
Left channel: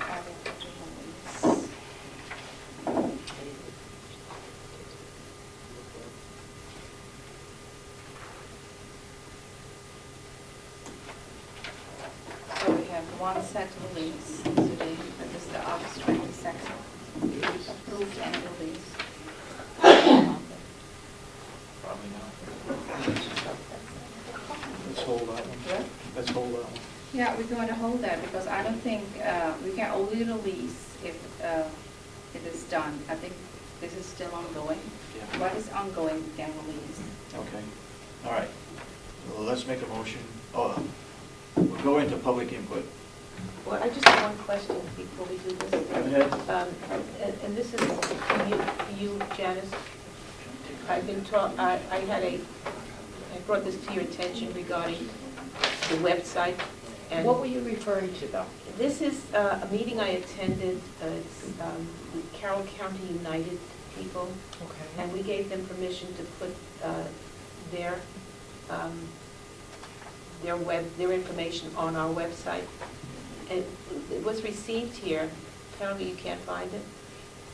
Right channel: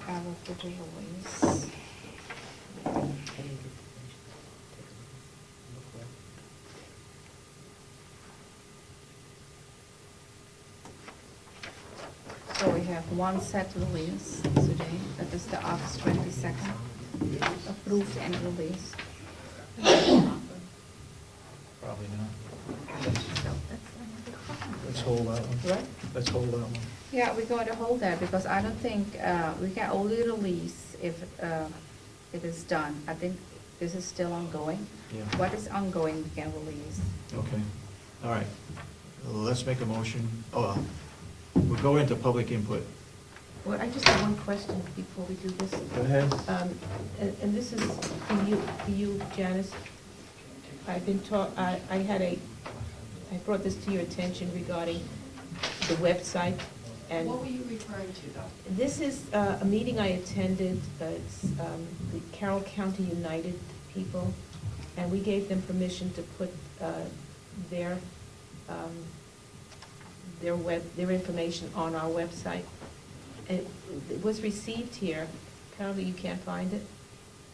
I will put the release. So we have one set release today, that is the August 22nd, approved and released. Probably not. Let's hold that one. What? Let's hold that one. Yeah, we're going to hold that, because I don't think, we can only release if it is done. I think this is still ongoing. Yeah. What is ongoing, we can release. Okay, all right. Well, let's make a motion. Oh, we'll go into public input. Well, I just have one question before we do this. Go ahead. And this is for you, Janice. I've been I brought this to your attention regarding the website. And What were you referring to, though? this is a meeting I attended, it's Carroll County United people, Okay. and we gave them permission to put their information on our website. And it was received here, apparently you can't find it?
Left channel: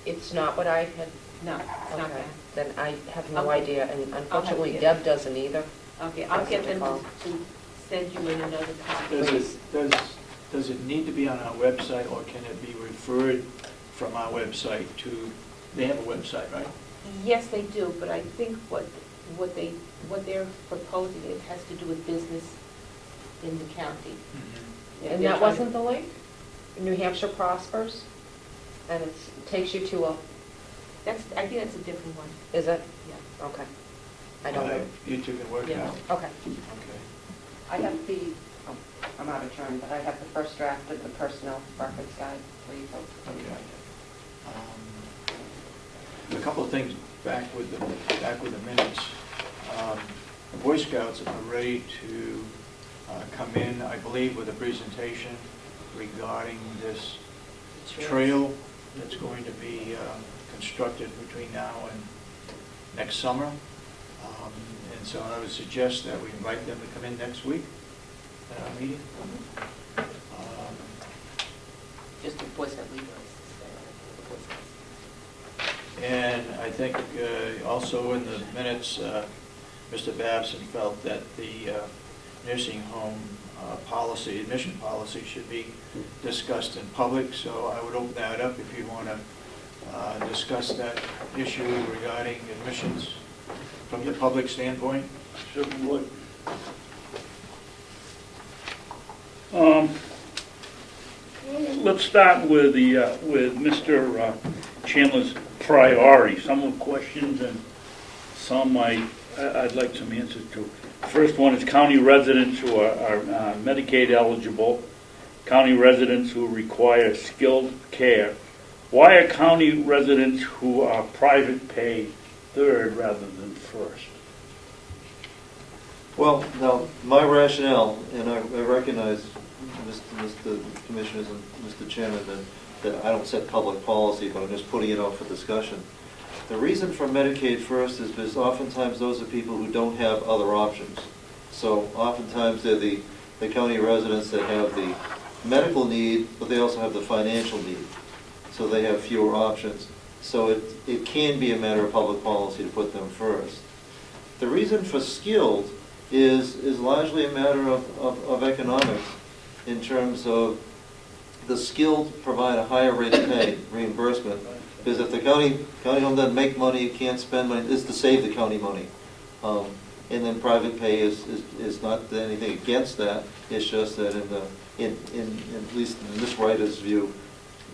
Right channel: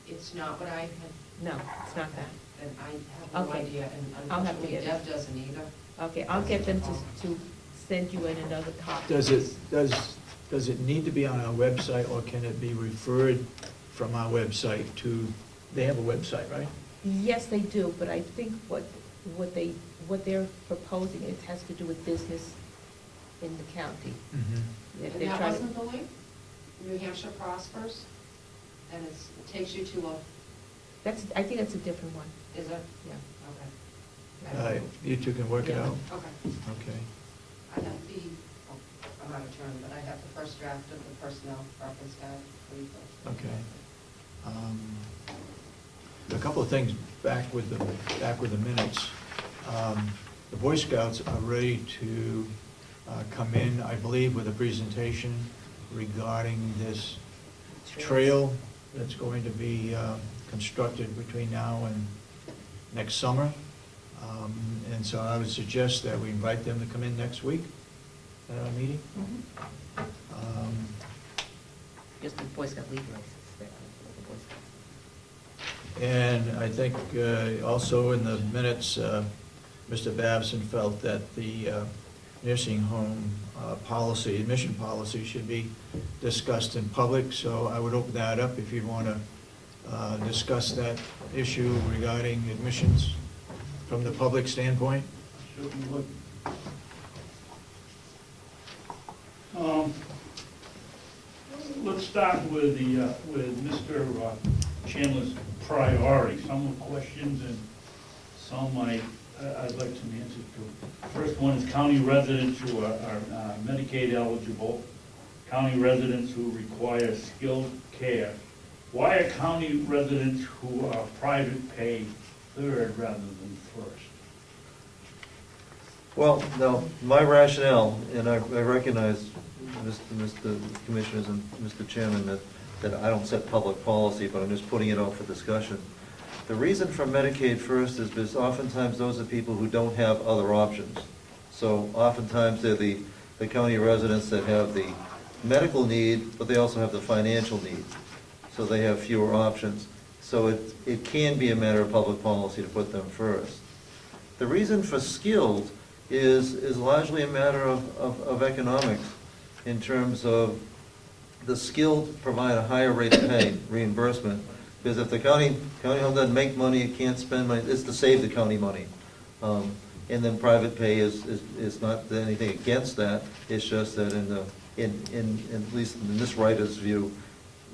It's not what I had, No, it's not okay. that. Then I have no Okay. idea, and I'll unfortunately have to get- Deb doesn't either. Okay, I'll get them to send you in another. Does it need to be on our website, or can it be referred from our website to, they have a website, right? Yes, they do, but I think what they're proposing, it has to do with business in the county. And They're that trying- wasn't the link? New Hampshire Prospers, and it takes you to a, I think that's a different one, is it? yeah. Okay. I don't know. You two can work it Yeah. out? Okay. Okay. I have the, I'm out of turn, but I have the first draft of the personnel records guide for you folks. Okay. A couple of things back with the minutes. The Boy Scouts are ready to come in, I believe, with a presentation regarding this trail that's going to be constructed between now and next summer. And so I would suggest that we invite them to come in next week at our meeting. Just the Boy Scout leader. And I think also in the minutes, Mr. Babson felt that the nursing home policy, admission policy should be discussed in public, so I would open that up if you want to discuss that issue regarding admissions from the public standpoint. Sure we would. Let's start with Mr. Chandler's priority. Some of the questions and some I'd like some answers to. First one is county residents who are Medicaid eligible, county residents who require skilled care. Why are county residents who are private pay third rather than first? Well, now, my rationale, and I recognize, Mr. Commissioners and Mr. Chairman, that I don't set public policy, but I'm just putting it out for discussion. The reason for Medicaid first is because oftentimes those are people who don't have other options. So oftentimes they're the county residents that have the medical need, but they also have the financial need. So they have fewer options. So it can be a matter of public policy to put them first. The reason for skilled is largely a matter of economics, in terms of the skilled provide a higher rate of pay, reimbursement, because if the county home doesn't make money, it can't spend money, it's to save the county money. And then private pay is not anything against that, it's just that at least in this writer's view,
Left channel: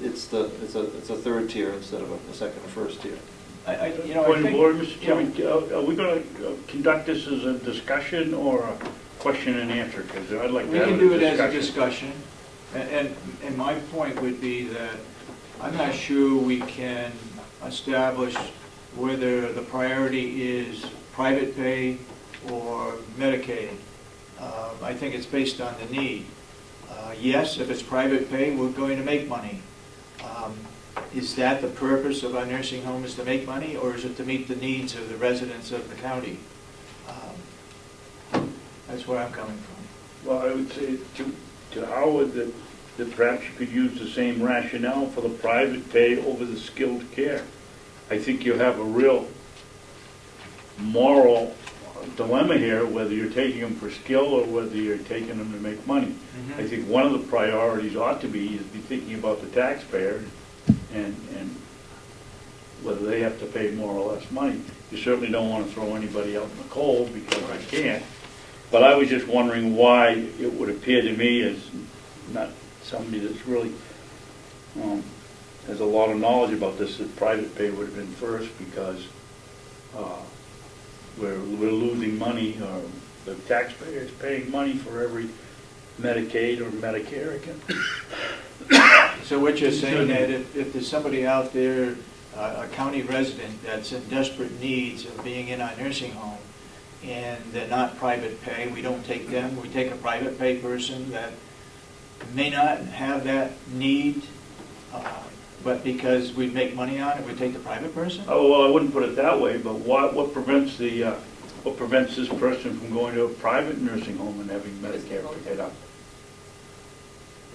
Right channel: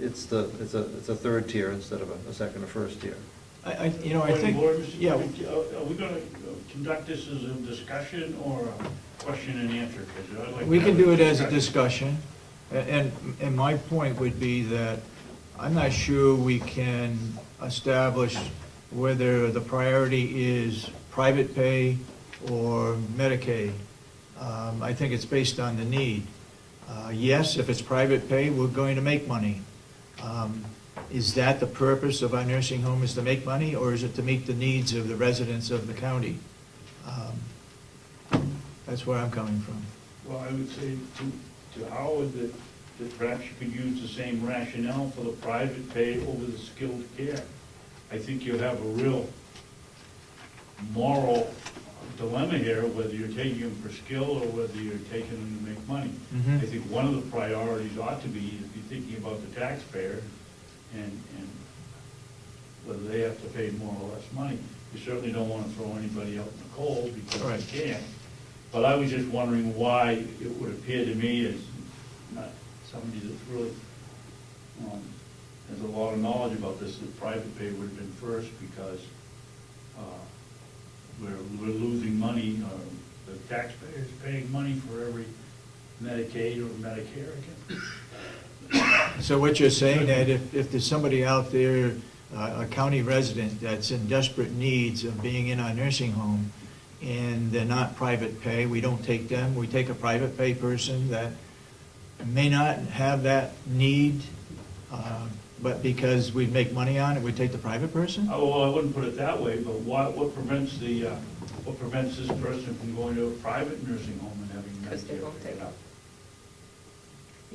it's a third tier instead of a second or first tier. You know, I Point of think, order, Mr. yeah. Chairman. Are we gonna conduct this as a discussion or a question and answer? Because I'd like to We have can a do it as a discussion. discussion, and my point would be that I'm not sure we can establish whether the priority is private pay or Medicaid. I think it's based on the need. Yes, if it's private pay, we're going to make money. Is that the purpose of our nursing home, is to make money, or is it to meet the needs of the residents of the county? That's where I'm coming from. Well, I would say to Howard that perhaps you could use the same rationale for the private pay over the skilled care. I think you have a real moral dilemma here, whether you're taking them for skill or whether you're taking them to make money. Mhm. I think one of the priorities ought to be thinking about the taxpayer and whether they have to pay more or less money. You certainly don't want to throw anybody out in the cold because they can't. But I was just wondering why it would appear to me as not somebody that's really has a lot of knowledge about this, that private pay would have been first because we're losing money, or the taxpayer is paying money for every Medicaid or Medicare again. So what you're saying, that if there's somebody out there, a county resident that's in desperate needs of being in our nursing home, and they're not private pay, we don't take them, we take a private pay person that may not have that need, but because we make money on it, we take the private person? Oh, well, I wouldn't put it that way, but what prevents this person from going to a private nursing home and having Medicare paid up?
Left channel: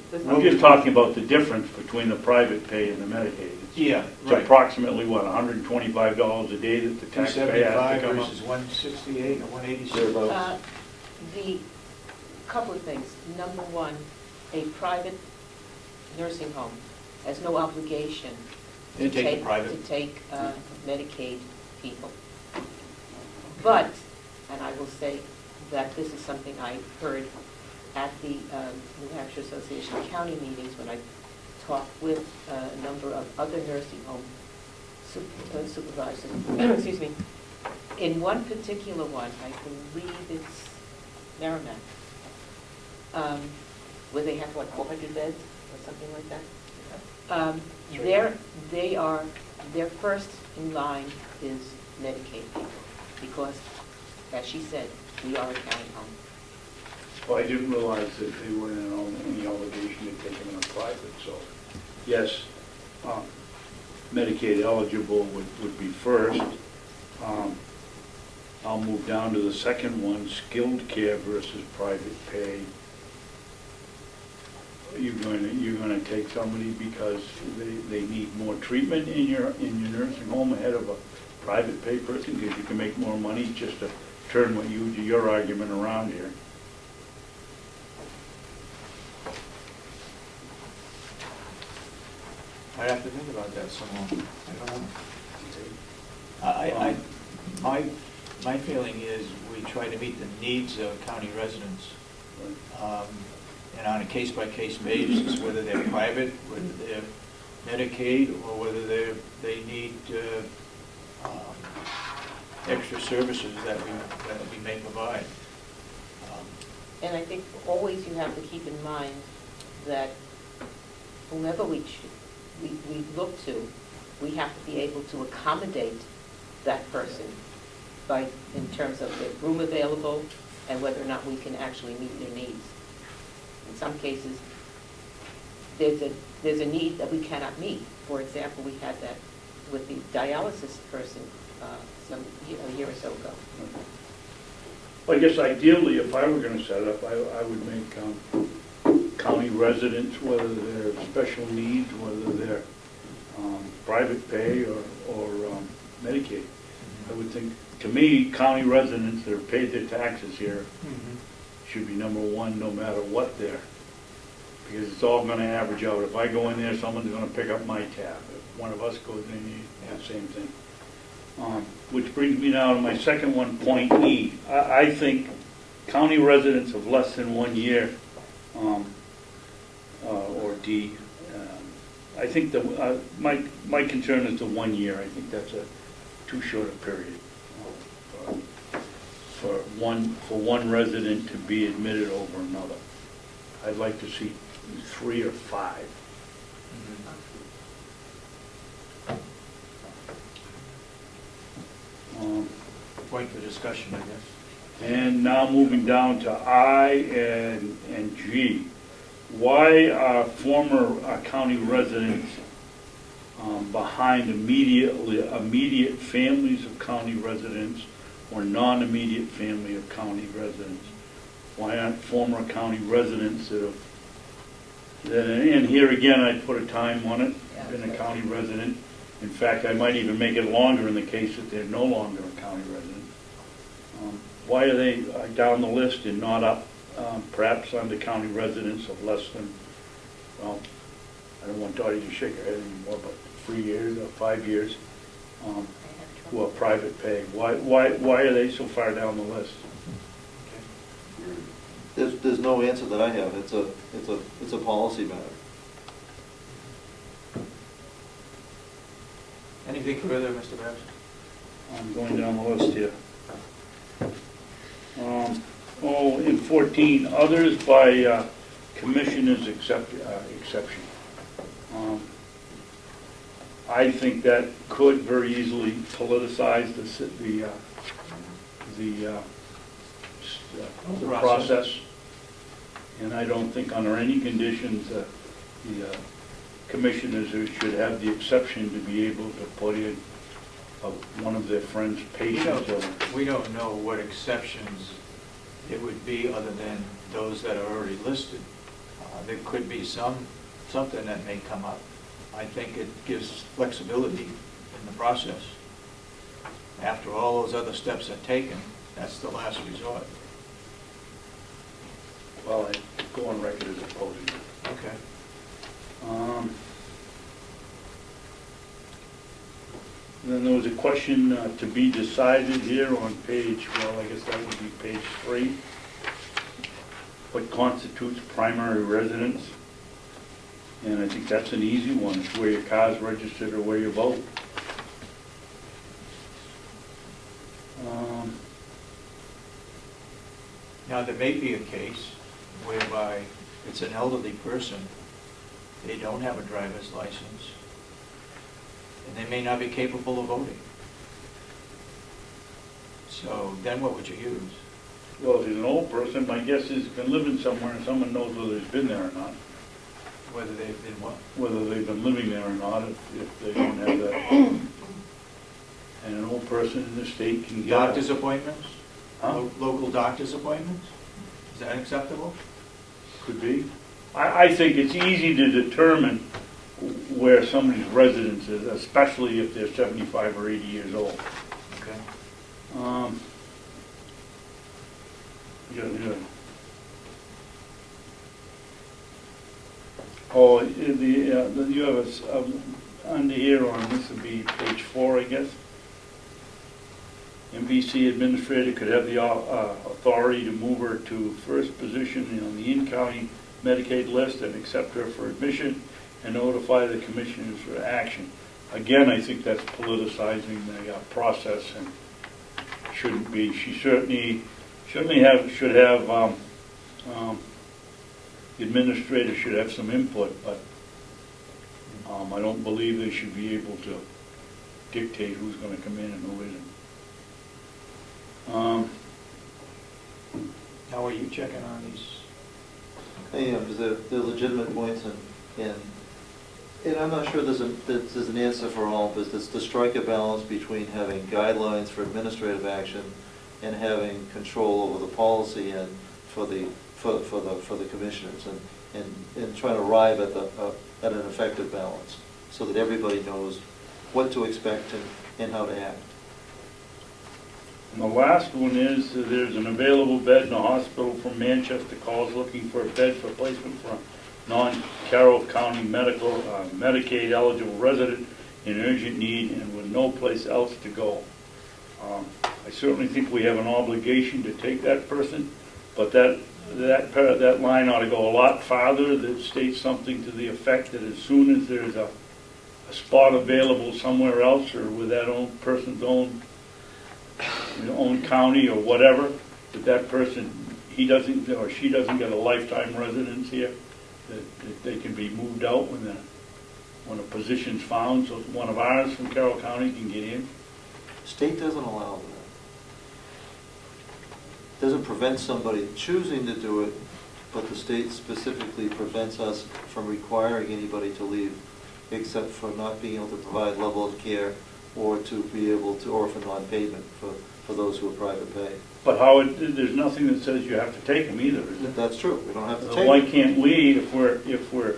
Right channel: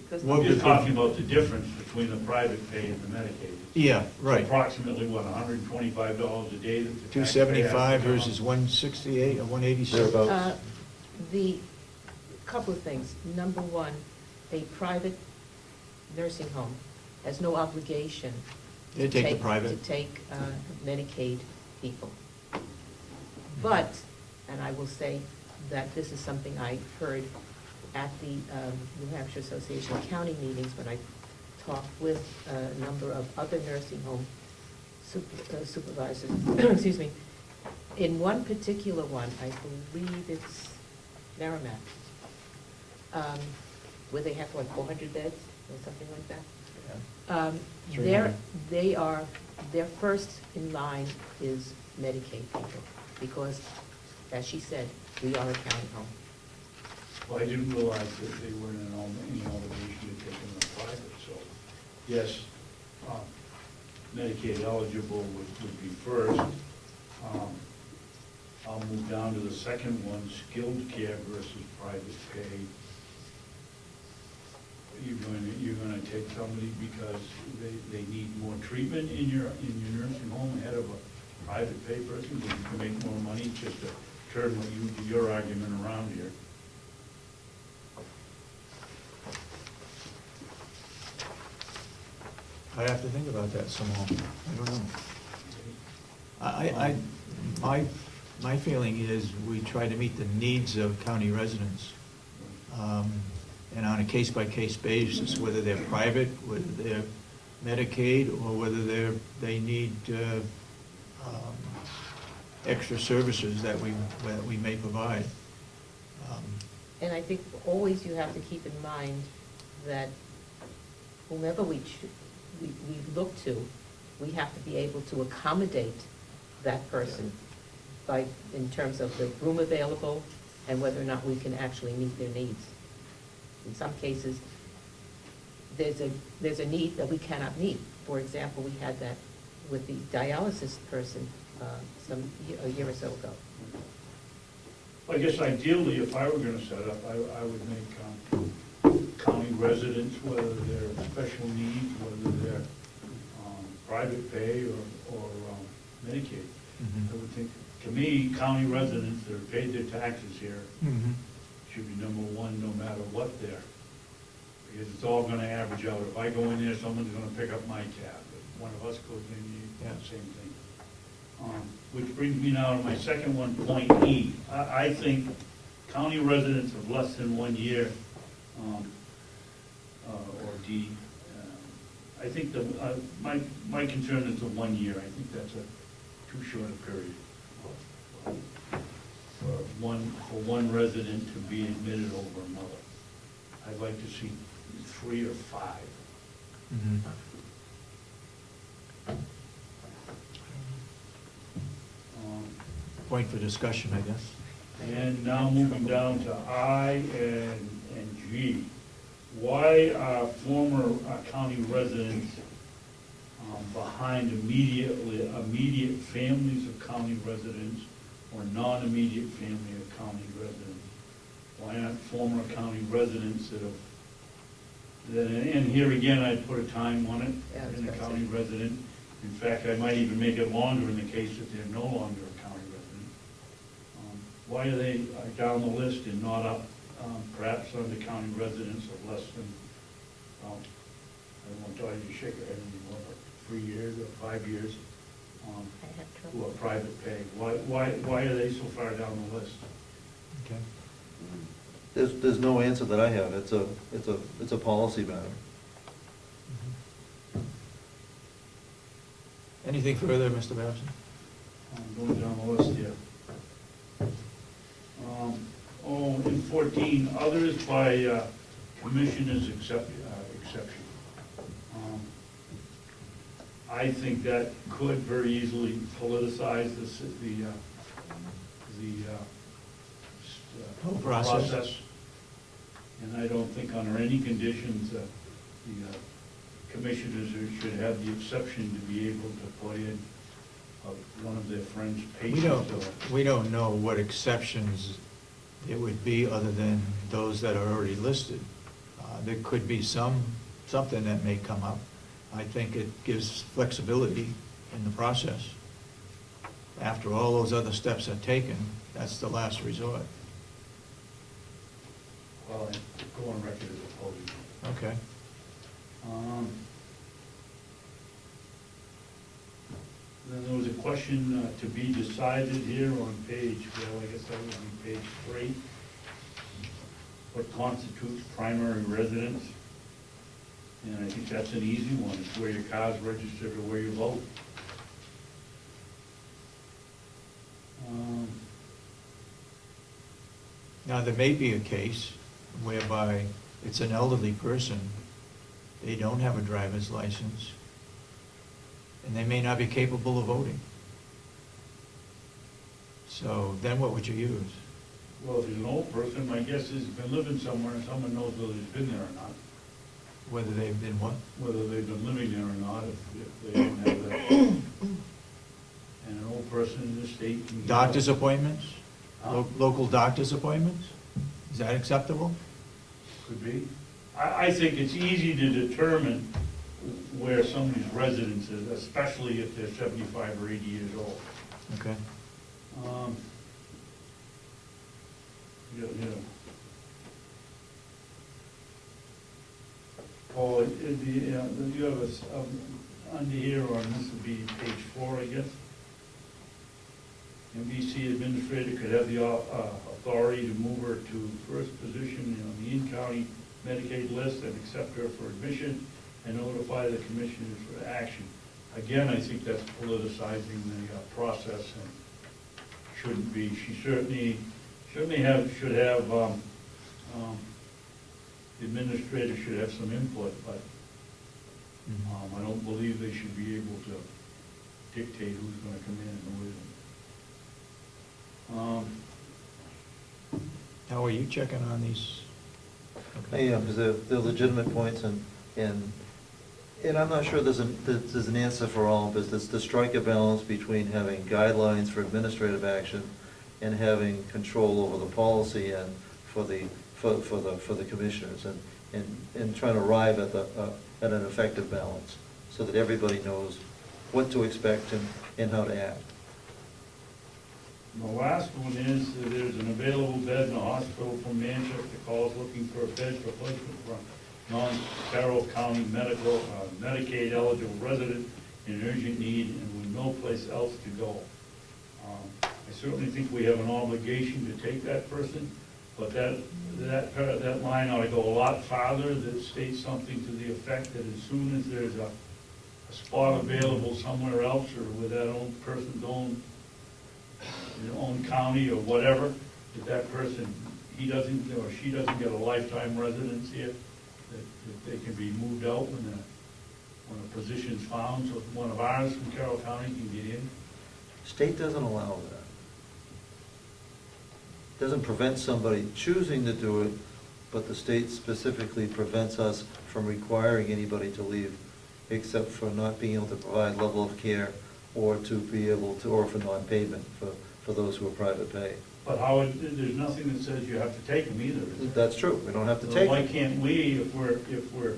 Because I'm just talking about the difference between the private pay and the Medicaid. Yeah, It's right. approximately, what, $125 a day that the taxpayer has to 275 come up? versus 168 or 186? Thereabouts. The, couple of things. Number one, a private nursing home has no obligation They take the private. to take Medicaid people. But, and I will say that this is something I heard at the New Hampshire Association of County meetings when I talked with a number of other nursing home supervisors, excuse me. In one particular one, I believe it's Merrimack, where they have, what, 400 beds or something like that? Their first in line is Medicaid people, because, as she said, we are a county home. Well, I didn't realize that they weren't in any obligation to take them in private, so, yes, Medicaid eligible would be first. I'll move down to the second one, skilled care versus private pay. You're gonna take somebody because they need more treatment in your nursing home ahead of a private pay person, because you can make more money, just to turn your argument around here. I'd have to think about that some more. I don't know. My feeling is we try to meet the needs of county residents. And on a case-by-case basis, whether they're private, whether they're Medicaid, or whether they need extra services that we may provide. And I think always you have to keep in mind that whomever we look to, we have to be able to accommodate that person in terms of the room available and whether or not we can actually meet their needs. In some cases, there's a need that we cannot meet. For example, we had that with the dialysis person a year or so ago. Well, I guess ideally, if I were gonna set up, I would make county residents, whether they're special needs, whether they're private pay or Medicaid. I would think, to me, county residents that have paid their taxes here should be number one, no matter what they're, because it's all gonna average out. If I go in there, someone's gonna pick up my tab. If one of us goes in, the same thing. Which brings me now to my second one, point E. I think county residents of less than 1 year, or D, I think my concern is the 1 year. I think that's too short a period for one resident to be admitted over another. I'd like to see 3 or 5. Point for discussion, I guess. And now moving down to I and G. Why are former county residents behind immediate families of county residents or non-immediate family of county residents? Why aren't former county residents and here again, I'd put a time on it, Yeah, been a that's county right. resident. In fact, I might even make it longer in the case that they're no longer a county resident. Why are they down the list and not up, perhaps under county residents of less than, well, I don't want Dottie to shake her head anymore, but 3 years or 5 years, who are private pay? Why are they so far down the list? Okay. There's no answer that I have. It's a policy matter. Anything further, Mr. Babson? I'm going down the list here. In 14, others by commissioners exception. I think that could very easily politicize the process. And I don't think under any conditions the commissioners should have the exception to be able to put in one of their friends' patients. We don't know what exceptions it would be other than those that are already listed. There could be something that may come up. I think it gives flexibility in the process. After all those other steps are taken, that's the last resort. Well, I go on record as opposing it. Okay. Then there was a question to be decided here on page, well, I guess that would be page 3. What constitutes primary residence? And I think that's an easy one. It's where your car's registered or where you vote. Now, there may be a case whereby it's an elderly person, they don't have a driver's license, and they may not be capable of voting. So then what would you use? Well, if he's an old person, my guess is he's been living somewhere and someone knows whether he's been there or not. Whether they've been what? Whether they've been living there or not, if they don't have that. And an old person in the state can get... Doctor's appointments? Huh? Local doctor's appointments? Is that acceptable? Could be. I think it's easy to determine where somebody's residence is, especially if they're 75 or 80 years old. Okay. Yeah. Oh, you have under here on, this would be page 4, I guess. MVC administrator could have the authority to move her to first position on the in-county Medicaid list and accept her for admission and notify the commissioners for action. Again, I think that's politicizing the process and shouldn't be. She certainly should have, the administrator should have some input, but I don't believe they should be able to dictate who's going to come in and who isn't. How are you checking on these? Yeah, because they're legitimate points, and I'm not sure there's an answer for all, because it's to strike a balance between having guidelines for administrative action and having control over the policy and for the commissioners, and trying to arrive at an effective balance so that everybody knows what to expect and how to act. And the last one is, there's an available bed in a hospital from Manchester calls looking for a bed for placement for a non-Carroll County Medicaid eligible resident in urgent need and with no place else to go. I certainly think we have an obligation to take that person, but that line ought to go a lot farther, that states something to the effect that as soon as there's a a spot available somewhere else, or with that own person's own, own county or whatever, that that person, he doesn't, or she doesn't get a lifetime residence here, that they can be moved out when a position's found, so one of ours from Carroll County can get in? State doesn't allow that. Doesn't prevent somebody choosing to do it, but the state specifically prevents us from requiring anybody to leave, except for not being able to provide level of care, or to be able to, or for non-payment for those who are private pay. But Howard, there's nothing that says you have to take them either, is there? That's true, we don't have to So take why it. can't we, if we're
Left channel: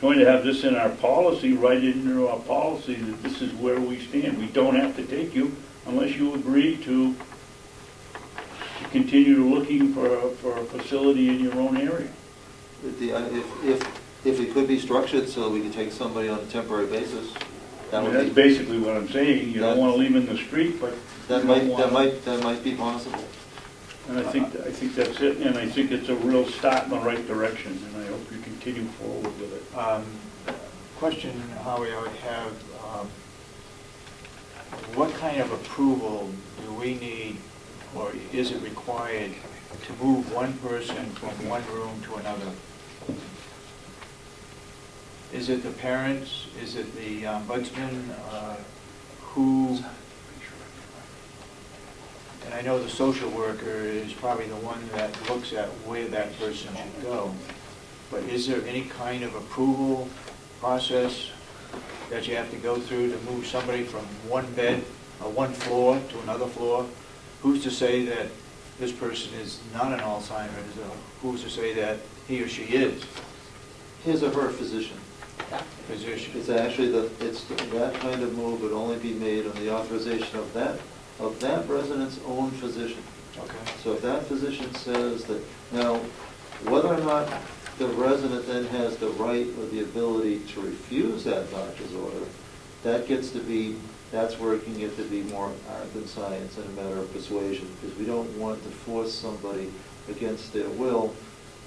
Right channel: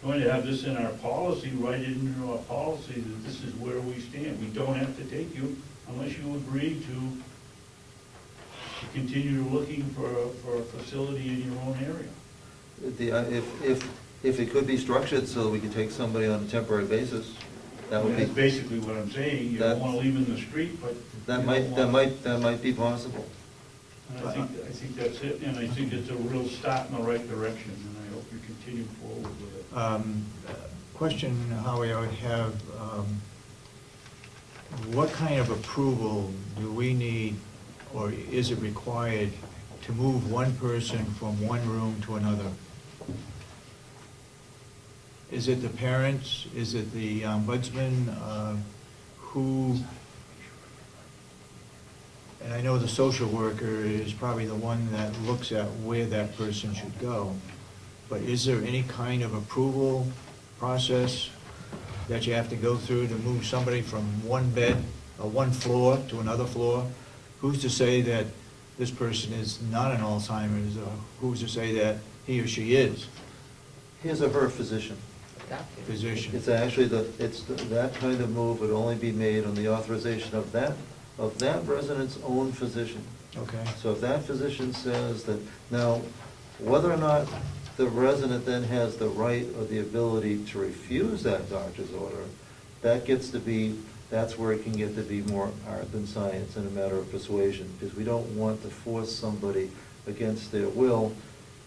going to have this in our policy, write it into our policy that this is where we stand? We don't have to take you unless you agree to continue looking for a facility in your own area. If it could be structured so we could take somebody on a temporary basis, that would That's be, basically what I'm saying. You don't want to leave them in the street, but that might be possible. and I think that's it, and I think it's a real start in the right direction, and I hope you continue forward with it. Question, Howie, I would have, what kind of approval do we need, or is it required, to move one person from one room to another? Is it the parents? Is it the ombudsman? Who? And I know the social worker is probably the one that looks at where that person should go. But is there any kind of approval process that you have to go through to move somebody from one bed or one floor to another floor? Who's to say that this person is not an Alzheimer's, or who's to say that he or she is? His or her physician. Physician. It's actually that kind of move would only be made on the authorization of that resident's own physician. Okay. So if that physician says that, now, whether or not the resident then has the right or the ability to refuse that doctor's order, that's where it can get to be more art than science and a matter of persuasion, because we don't want to force somebody against their will.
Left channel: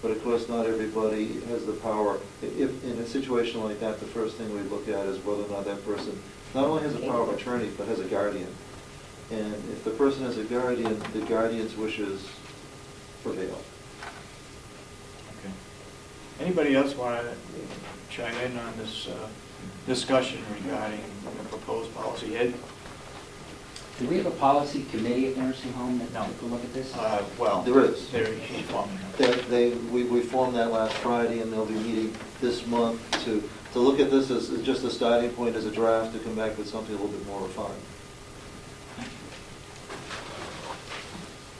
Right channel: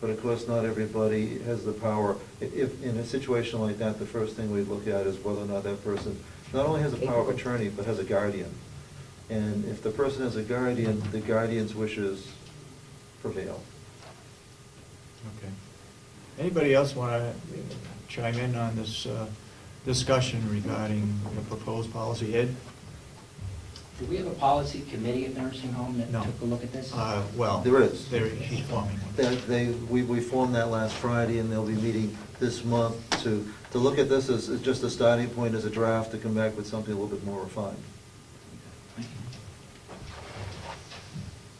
But of course, not everybody has the power. If in a situation like that, the first thing we look at is whether or not that person not only has a power of attorney, but has a guardian. And if the person has a guardian, the guardian's wishes prevail. Okay. Anybody else want to chime in on this discussion regarding the proposed policy? Ed? Do we have a policy committee at the nursing home that No. took a look at this? Well, There is. he's forming. We formed that last Friday, and they'll be meeting this month to look at this as just a starting point, as a draft, to come back with something a little bit more refined.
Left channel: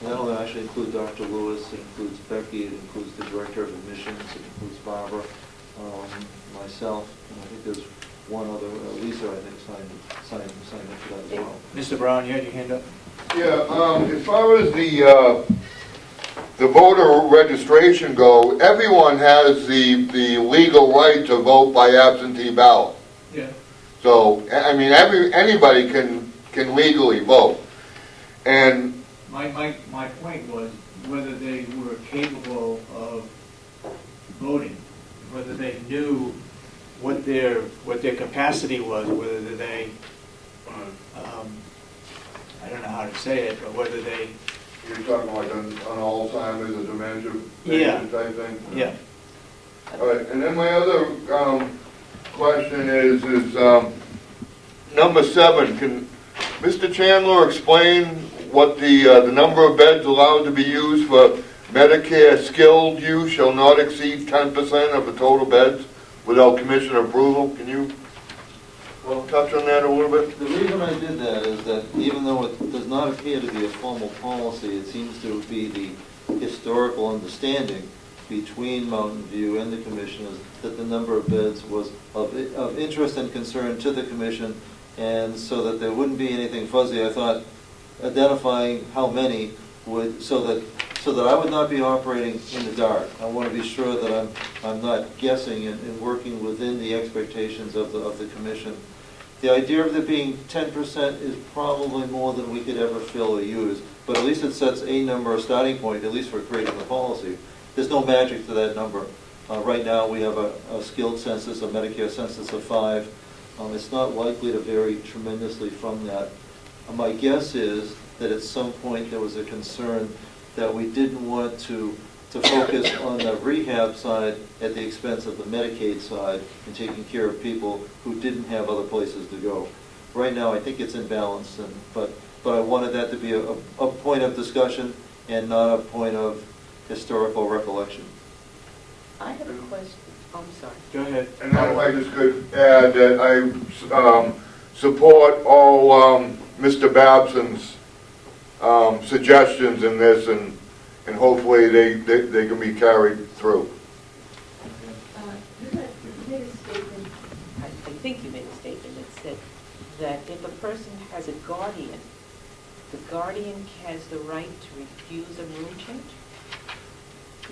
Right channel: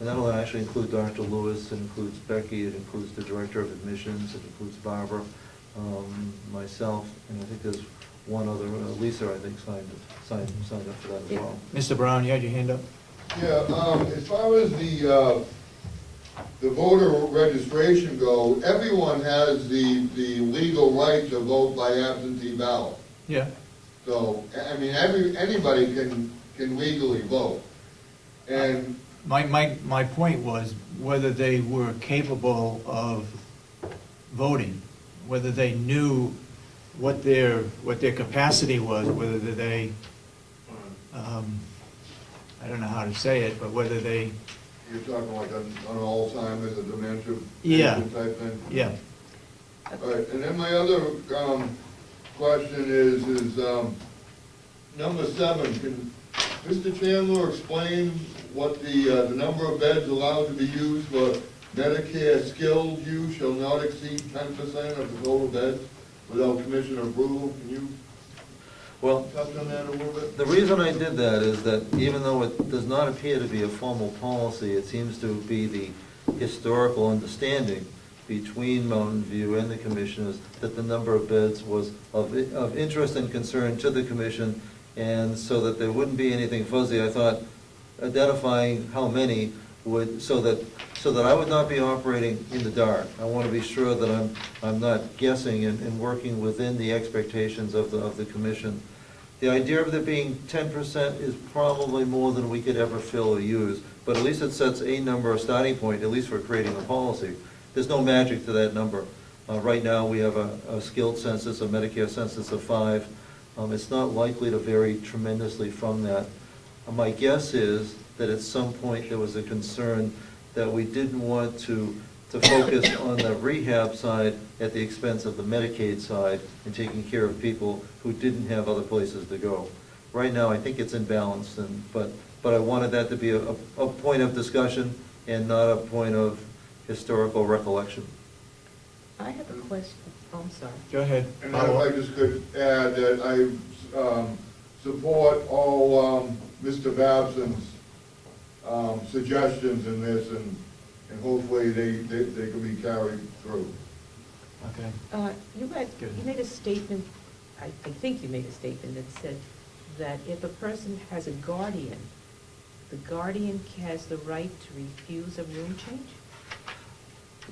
And that'll actually include Dr. Lewis, it includes Becky, it includes the Director of Admissions, it includes Barbara, myself, and I think there's one other, Lisa, I think, signed up for that as well. Mr. Brown, you had your hand up? Yeah, as far as the voter registration go, everyone has the legal right to vote by absentee ballot. Yeah. So, I mean, anybody can legally vote. And My point was whether they were capable of voting, whether they knew what their capacity was, whether they, I don't know how to say it, but whether they. you're talking like on Alzheimer's, a dementia Yeah. type thing? Yeah. All right, and then my other question is number 7, can Mr. Chandler explain what the number of beds allowed to be used for Medicare skilled use shall not exceed 10% of the total beds without commissioner approval? Can you touch on that a little bit? The reason I did that is that even though it does not appear to be a formal policy, it seems to be the historical understanding between Mountain View and the commissioners that the number of beds was of interest and concern to the commission, and so that there wouldn't be anything fuzzy, I thought identifying how many would, so that I would not be operating in the dark. I want to be sure that I'm not guessing and working within the expectations of the commission. The idea of there being 10% is probably more than we could ever fill or use, but at least it sets a number, a starting point, at least for creating the policy. There's no magic to that number. Right now, we have a skilled census, a Medicare census of 5. It's not likely to vary tremendously from that. My guess is that at some point there was a concern that we didn't want to focus on the rehab side at the expense of the Medicaid side and taking care of people who didn't have other places to go. Right now, I think it's in balance, but I wanted that to be a point of discussion and not a point of historical recollection. I have a question. Oh, I'm sorry. Go ahead. And if I just could add that I support all Mr. Babson's suggestions in this, and hopefully they can be carried through. Okay. You made a statement, I think you made a statement that said that if a person has a guardian, the guardian has the right to refuse a room change?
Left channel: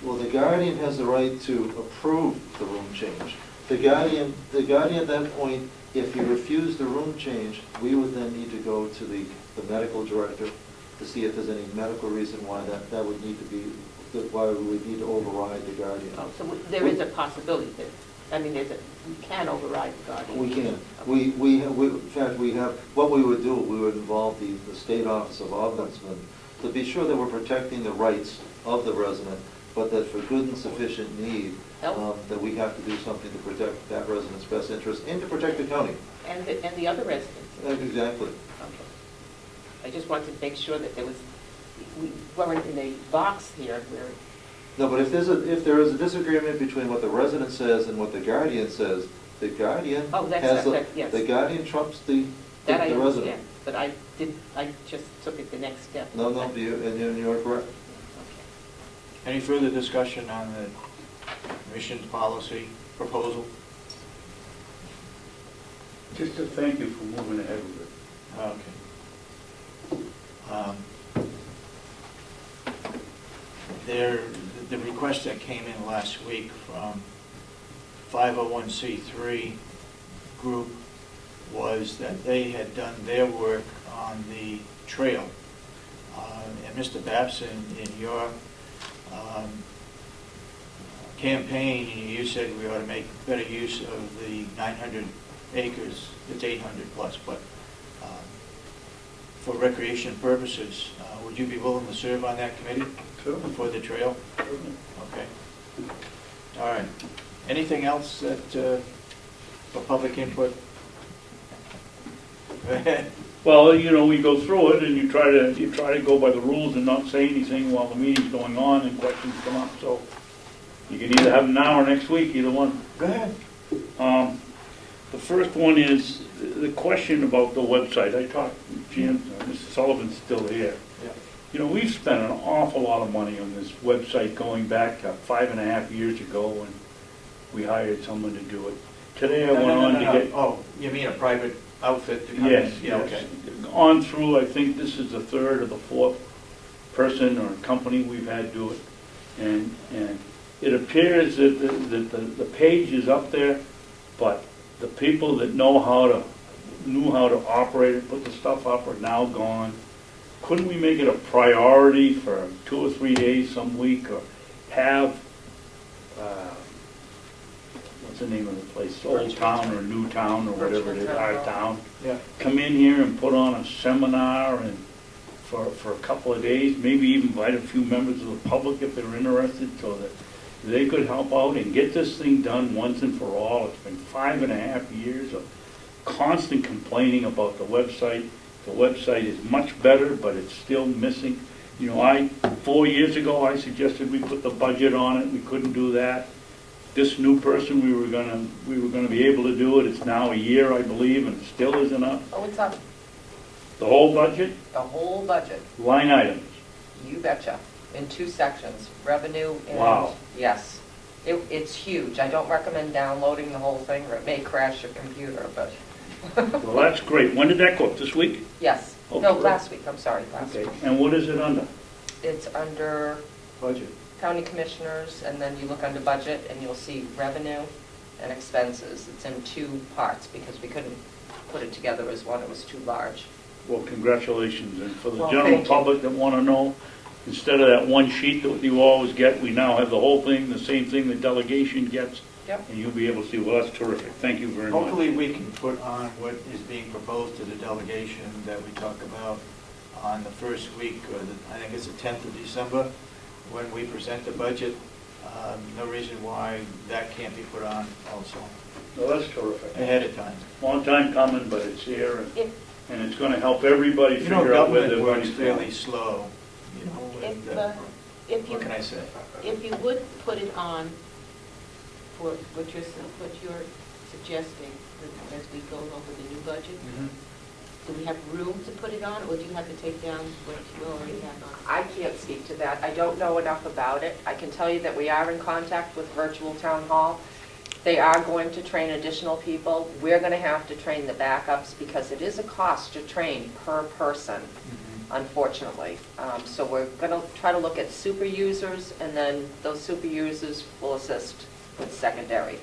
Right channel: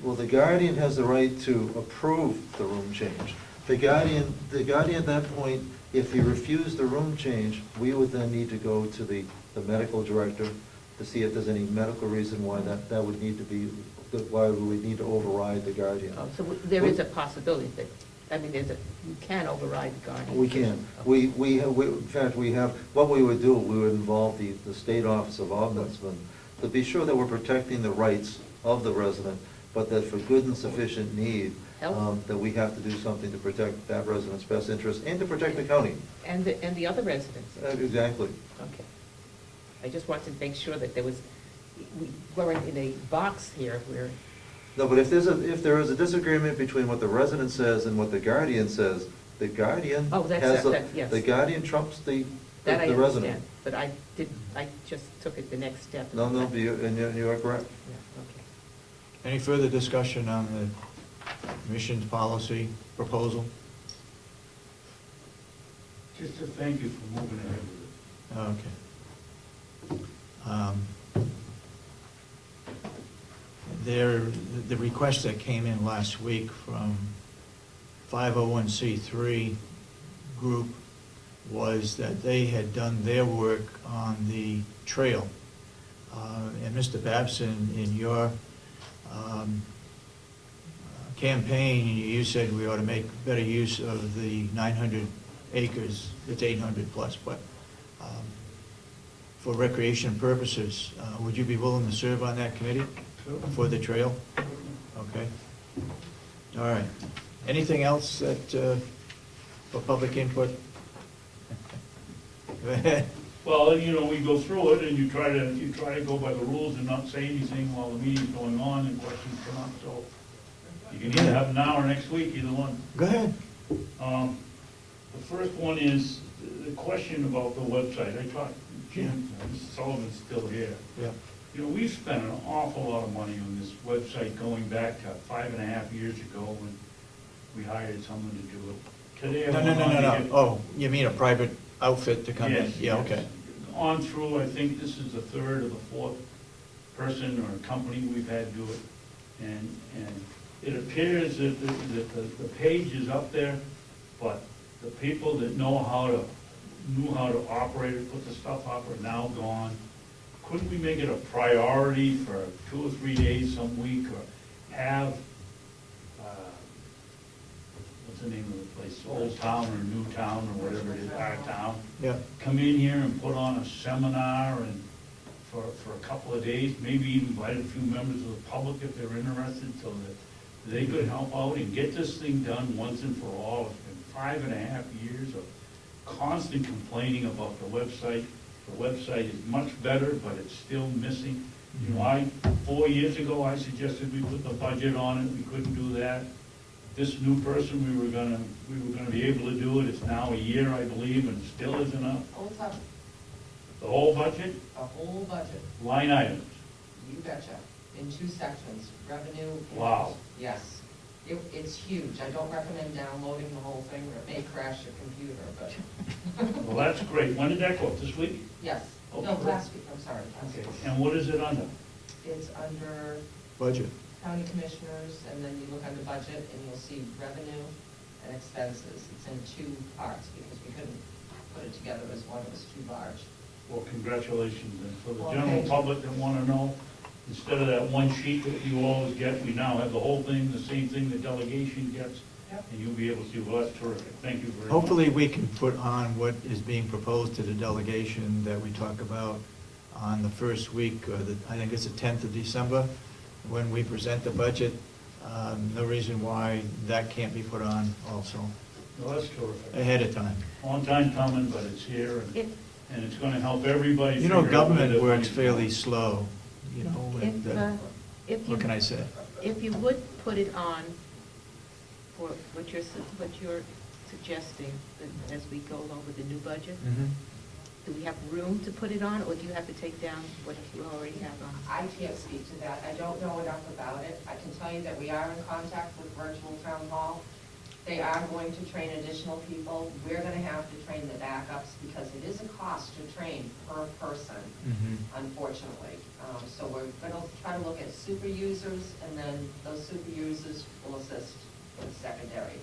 Well, the guardian has the right to approve the room change. The guardian at that point, if he refused the room change, we would then need to go to the medical director to see if there's any medical reason why that would need to be, why we would need to override the guardian. Oh, so there is a possibility that, I mean, you can override the guardian? We can. In fact, we have, what we would do, we would involve the State Office of Ombudsman to be sure that we're protecting the rights of the resident, but that for good and sufficient need, that we have to do something to protect that resident's best interest and to protect the county. And the other residents? Exactly. Okay. I just wanted to make sure that we weren't in a box here where... No, but if there is a disagreement between what the resident says and what the guardian says, the guardian yes. the guardian trumps the That I resident. understand, but I just took it the next step. No, you are correct. Okay. Any further discussion on the commission's policy proposal? Just to thank you for moving ahead with it. Okay. The request that came in last week from 501c3 group was that they had done their work on the trail. And Mr. Babson, in your campaign, you said we ought to make better use of the 900 acres, it's 800 plus, but for recreation purposes, would you be willing to serve on that committee for the trail? Okay. All right. Anything else that, for public input? Go ahead. Well, we go through it and you try to go by the rules and not say anything while the meeting's going on and questions come up, so you can either have them now or next week, either one. Go ahead. The first one is the question about the website. I talked, Jim, Mr. Sullivan's still here. Yeah. We've spent an awful lot of money on this website going back to 5.5 years ago when we hired someone to do it. Today I went on to get... Oh, you mean a private outfit to come in? Yes, Yeah, yes. okay. On through, I think this is the third or the fourth person or company we've had do it. And it appears that the page is up there, but the people that knew how to operate it, put the stuff up, are now gone. Couldn't we make it a priority for 2 or 3 days some week, or have, what's the name of the place, Old Town or New Town or whatever it is, Our Town, Yeah. come in here and put on a seminar and for a couple of days, maybe even invite a few members of the public if they're interested, so that they could help out and get this thing done once and for all. It's been 5.5 years of constant complaining about the website. The website is much better, but it's still missing. 4 years ago, I suggested we put the budget on it. We couldn't do that. This new person, we were gonna be able to do it. It's now a year, I believe, and it still isn't up. Oh, it's up, The whole budget, the whole budget, line items. you betcha, in 2 sections, revenue and... Wow. Yes. It's huge. I don't recommend downloading the whole thing, or it may crash your computer, but... Well, that's great. When did that go up? This week? Yes. Okay. No, last week, I'm sorry, last Okay. week. And what is it under? It's under Budget. county commissioners, and then you look under budget, and you'll see revenue and expenses. It's in 2 parts, because we couldn't put it together as one, it was too large. Well, congratulations. And for the Well, general thank you. public that want to know, instead of that one sheet that you always get, we now have the whole thing, the same thing the delegation gets. Yep. And you'll be able to see, well, that's terrific, thank you very much. Hopefully, we can put on what is being proposed to the delegation that we talk about on the first week, or I think it's the 10th of December, when we present the budget. No reason why that can't be put on also, Well, that's terrific. ahead of time. Long time coming, but it's here, If, and it's gonna help everybody You figure know, out where government their works money's fairly going. slow, you know, if you, what can I say? if you would put it on for what you're suggesting as we go over the new budget, do we have room to put it on, or do you have to take down what you already have on? I can't speak to that. I don't know enough about it. I can tell you that we are in contact with Virtual Town Hall. They are going to train additional people. We're going to have to train the backups because it is a cost to train per person, unfortunately. So we're going to try to look at super users, and then those super users will assist with secondary.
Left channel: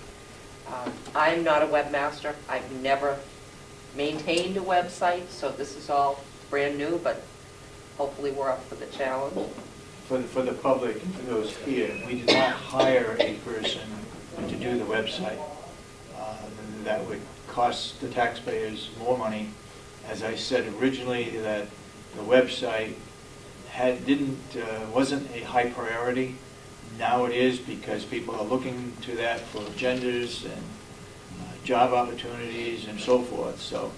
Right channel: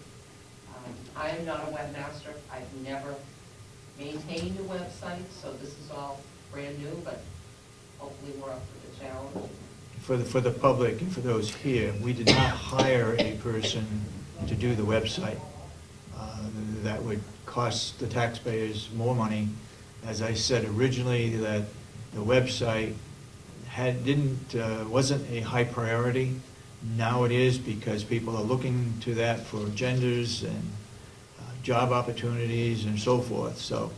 I'm not a webmaster. I've never maintained a website, so this is all brand new, but hopefully we're up for the challenge. For the public and for those here, we did not hire a person to do the website. That would cost the taxpayers more money. As I said originally, that the website wasn't a high priority. Now it is, because people are looking to that for agendas and job opportunities and so forth. So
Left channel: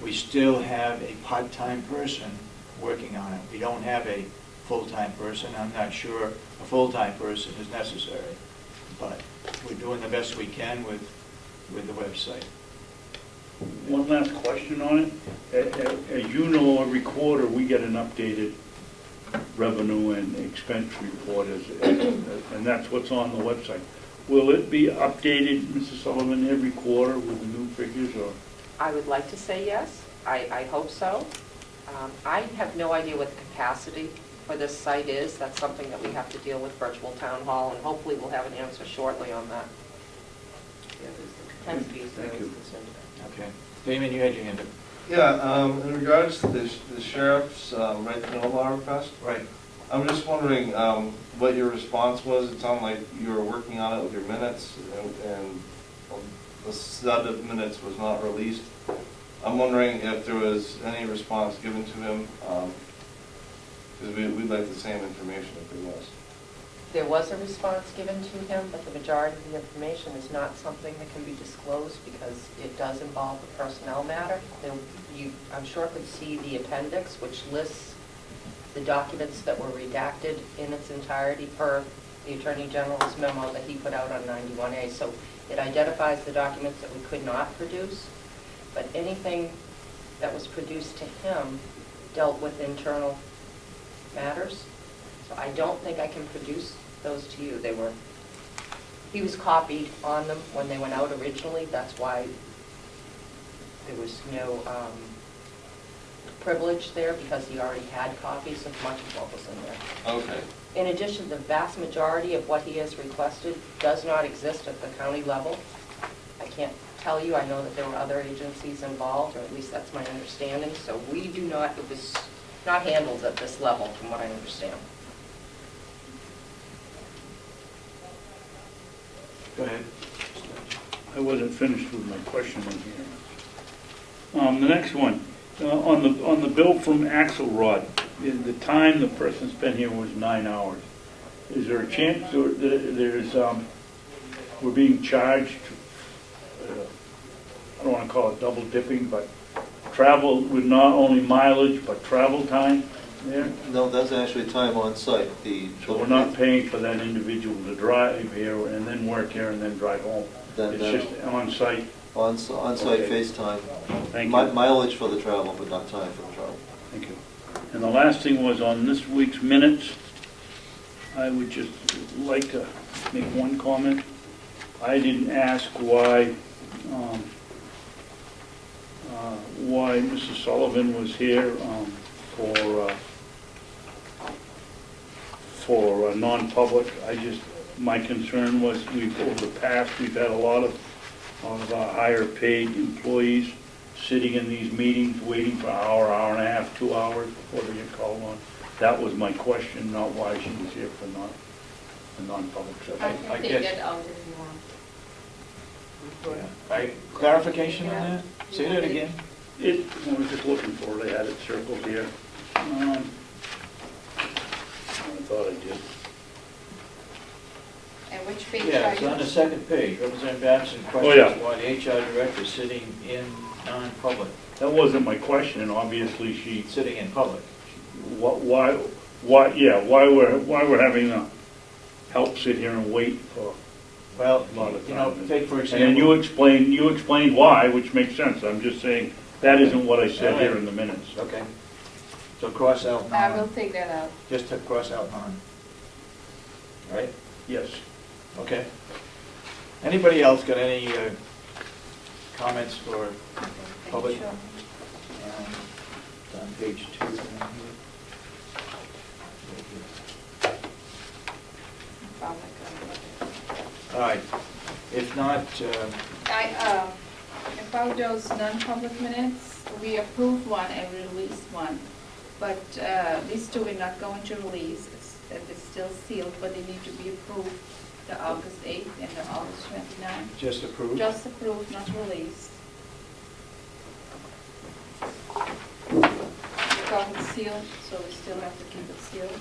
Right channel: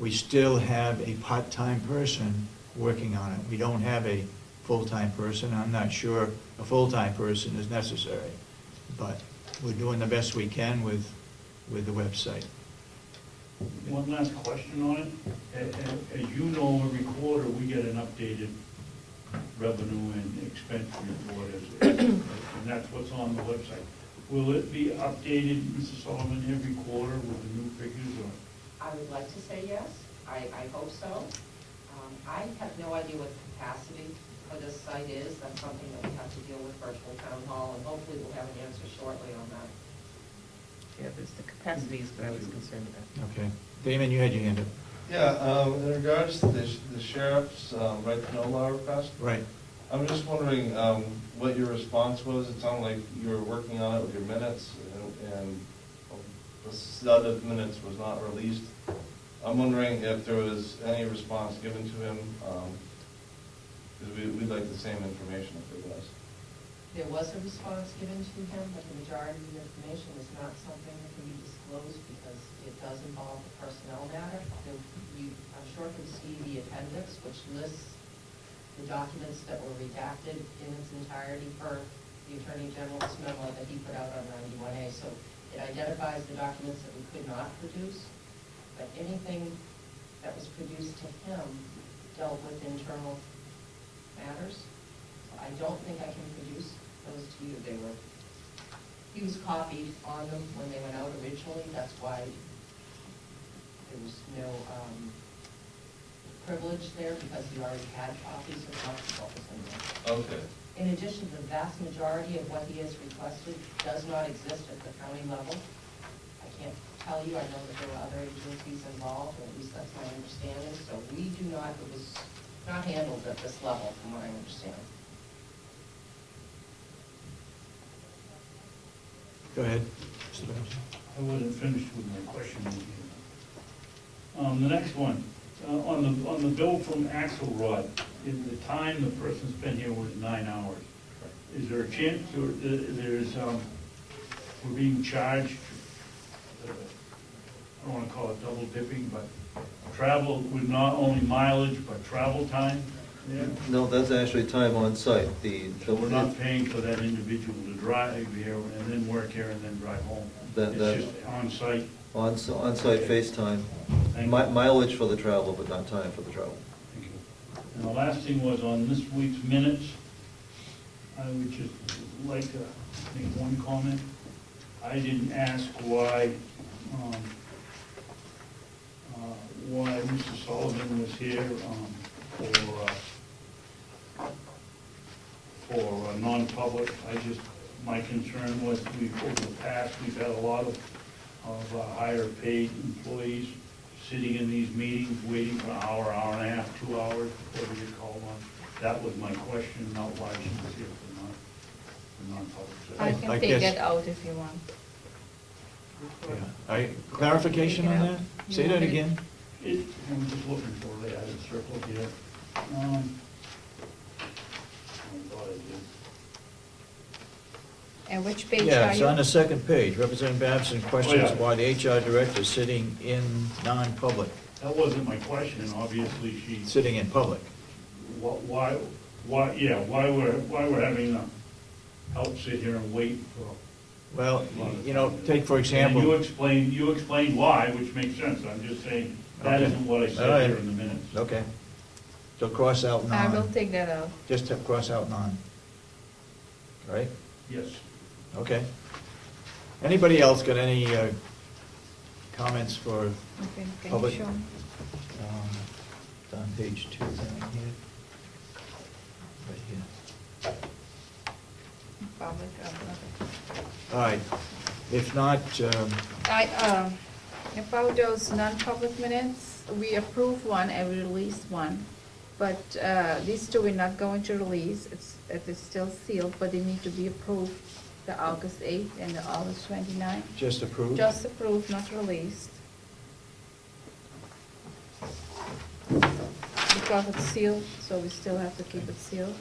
we still have a part-time person working on it. We don't have a full-time person. I'm not sure a full-time person is necessary, but we're doing the best we can with the website. One last question on it. As you know, every quarter, we get an updated revenue and expense report, and that's what's on the website. Will it be updated, Mrs. Sullivan, every quarter with the new figures, or? I would like to say yes. I hope so. I have no idea what the capacity for this site is. That's something that we have to deal with Virtual Town Hall, and hopefully we'll have an answer shortly on that. Yeah, it's the capacity is what I was concerned about. Okay. Damon, you had your hand up. Yeah, in regards to the sheriff's right to know law request, Right. I'm just wondering what your response was. It sounded like you were working on it with your minutes, and the set of minutes was not released. I'm wondering if there was any response given to him, because we'd like the same information if there was. There was a response given to him, but the majority of the information is not something that can be disclosed because it does involve a personnel matter. You, I'm sure, could see the appendix, which lists the documents that were redacted in its entirety per the Attorney General's memo that he put out on 91A. So it identifies the documents that we could not produce, but anything that was produced to him dealt with internal matters. So I don't think I can produce those to you. He was copied on them when they went out originally. That's why there was no privilege there, because he already had copies of much of what was in there. Okay. In addition, the vast majority of what he has requested does not exist at the county level. I can't tell you. I know that there were other agencies involved, or at least that's my understanding. So we do not, it was not handled at this level, from what I understand. Go ahead. I wasn't finished with my question in here. The next one, on the bill from Axelrod, the time the person spent here was 9 hours. Is there a chance we're being charged, I don't want to call it double dipping, but travel with not only mileage, but travel time there? No, that's actually time on site. So we're not paying for that individual to drive here and then work here and then drive home? It's just on site? On-site FaceTime. Thank you. Mileage for the travel, but not time for the travel. Thank you. And the last thing was on this week's minutes, I would just like to make one comment. I didn't ask why Mrs. Sullivan was here for non-public. My concern was over the past, we've had a lot of higher paid employees sitting in these meetings, waiting for an hour, hour and a half, 2 hours before they get called on. That was my question, not why she was here for non-public I session. can I take guess- that out if you want. Clarification on that? Say that again? I was just looking for it, I had it circled here. I thought I did. And which page Yeah, are it's you? on the second page. Representative Babson yeah. questions why the HR director is sitting in non-public, That wasn't my question, obviously she, sitting in public. why we're having to help sit here and wait for Well, a lot of you know, time. take for And you example. explained why, which makes sense, I'm just saying, that isn't what I said here in the minutes. Okay. So cross out I will non, take that out. just to cross out non. Right? Yes. Okay. Anybody else got any comments for, Okay, can Public. you show me? on page 2 down here? Public, okay. All right. If not, About those non-public minutes, we approved one and we released one, but these two we're not going to release. It's still sealed, but they need to be approved, the August 8th and the August 29th. just approve? Just approved, not released. Because it's sealed, so we still have to keep it sealed.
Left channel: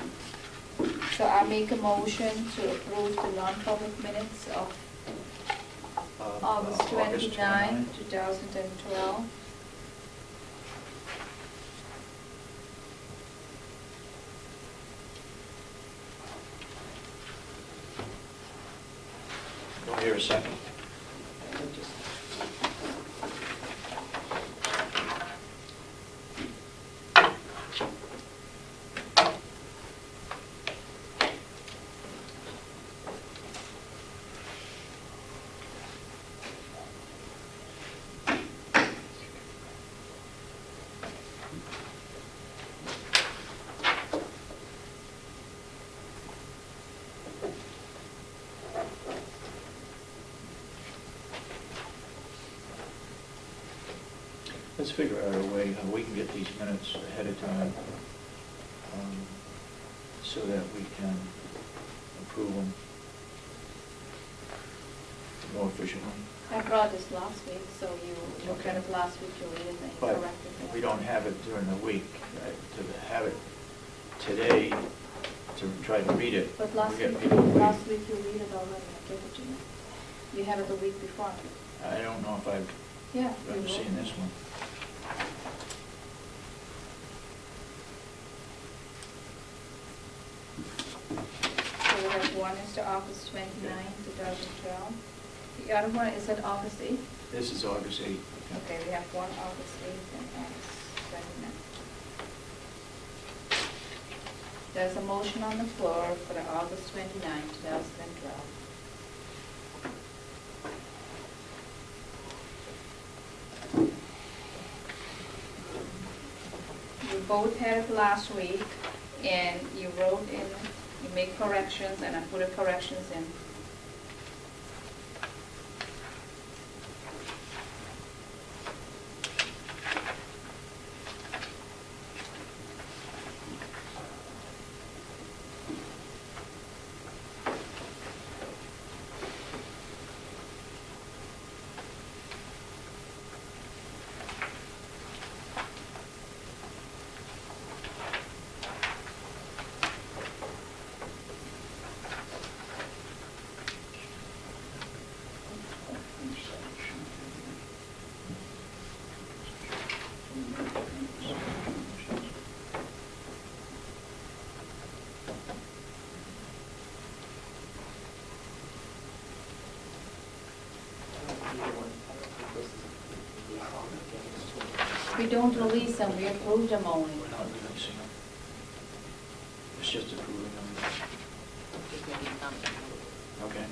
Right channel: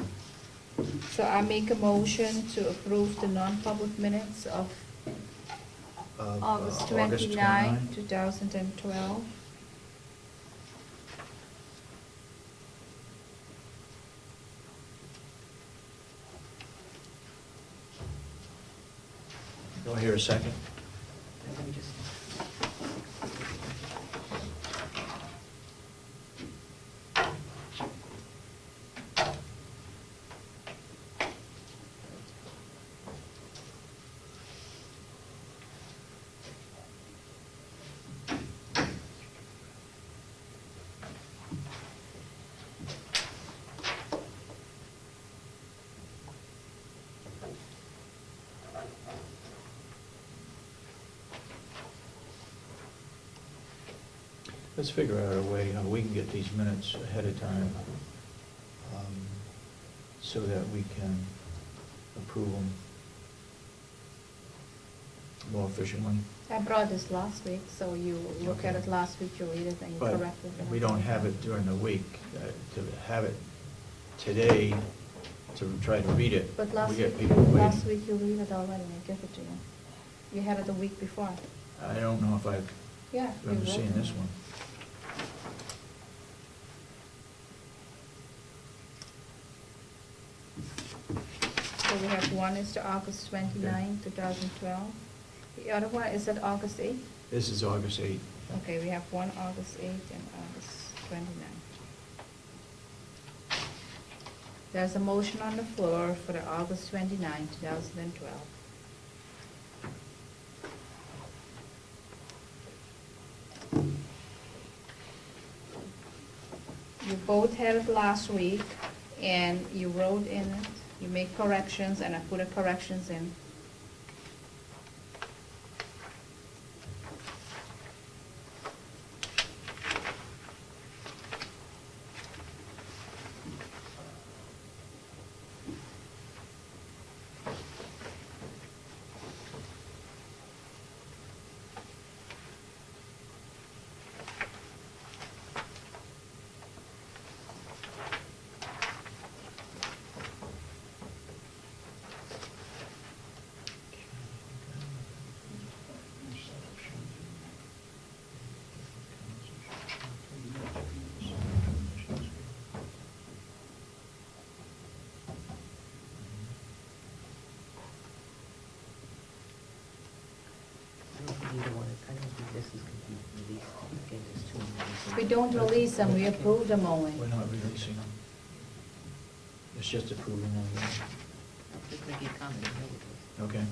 So I make a motion to approve the non-public minutes of August 29, 2012. Do I hear a second? I would just- Let's figure out a way how we can get these minutes ahead of time, so that we can approve them more efficiently. I brought this last week, so you look at it last week, you read it, and you But correct it. we don't have it during the week. To have it today, to try to read it, But we last get week, people waiting. last week you read it already, I gave it to you. We have it the week before. I don't know if I've Yeah. you ever wrote seen it. this one. So we have one is to August 29, 2012. The other one is at August 8th? This is August 8th. Okay, we have one August 8th and August 29th. There's a motion on the floor for the August 29, 2012. You both had it last week, and you wrote in, you made corrections, and I put the corrections in. We don't release them, we approve them only. We're not releasing them. It's just approving them. Just make a comment. Okay.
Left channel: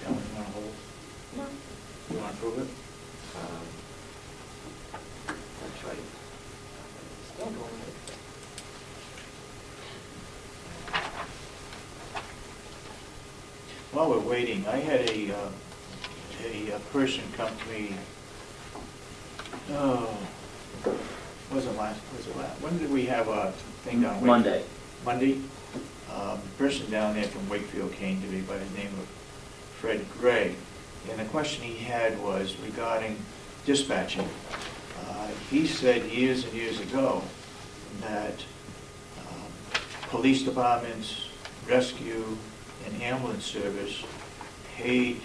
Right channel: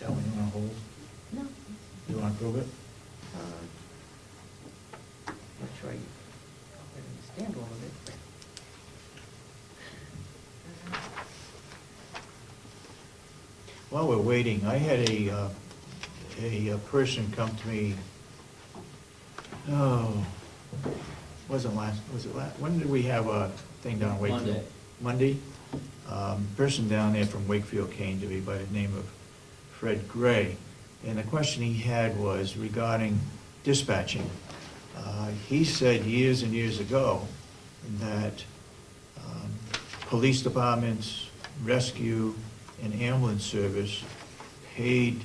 That one you want to hold? No, You want to approve it? that's right. Stand on it. While we're waiting, I had a person come to me, was it last, when did we have a thing down Wakefield? Monday. Monday? Person down there from Wakefield came to me by the name of Fred Gray, and the question he had was regarding dispatching. He said years and years ago that police departments, rescue, and ambulance service paid,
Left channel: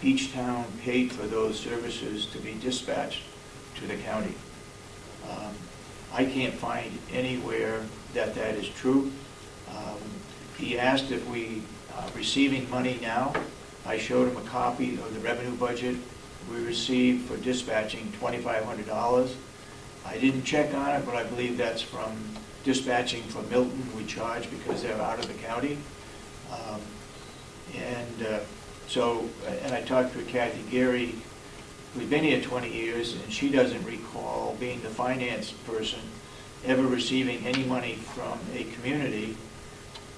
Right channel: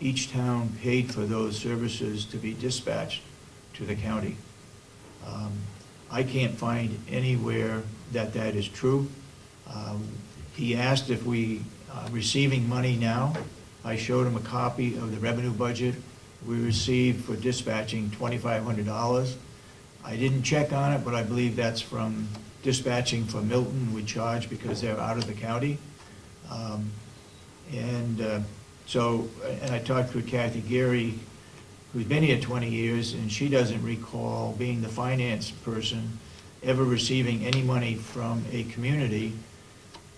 each town paid for those services to be dispatched to the county. I can't find anywhere that that is true. He asked if we are receiving money now. I showed him a copy of the revenue budget we received for dispatching $2,500. I didn't check on it, but I believe that's from dispatching from Milton. We charge because they're out of the county. And I talked with Kathy Geary, who's been here 20 years, and she doesn't recall, being the finance person, ever receiving any money from a community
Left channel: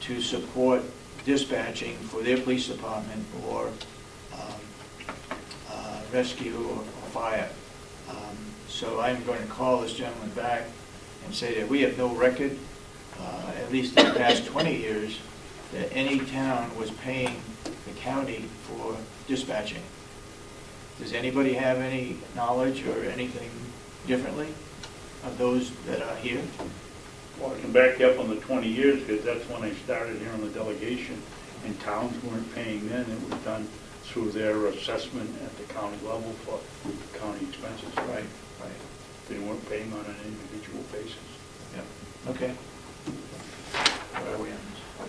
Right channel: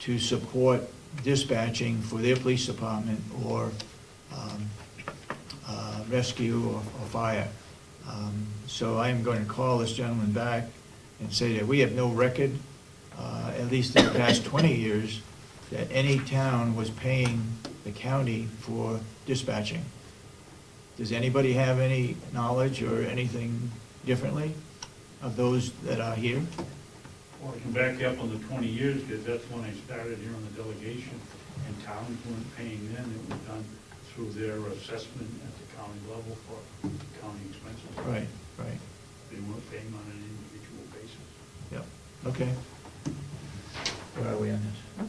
to support dispatching for their police department or rescue or fire. So I'm going to call this gentleman back and say that we have no record, at least in the past 20 years, that any town was paying the county for dispatching. Does anybody have any knowledge or anything differently of those that are here? Well, I can back you up on the 20 years, because that's when I started here on the delegation, and towns weren't paying then. It was done through their assessment at the county level for county expenses. Right, right. They weren't paying on an individual basis. Yeah, okay. Where are we on this?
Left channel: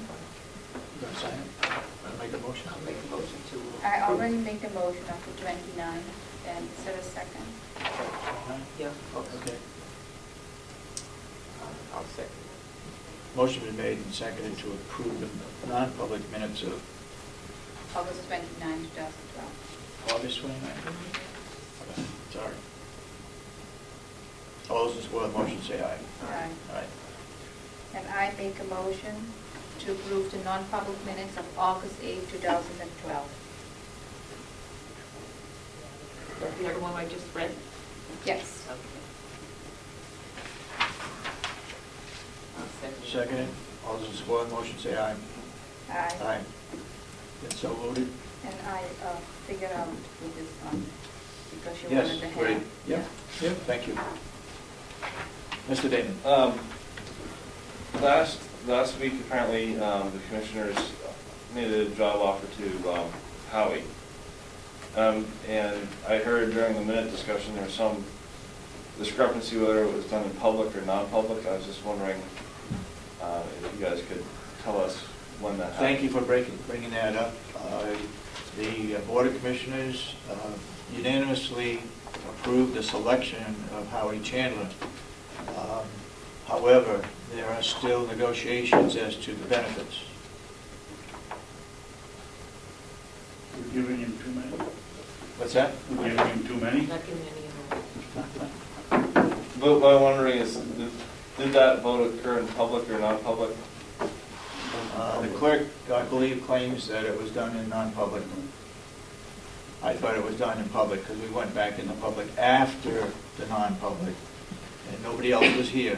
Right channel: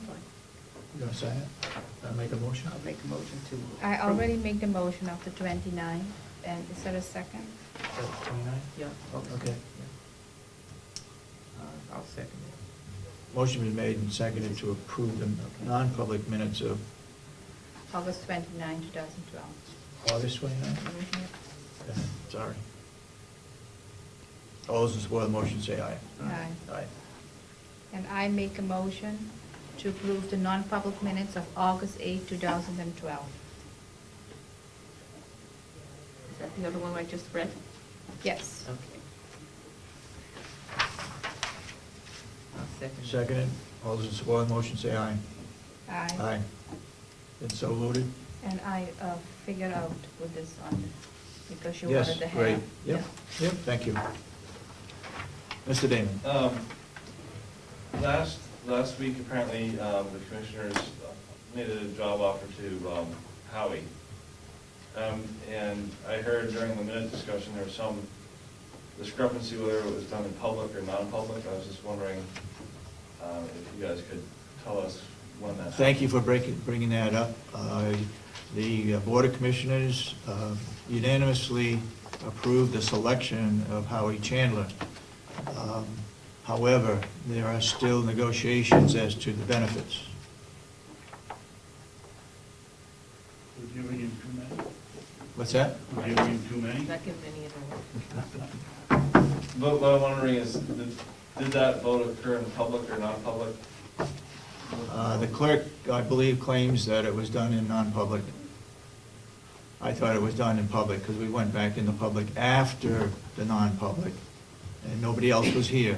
You gonna sign it? I'll make a motion. I'll make a motion to. I already made the motion of the 29th, and is there a second? Oh, 29? Yeah, Okay. I'll second Motion been made and seconded to approve the non-public minutes of August 29, 2012. August 29th? it. Sorry. All those in support of the motion say aye. Aye. Aye. And I make a motion to approve the non-public minutes of August 8, 2012. Is that the other one I just read? Yes. Okay. I'll second it. Seconded. All those in support of the motion say aye. Aye. Aye. It's so loaded? And I figured out with this, because you Yes, wanted to have. great. Yep, yep, thank you. Mr. Damon? Last week, apparently, the commissioners made a job offer to Howie. And I heard during the minute discussion, there was some discrepancy whether it was done in public or non-public. I was just wondering if you guys could tell us when that happened. Thank you for bringing that up. The Board of Commissioners unanimously approved the selection of Howie Chandler. However, there are still negotiations as to the benefits. We're giving him too many? What's that? We're giving him too many? Not giving any of them. But what I'm wondering is, did that vote occur in public or non-public? The clerk, I believe, claims that it was done in non-public. I thought it was done in public because we went back in the public after the non-public, and nobody else was here.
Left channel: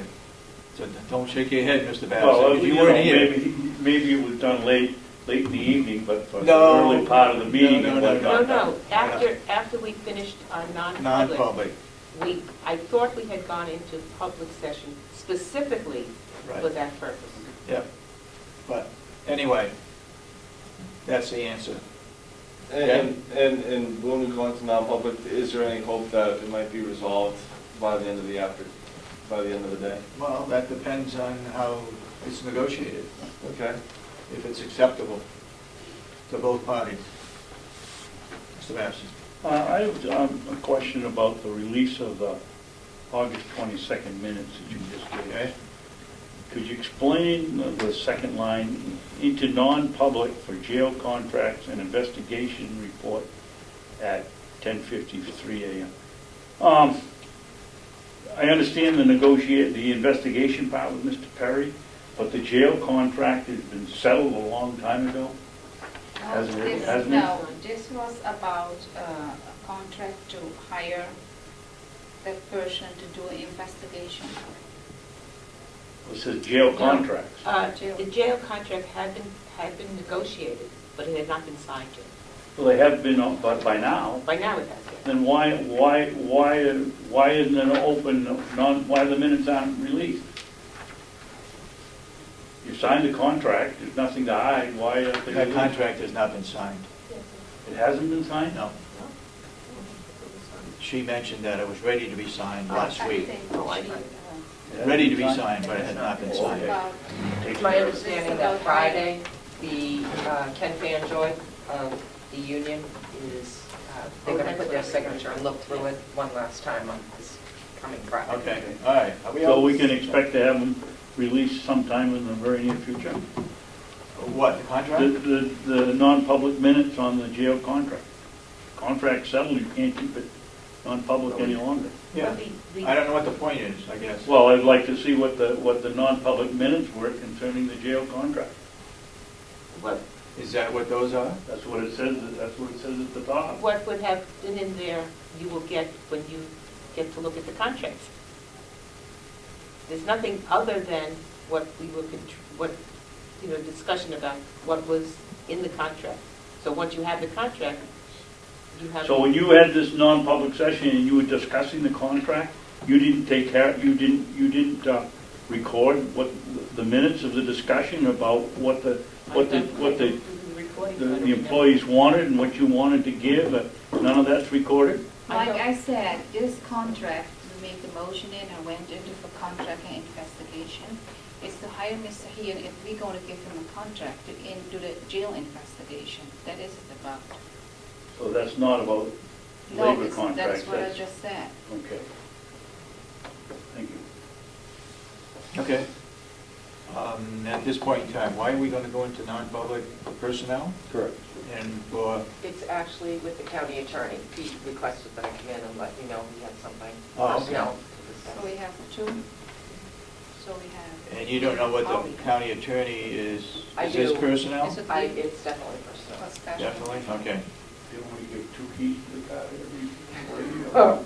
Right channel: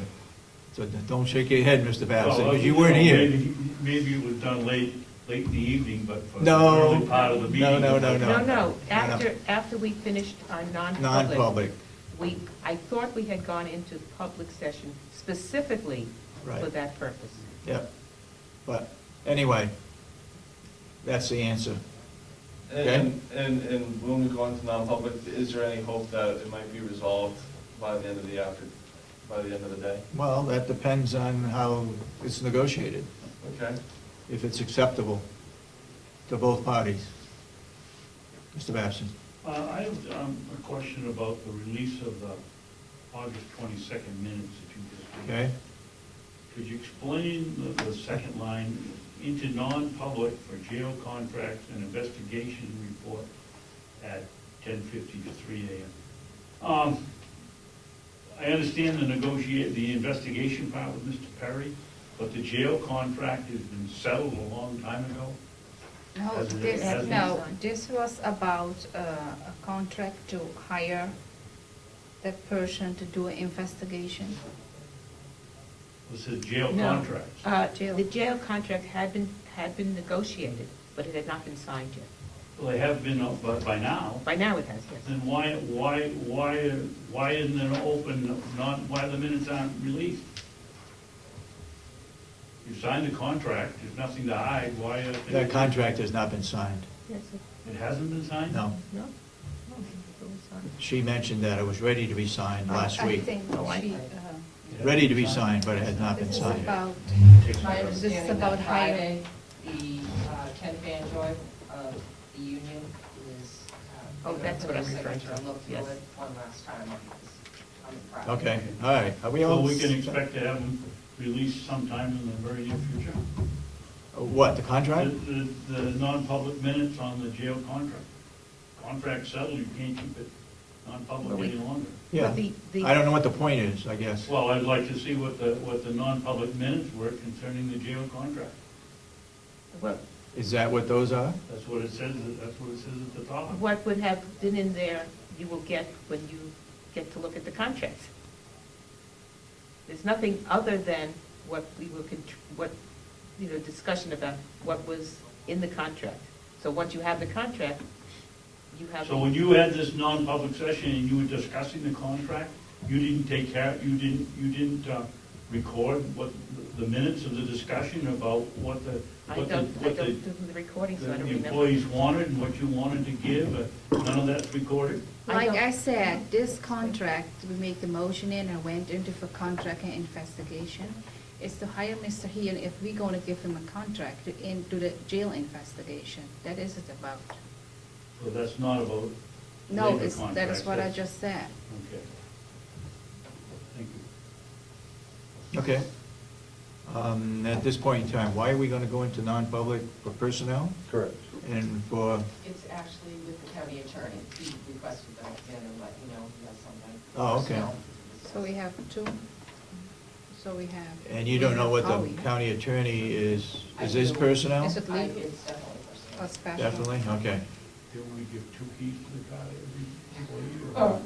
So don't shake your head, Mr. Bassett, Well, because you weren't here. Maybe it was done late in the evening, but for the No. early part of the meeting. No. No, after we finished our non-public, Non-public, I thought we had gone into public session specifically for right, that purpose. yep. But anyway, that's the answer. And when we go into non-public, is there any hope that it might be resolved by the end of the day? Well, that depends on how it's negotiated, Okay. if it's acceptable to both parties. Mr. Bassett? I have a question about the release of the August 22nd minutes that you just gave. Okay? Could you explain the second line, into non-public for jail contracts and investigation report at 10:53 a.m.? I understand the investigation part with Mr. Perry, but the jail contract has been settled a long time ago. No, Hasn't it- This, hasn't it? no, this was about a contract to hire that person to do an investigation. It says jail No. contracts. The jail contract had been negotiated, but it had not been signed yet. Well, they have been, but by now, By now it has, yes. then why isn't it open, why the minutes aren't released? You signed the contract, there's nothing to hide, why? That contract has not been signed. Yes, It hasn't been signed? No. no? She mentioned that it was ready to be signed last I week. think Oh, I- she, Ready to be signed, but it has not been signed. about, It's my understanding that about Friday, the Ken Fanjoy of the union is, they're Oh, gonna that's put what their I'm signature and look through yes. it one last time on this coming Friday. Okay, all right. Are we So all- we can expect to have them released sometime in the very near future? What, the contract? The non-public minutes on the jail contract. Contract settled, you can't keep it non-public any longer. Yeah. I don't know what the point is, I guess. Well, I'd like to see what the non-public minutes were concerning the jail contract. What, Is that what those are? That's what it says at the top. what would have been in there, you will get when you get to look at the contract. There's nothing other than what we were, discussion about what was in the contract. So once you have the contract, you have. So when you had this non-public session and you were discussing the contract, you didn't record what, the minutes of the discussion about what the employees wanted and what you wanted to give, none of that's recorded? like I said, this contract, we make the motion in and went into for contract and investigation. It's to hire Mr. Hean if we're gonna give him a contract to into the jail investigation. That is it about. So that's not about No, labor it's, contracts? that's what I just said. Okay. Thank you. Okay. At this point in time, why are we gonna go into non-public for personnel Correct. and for, It's actually with the county attorney. He requested that I come in and let you know he has something Oh, okay. personnel to discuss. So we have two. So we have. and you don't know what Oh, the we have- county attorney is I this do. personnel? Is it I- legal It's definitely personnel. or special? Definitely, okay. You don't want to give 2 keys to the car every Oh.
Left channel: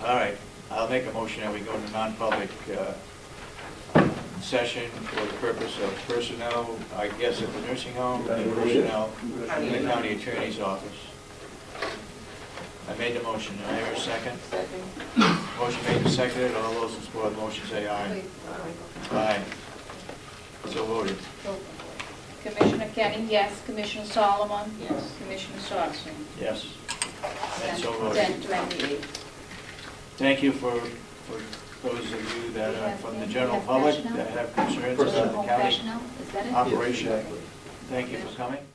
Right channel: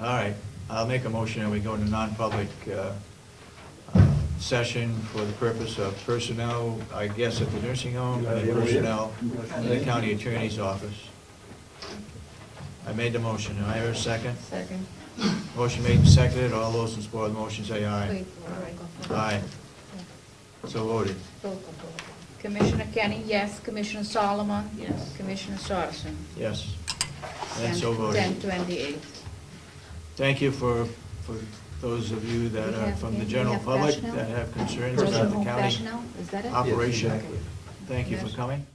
All right, I'll make a motion that we go into non-public session for the purpose of personnel, I guess at the nursing home, and personnel in the county attorney's office. I made the motion, do I hear a second? Second. Motion made and seconded, all those in support of the motion say aye. Wait, Aye. So voted. Commissioner Kenny, yes. Commissioner Solomon? Yes. Commissioner Sorensen? Yes. And so voted. 10:28. Thank you for those of you that are from the general public that have concerns about the county Professional, is that it? operation. Okay. Thank you for coming.